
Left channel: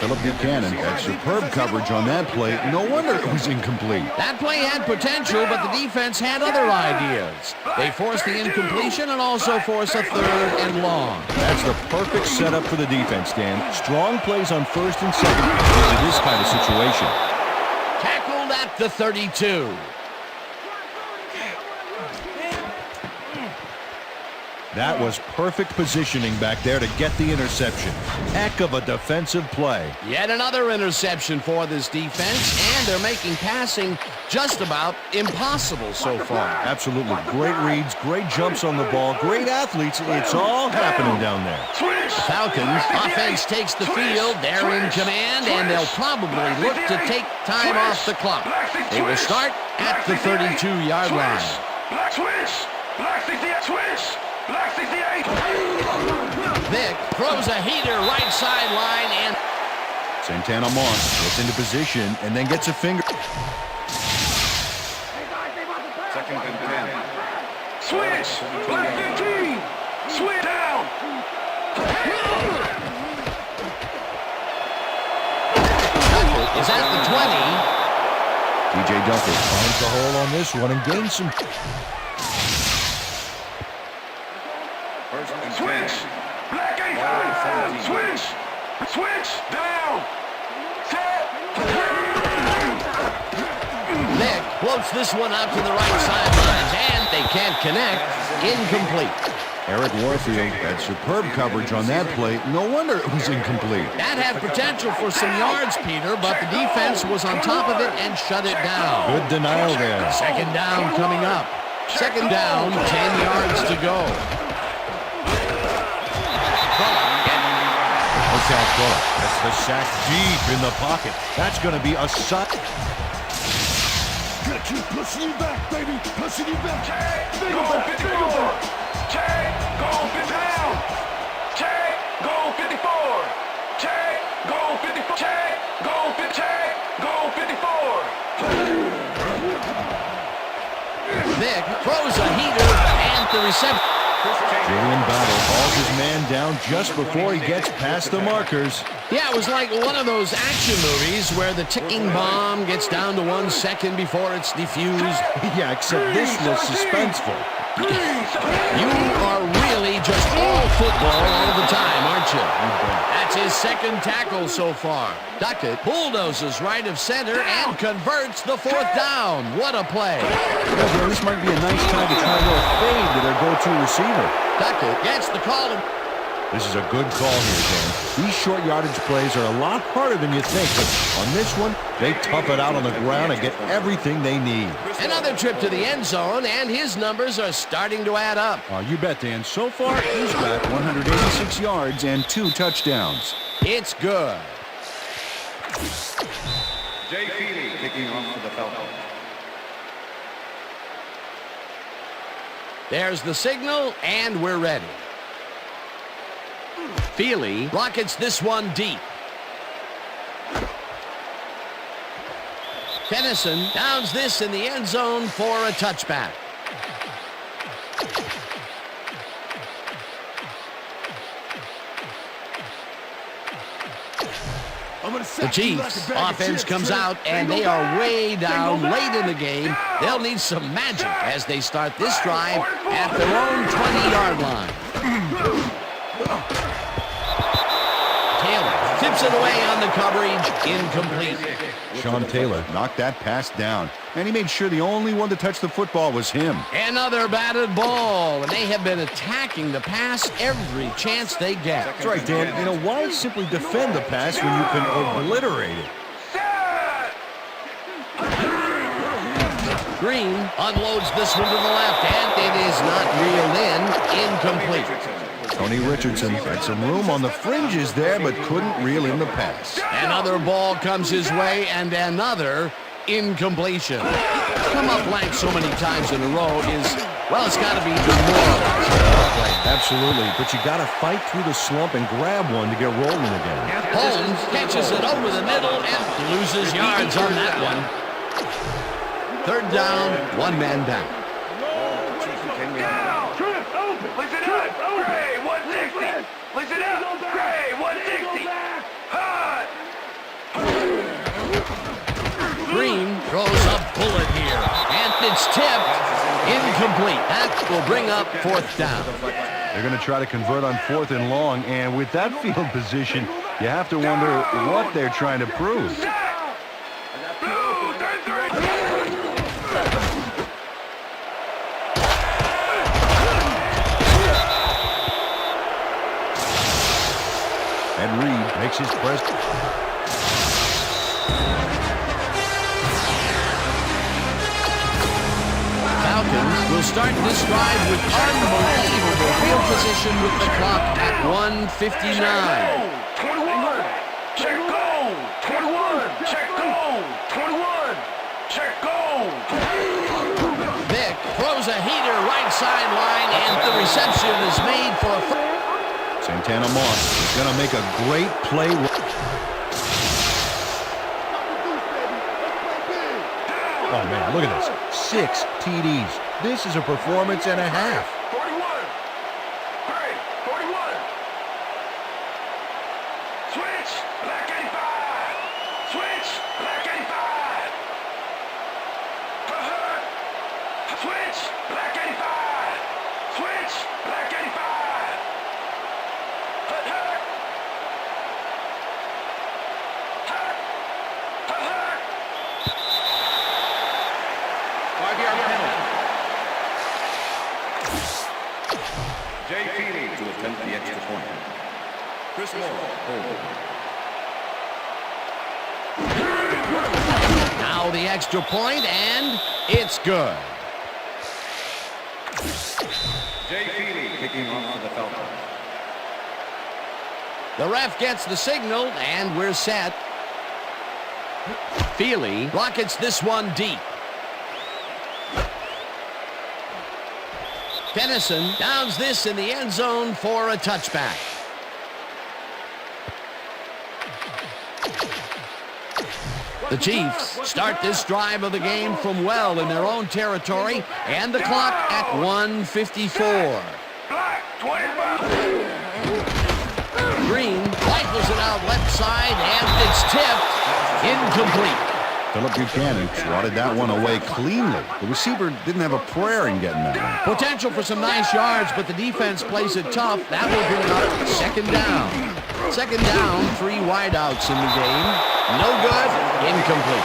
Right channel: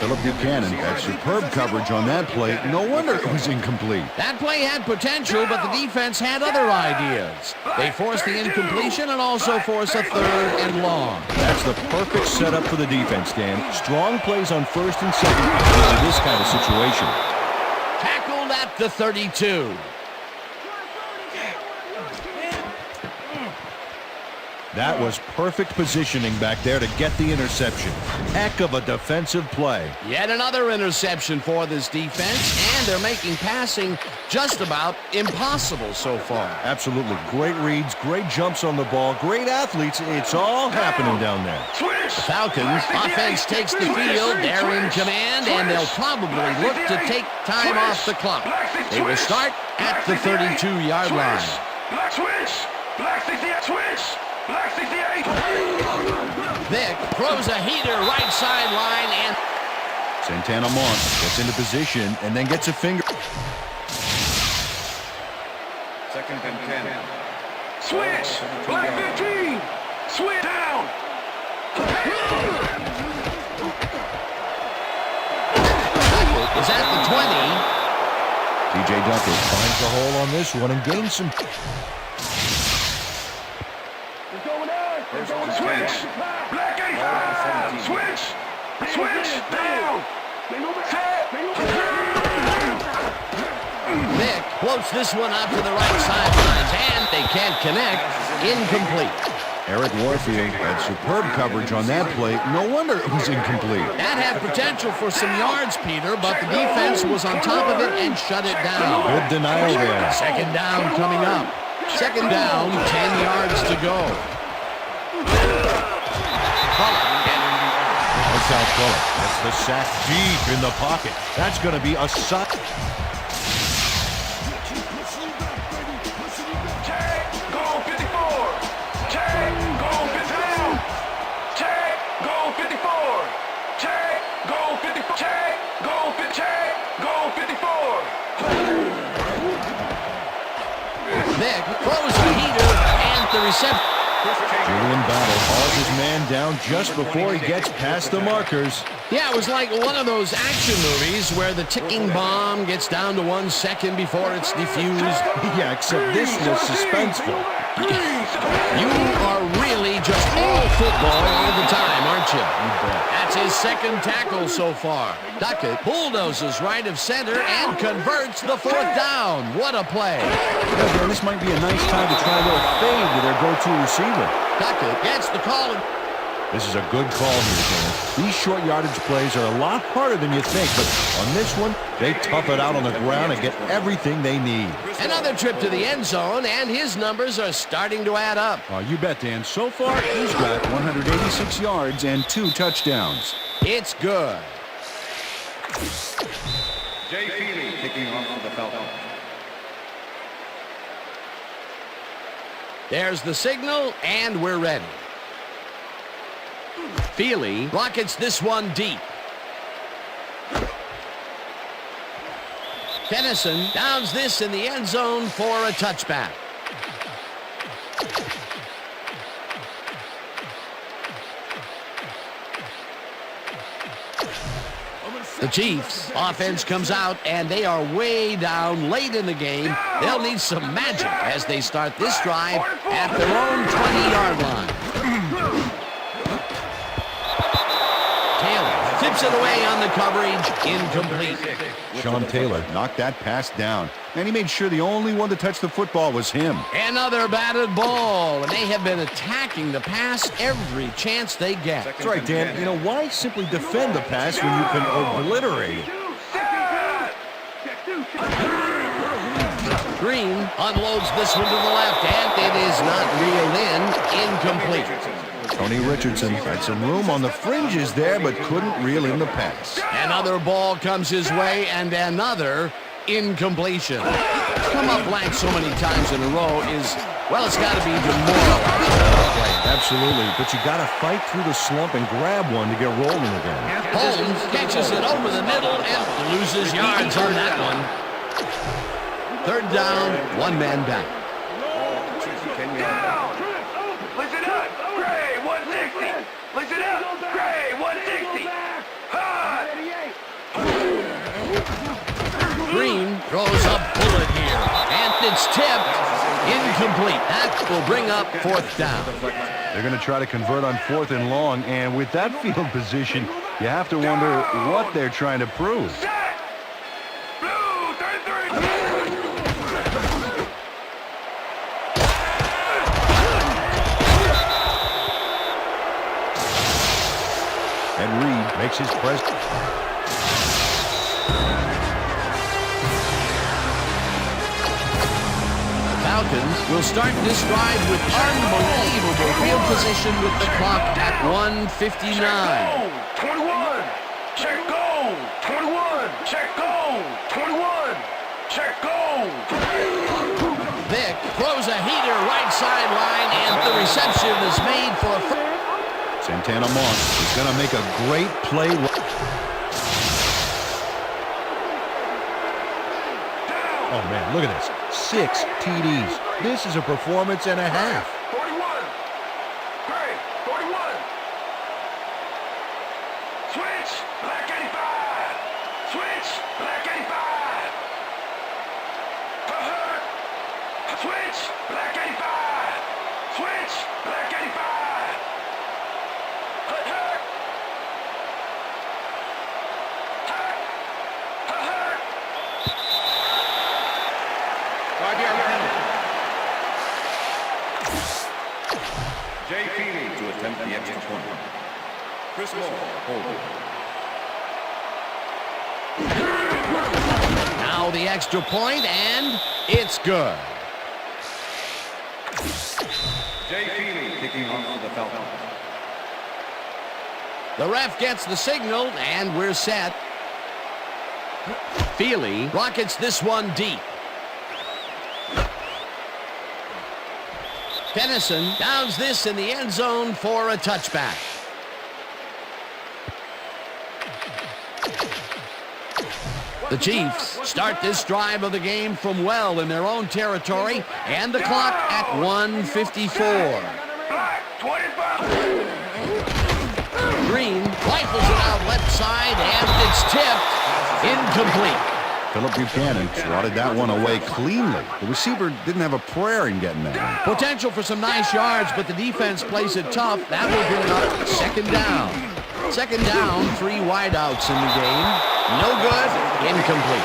Philip Buchanan had superb coverage on that play. No wonder it was incomplete. That play had potential, but the defense had other ideas. They forced the incompletion and also forced a 3rd and long. That's the perfect setup for the defense, Dan. Strong plays on 1st and 2nd in this kind of situation. Tackled at the 32. That was perfect positioning back there to get the interception. Heck of a defensive play. Yet another interception for this defense, and they're making passing just about impossible so far. Absolutely. Great reads, great jumps on the ball, great athletes. It's all happening down there. The Falcons offense takes the field. They're in command, and they'll probably look to take time off the clock. They will start at the 32-yard line. Black switch. Black 68. Switch. Black 68. Vick throws a heater right sideline, and Santana Mont gets into position and then gets a finger. 2nd and 10. Switch. Black 15. Switch down. Duckett is at the 20. T.J. Duckett finds the hole on this one and gains some. 1st and 10. Switch. Black 85. Switch. Switch down. Set. Vick floats this one out to the right sidelines, and they can't connect. Incomplete. Eric Warfield had superb coverage on that play. No wonder it was incomplete. That had potential for some yards, Peter, but the defense was on top of it and shut it down. Good denial there. 2nd down coming up. 2nd down, 10 yards to go. Markel Bullock gets the sack deep in the pocket. That's going to be a sack. Keep pushing you back, baby. Pushing you back. Check. Go 54. Check. Go 50 down. Check. Go 54. Check. Go 54. Check. Go 50. Check. Go 54. Vick throws a heater, and the reception. Julian Battle hauls his man down just before he gets past the markers. Yeah, it was like one of those action movies where the ticking bomb gets down to 1 second before it's defused. Yeah, except this was suspenseful. You are really just all football all the time, aren't you? You bet. That's his 2nd tackle so far. Duckett bulldozes right of center and converts the 4th down. What a play. Yeah, Dan, this might be a nice time to try a little fade to their go-to receiver. Duckett gets the call. This is a good call here, Dan. These short yardage plays are a lot harder than you think, but on this one, they tough it out on the ground and get everything they need. Another trip to the end zone, and his numbers are starting to add up. You bet, Dan. So far, he's got 186 yards and 2 touchdowns. It's good. Jay Feely kicking off for the Falcons. There's the signal, and we're ready. Feely rockets this one deep. Tennyson downs this in the end zone for a touchback. The Chiefs offense comes out, and they are way down late in the game. They'll need some magic as they start this drive at their own 20-yard line. Taylor tips it away on the coverage, incomplete. Sean Taylor knocked that pass down, and he made sure the only one to touch the football was him. Another batted ball, and they have been attacking the pass every chance they get. That's right, Dan. You know, why simply defend the pass when you can obliterate it? Green unloads this one to the left, and it is not reeled in, incomplete. Tony Richardson had some room on the fringes there, but couldn't reel in the pass. Another ball comes his way, and another incompletion. Come up blank so many times in a row is, well, it's got to be demoralizing. Absolutely, but you got to fight through the slump and grab one to get rolling again. Holmes catches it over the middle and loses yards on that one. 3rd down, 1 man back. Down. Listen up. Gray, 160. Listen up. Gray, 160. Hot. Green throws a bullet here, and it's tipped. Incomplete. That will bring up fourth down. They're going to try to convert on 4th and long, and with that field position, you have to wonder what they're trying to prove. Blue, 33. And Reed makes his press. Falcons will start this drive with unbelievable field position with the clock at 1:59. 21. Check goal. 21. Check goal. 21. Check goal. Vick throws a heater right sideline, and the reception is made for a first. Santana Moss is going to make a great play. Oh, man, look at this. 6 TDs. This is a performance and a half. Five-yard penalty. Jay Feely to attempt the extra point. Chris Moore holding. Now the extra point, and it's good. Jay Feely kicking off for the Falcons. The ref gets the signal, and we're set. Feely rockets this one deep. Dennison downs this in the end zone for a touchback. The Chiefs start this drive of the game from well in their own territory, and the clock at 1:54. Black, 25. Green rifles it out left side, and it's tipped. Incomplete. Philip Buchanan swatted that one away cleanly. The receiver didn't have a prayer in getting that one. Potential for some nice yards, but the defense plays it tough. That will bring up second down. Second down, 3 wideouts in the game. No good, incomplete.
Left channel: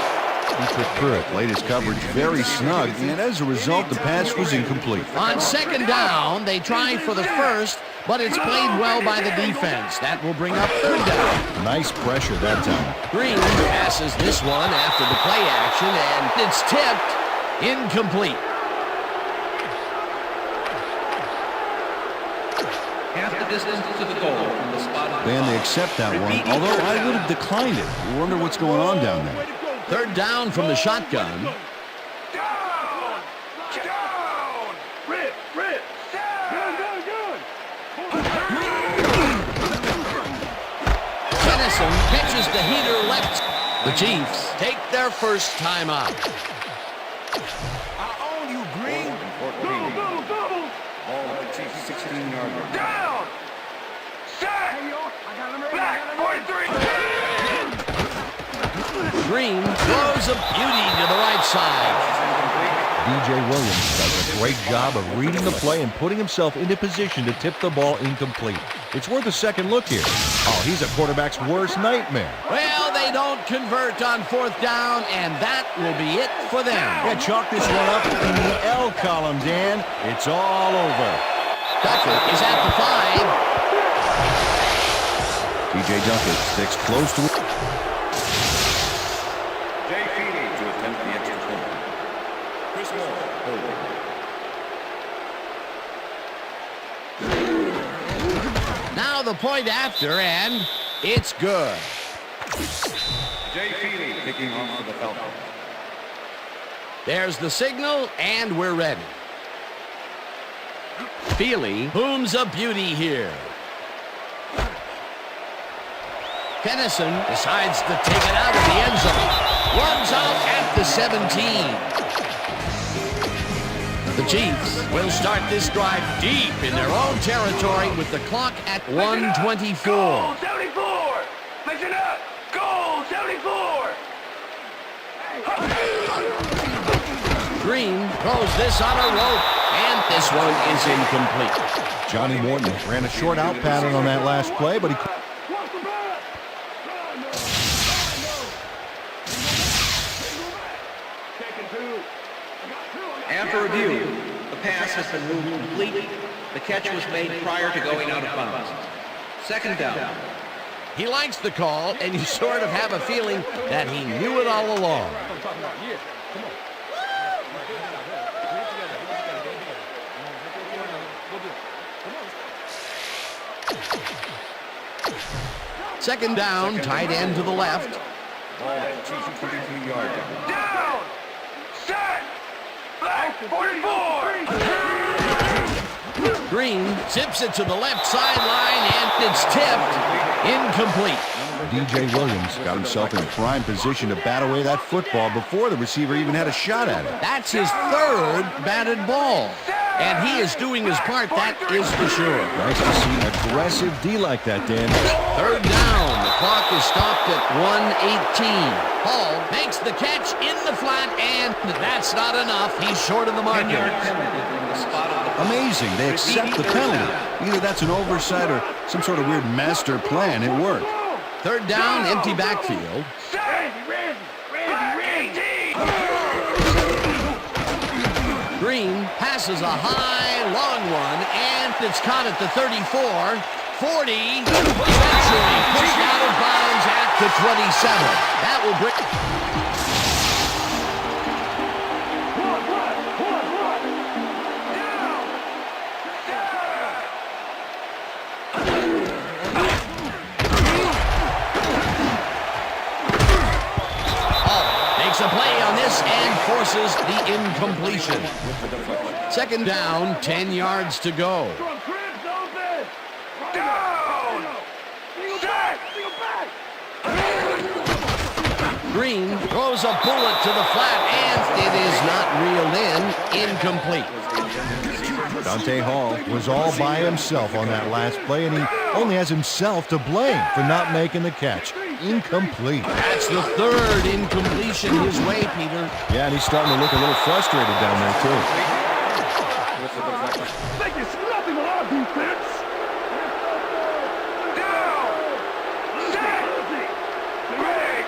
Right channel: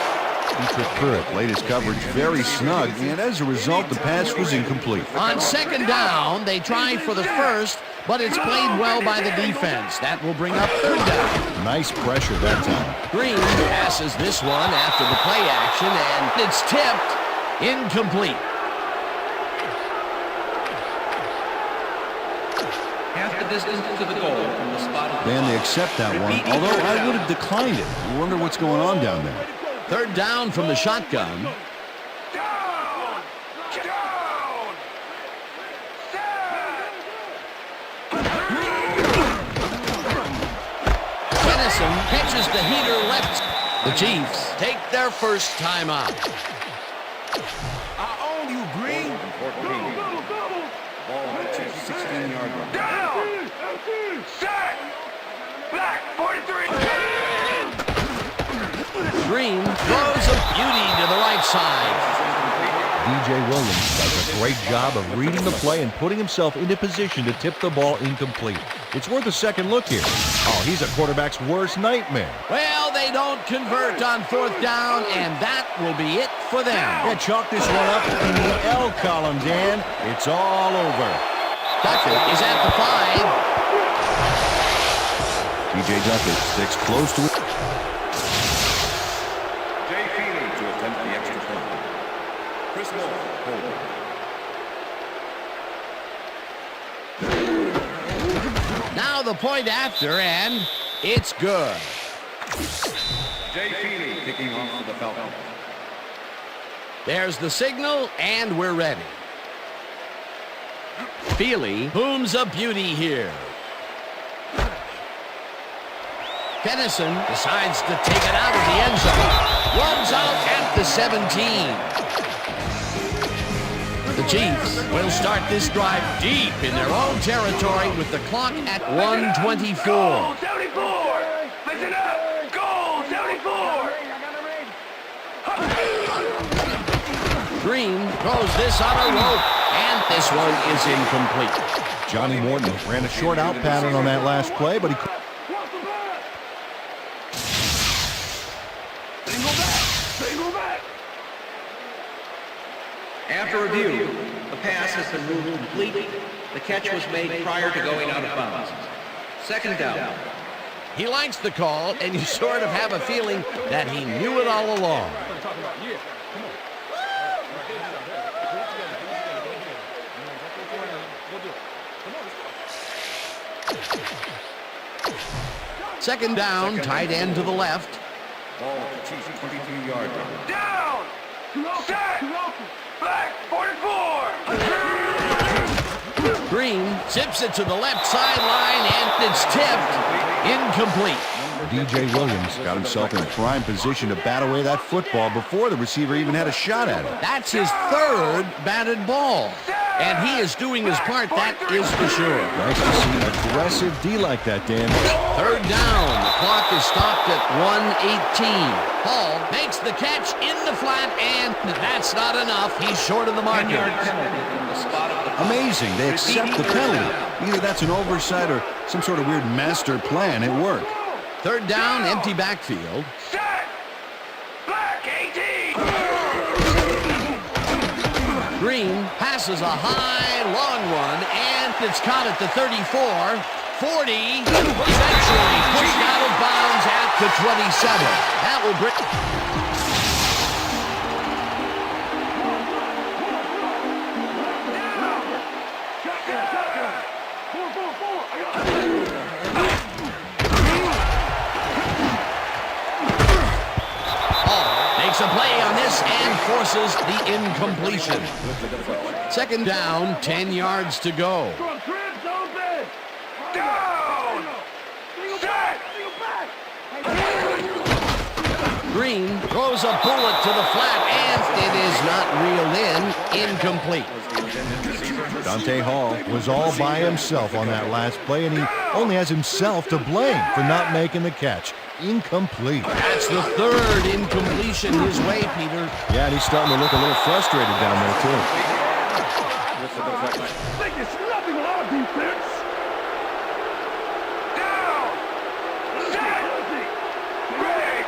Dietrich Pruitt laid his coverage very snug, and as a result, the pass was incomplete. On second down, they try for the first, but it's played well by the defense. That will bring up third down. Nice pressure that time. Green passes this one after the play action, and it's tipped. Incomplete. Half the distance to the goal from the spot of the And they foul. accept that one, Repeat although third I down. would have declined it. I wonder what's going on down there. Third down from the shotgun. Dennison catches the heater left. The Chiefs take their first time out. I own you, Green. 14. Ball at the Chiefs' 16-yard line. Down. Set. Black, 43. Green throws a beauty to the right side. DJ Williams does a great job of reading the play and putting himself into position to tip the ball incomplete. It's worth a second look here. Oh, he's a quarterback's worst nightmare. Well, they don't convert on fourth down, and that will be it for them. Yeah, chalk this one up in the L column, Dan. It's all over. Duckett is at the 5. TJ Duckett sticks close to it. Jay Feely to attempt the extra point. Chris Moore holding. Now the point after, and it's good. Jay Feely kicking off for the Falcons. There's the signal, and we're ready. Feely booms a beauty here. Dennison decides to take it out of the end zone. Runs out at the 17. The Chiefs will start this drive deep in their own territory with the clock at 1:24. Goal 74! Listen up! Goal 74! Green throws this on a rope, and this one is incomplete. Johnny Morton ran a short out pattern on that last play, but he... Single back! Taking two. After review, the pass has been ruled complete. The catch was made prior to going out of bounds. Second down. He likes the call, and you sort of have a feeling that he knew it all along. Second down, tight end to the left. Ball at the Chiefs' 23-yard line. Down! Set! Black 44! Green zips it to the left sideline, and it's tipped. Incomplete. DJ Williams got himself in prime position to bat away that football before the receiver even had a shot at it. That's his third batted ball. And he is doing his part, that is for sure. Nice to see aggressive D like that, Dan. Third down. The clock is stopped at 1:18. Hall makes the catch in the flat, and that's not enough. He's short of the marker. 10-yard penalty from the spot of the foul. Amazing. They accept the penalty. Either that's an oversight or some sort of weird master plan at work. Third down, empty backfield. Set! Black 18! Green passes a high, long one, and it's caught at the 34, 40, eventually pushed out of bounds at the 27. That will bring... One! Rapper! Shotgun! 4! Hall makes a play on this and forces the incompletion. Second down, 10 yards to go. Down! Set! Green throws a bullet to the flat, and it is not reeled in. Incomplete. Dante Hall was all by himself on that last play, and he only has himself to blame for not making the catch. Incomplete. That's the third incompletion his way, Peter. Yeah, and he's starting to look a little frustrated down there, too. With the deflection. Think it's nothing with our defense! Down! Set! Ready!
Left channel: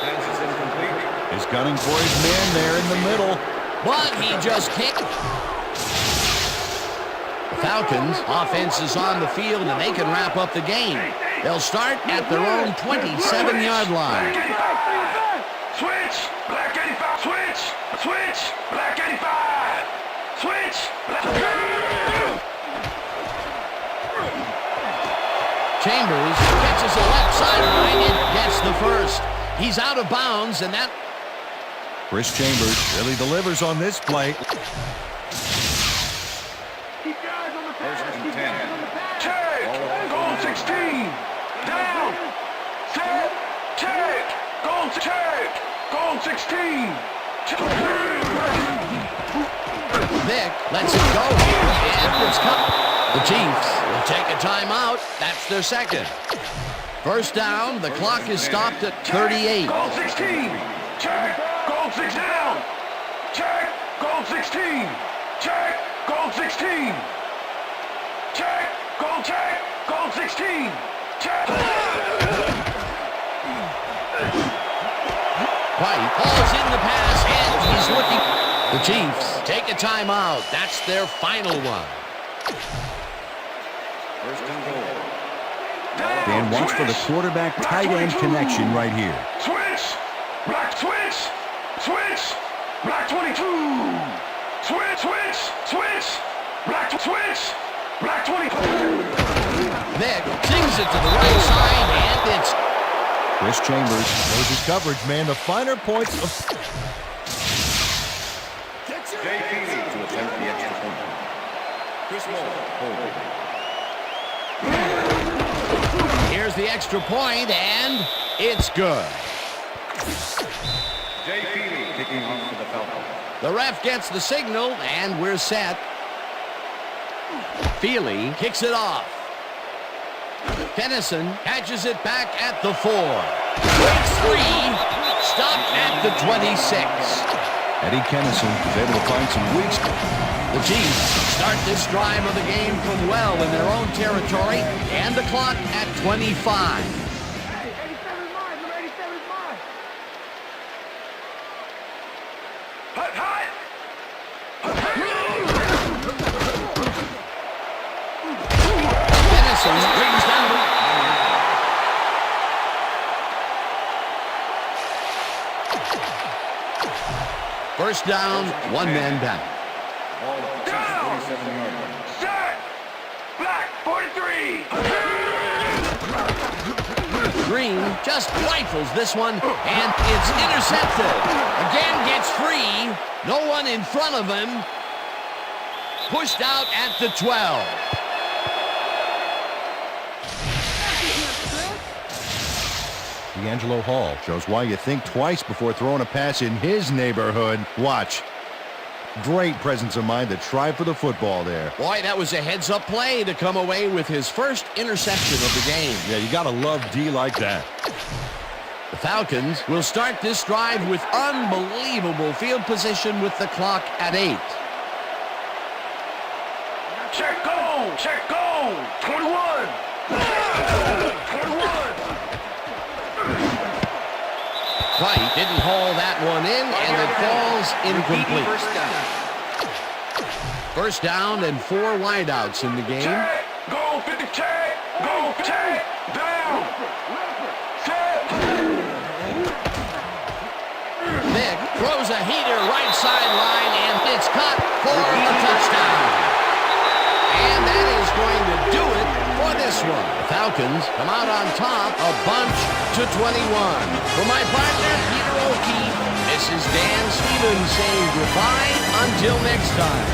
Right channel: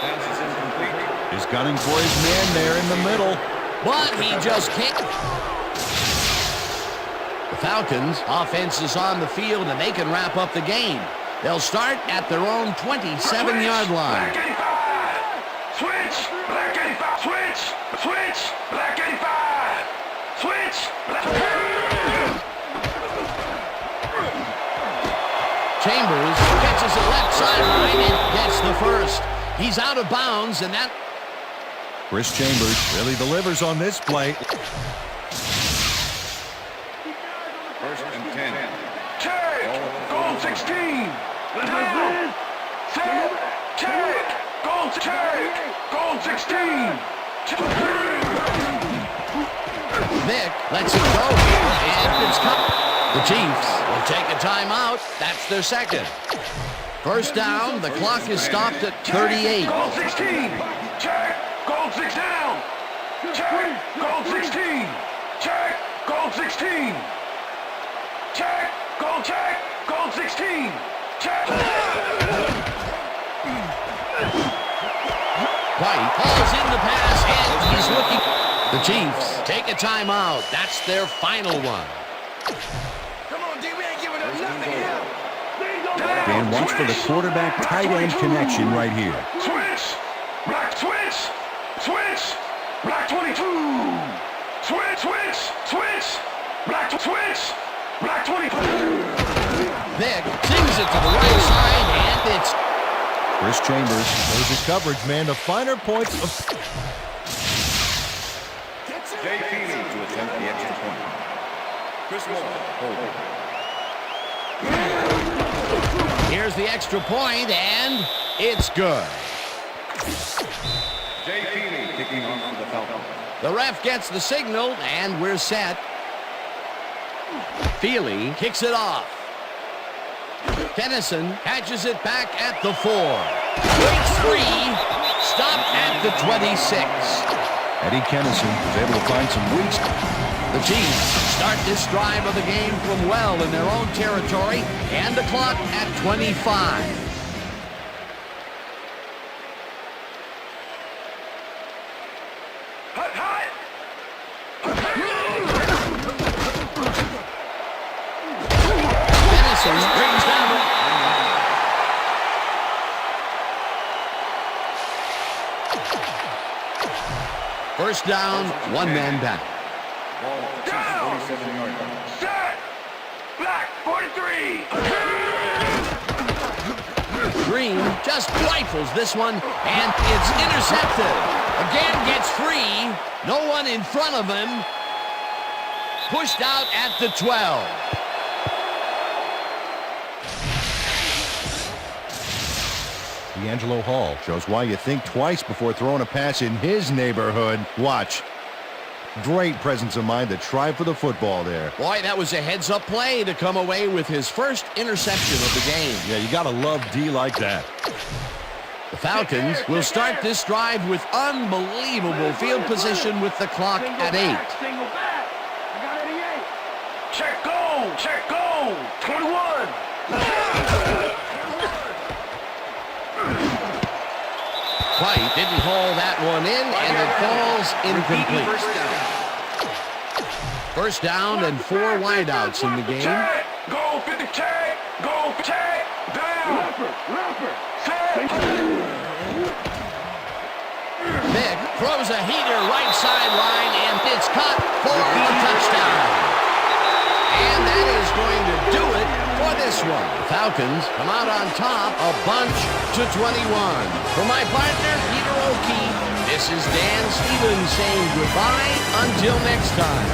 Pass is incomplete. He's gunning for his man there in the middle. But he just can't. The Falcons' offense is on the field, and they can wrap up the game. They'll start at their own 27-yard line. Switch! Black 85! Switch! Black 85! Switch! Chambers catches the left sideline and gets the first. He's out of bounds, and that... Chris Chambers really delivers on this play. First and 10. Check! Goal 16! Down! Set! Check! Goal 16! Vic lets it go here, and it's cut. The Chiefs will take a timeout. That's their second. First down, the clock is stopped at 38. Goal 16! Check! Goal 6 down! Check! Goal 16! Check! Goal 16! Check! Goal 16! Check! White hauls in the pass, and he's looking. The Chiefs take a timeout. That's their final one. First and goal. Dan, watch for the quarterback tight end connection right here. Switch! Black 22! Black 20! Vic sings it to the right side, and it's... Chris Chambers knows his coverage, man. The finer points of... Jay Feely to attempt the extra point. Chris Moore holding. Here's the extra point, and it's good. Jay Feely kicking off for the Falcons. The ref gets the signal, and we're set. Feely kicks it off. Kennison catches it back at the 4. Breaks free. Stopped at the 26. Eddie Kennison was able to find some weeks. The Chiefs start this drive of the game from well in their own territory, and the clock at 25. Hut, hut! Kennison brings down the... First down, one man back. Ball at the Chiefs' 47-yard line. Set! Black, 43! Green just rifles this one, and it's intercepted. Again gets free. No one in front of him. Pushed out at the 12. D'Angelo Hall shows why you think twice before throwing a pass in his neighborhood. Watch. Great presence of mind to try for the football there. Boy, that was a heads-up play to come away with his first interception of the game. Yeah, you gotta love D like that. The Falcons will start this drive with unbelievable field position with the clock at 8. Check go! Check go! 21! White didn't haul that one in, and it falls incomplete. First down and 4 wideouts in the game. Check! Go 50, check! Go check! Down! Set! Vick throws a heater right sideline, and it's caught for a touchdown. And that is going to do it for this one. The Falcons come out on top, a bunch to 21. For my partner, Peter O'Keefe, this is Dan Stevens saying goodbye until next time.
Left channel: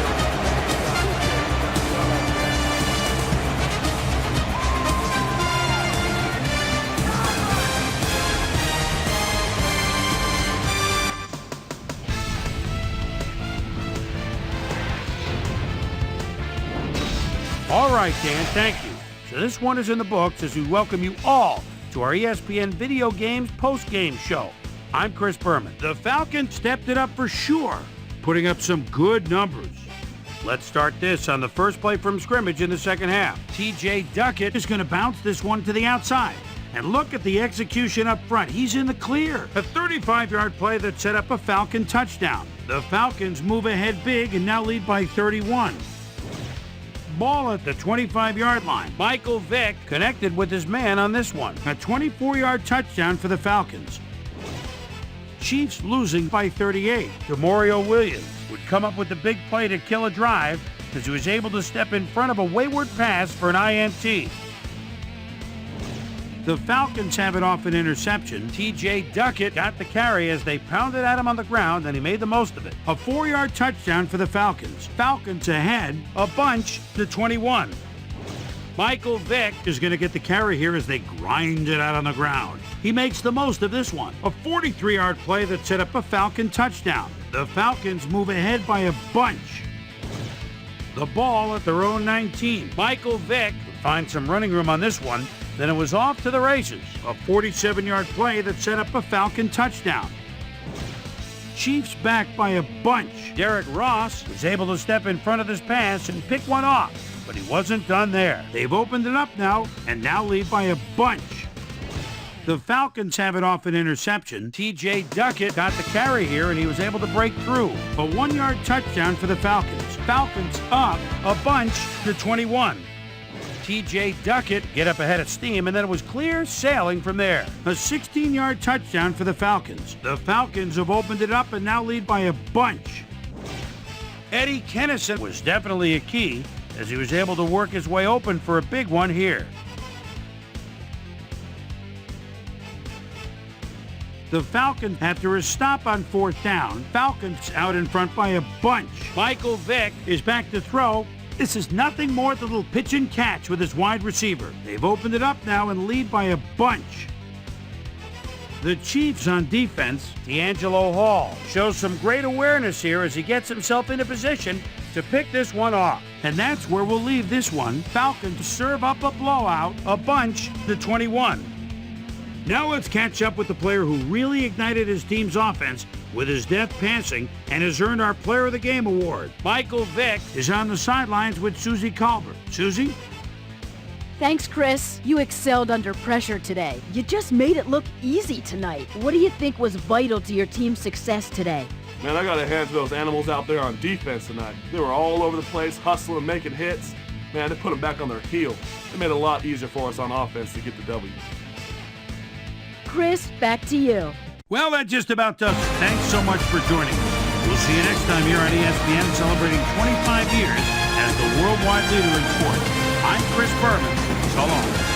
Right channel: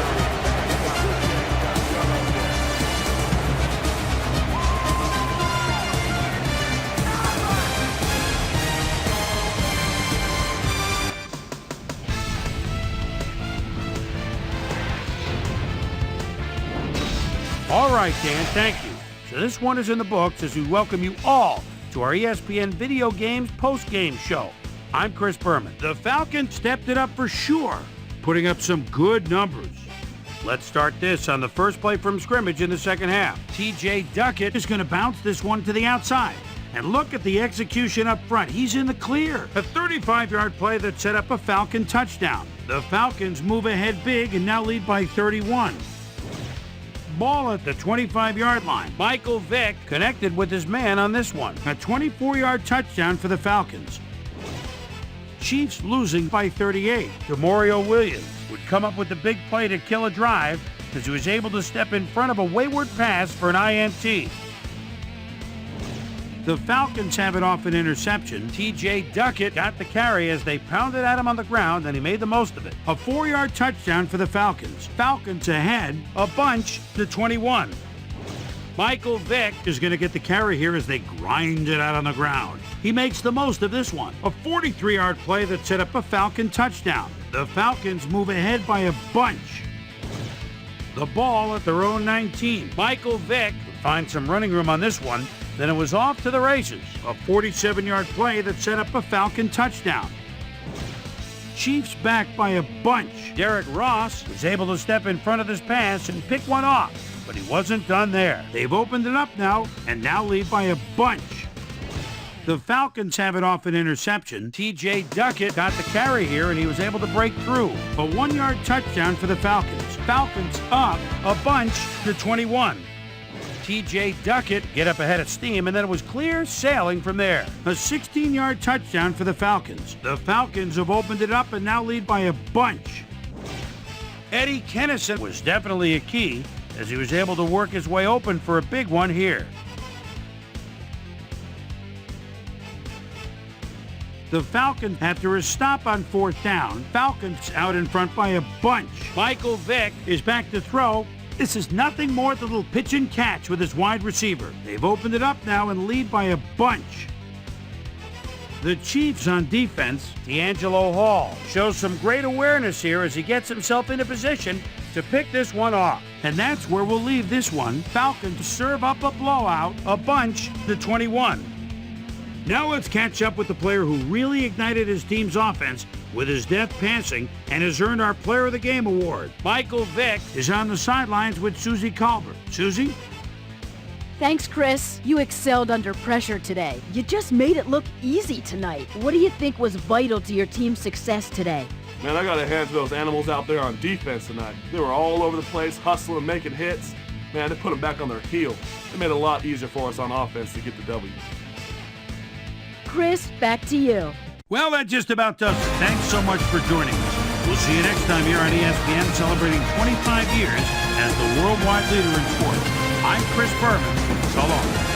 All right, Dan, thank you. So this one is in the books as we welcome you all to our ESPN Video Games post-game show. I'm Chris Berman. The Falcons stepped it up for sure, putting up some good numbers. Let's start this on the first play from scrimmage in the second half. T.J. Duckett is going to bounce this one to the outside. And look at the execution up front. He's in the clear. A 35-yard play that set up a Falcon touchdown. The Falcons move ahead big and now lead by 31. Ball at the 25-yard line. Michael Vick connected with his man on this one. A 24-yard touchdown for the Falcons. Chiefs losing by 38. DeMario Williams would come up with the big play to kill a drive as he was able to step in front of a wayward pass for an INT. The Falcons have it off an interception. T.J. Duckett got the carry as they pounded at him on the ground, and he made the most of it. A 4-yard touchdown for the Falcons. Falcons ahead, a bunch to 21. Michael Vick is going to get the carry here as they grind it out on the ground. He makes the most of this one. A 43-yard play that set up a Falcon touchdown. The Falcons move ahead by a bunch. The ball at their own 19. Michael Vick would find some running room on this one. Then it was off to the races. A 47-yard play that set up a Falcon touchdown. Chiefs back by a bunch. Derek Ross was able to step in front of this pass and pick one off, but he wasn't done there. They've opened it up now and now lead by a bunch. The Falcons have it off an interception. T.J. Duckett got the carry here and he was able to break through. A 1-yard touchdown for the Falcons. Falcons up a bunch to 21. T.J. Duckett get up ahead of steam, and then it was clear sailing from there. A 16-yard touchdown for the Falcons. The Falcons have opened it up and now lead by a bunch. Eddie Kennison was definitely a key as he was able to work his way open for a big one here. The Falcons, after a stop on 4th down, Falcons out in front by a bunch. Michael Vick is back to throw. This is nothing more than a little pitch and catch with his wide receiver. They've opened it up now and lead by a bunch. The Chiefs on defense, D'Angelo Hall, shows some great awareness here as he gets himself in a position to pick this one off. And that's where we'll leave this one. Falcons serve up a blowout, a bunch to 21. Now let's catch up with the player who really ignited his team's offense with his deft passing and has earned our Player of the Game award. Michael Vick is on the sidelines with Susie Colbert. Susie? Thanks, Chris. You excelled under pressure today. You just made it look easy tonight. What do you think was vital to your team's success today? Man, I got to hand to those animals out there on defense tonight. They were all over the place, hustling and making hits. Man, they put them back on their heel. It made it a lot easier for us on offense to get the W. Chris, back to you. Well, that just about does it. Thanks so much for joining us. We'll see you next time here on ESPN, celebrating 25 years as the worldwide leader in sports. I'm Chris Berman. So long.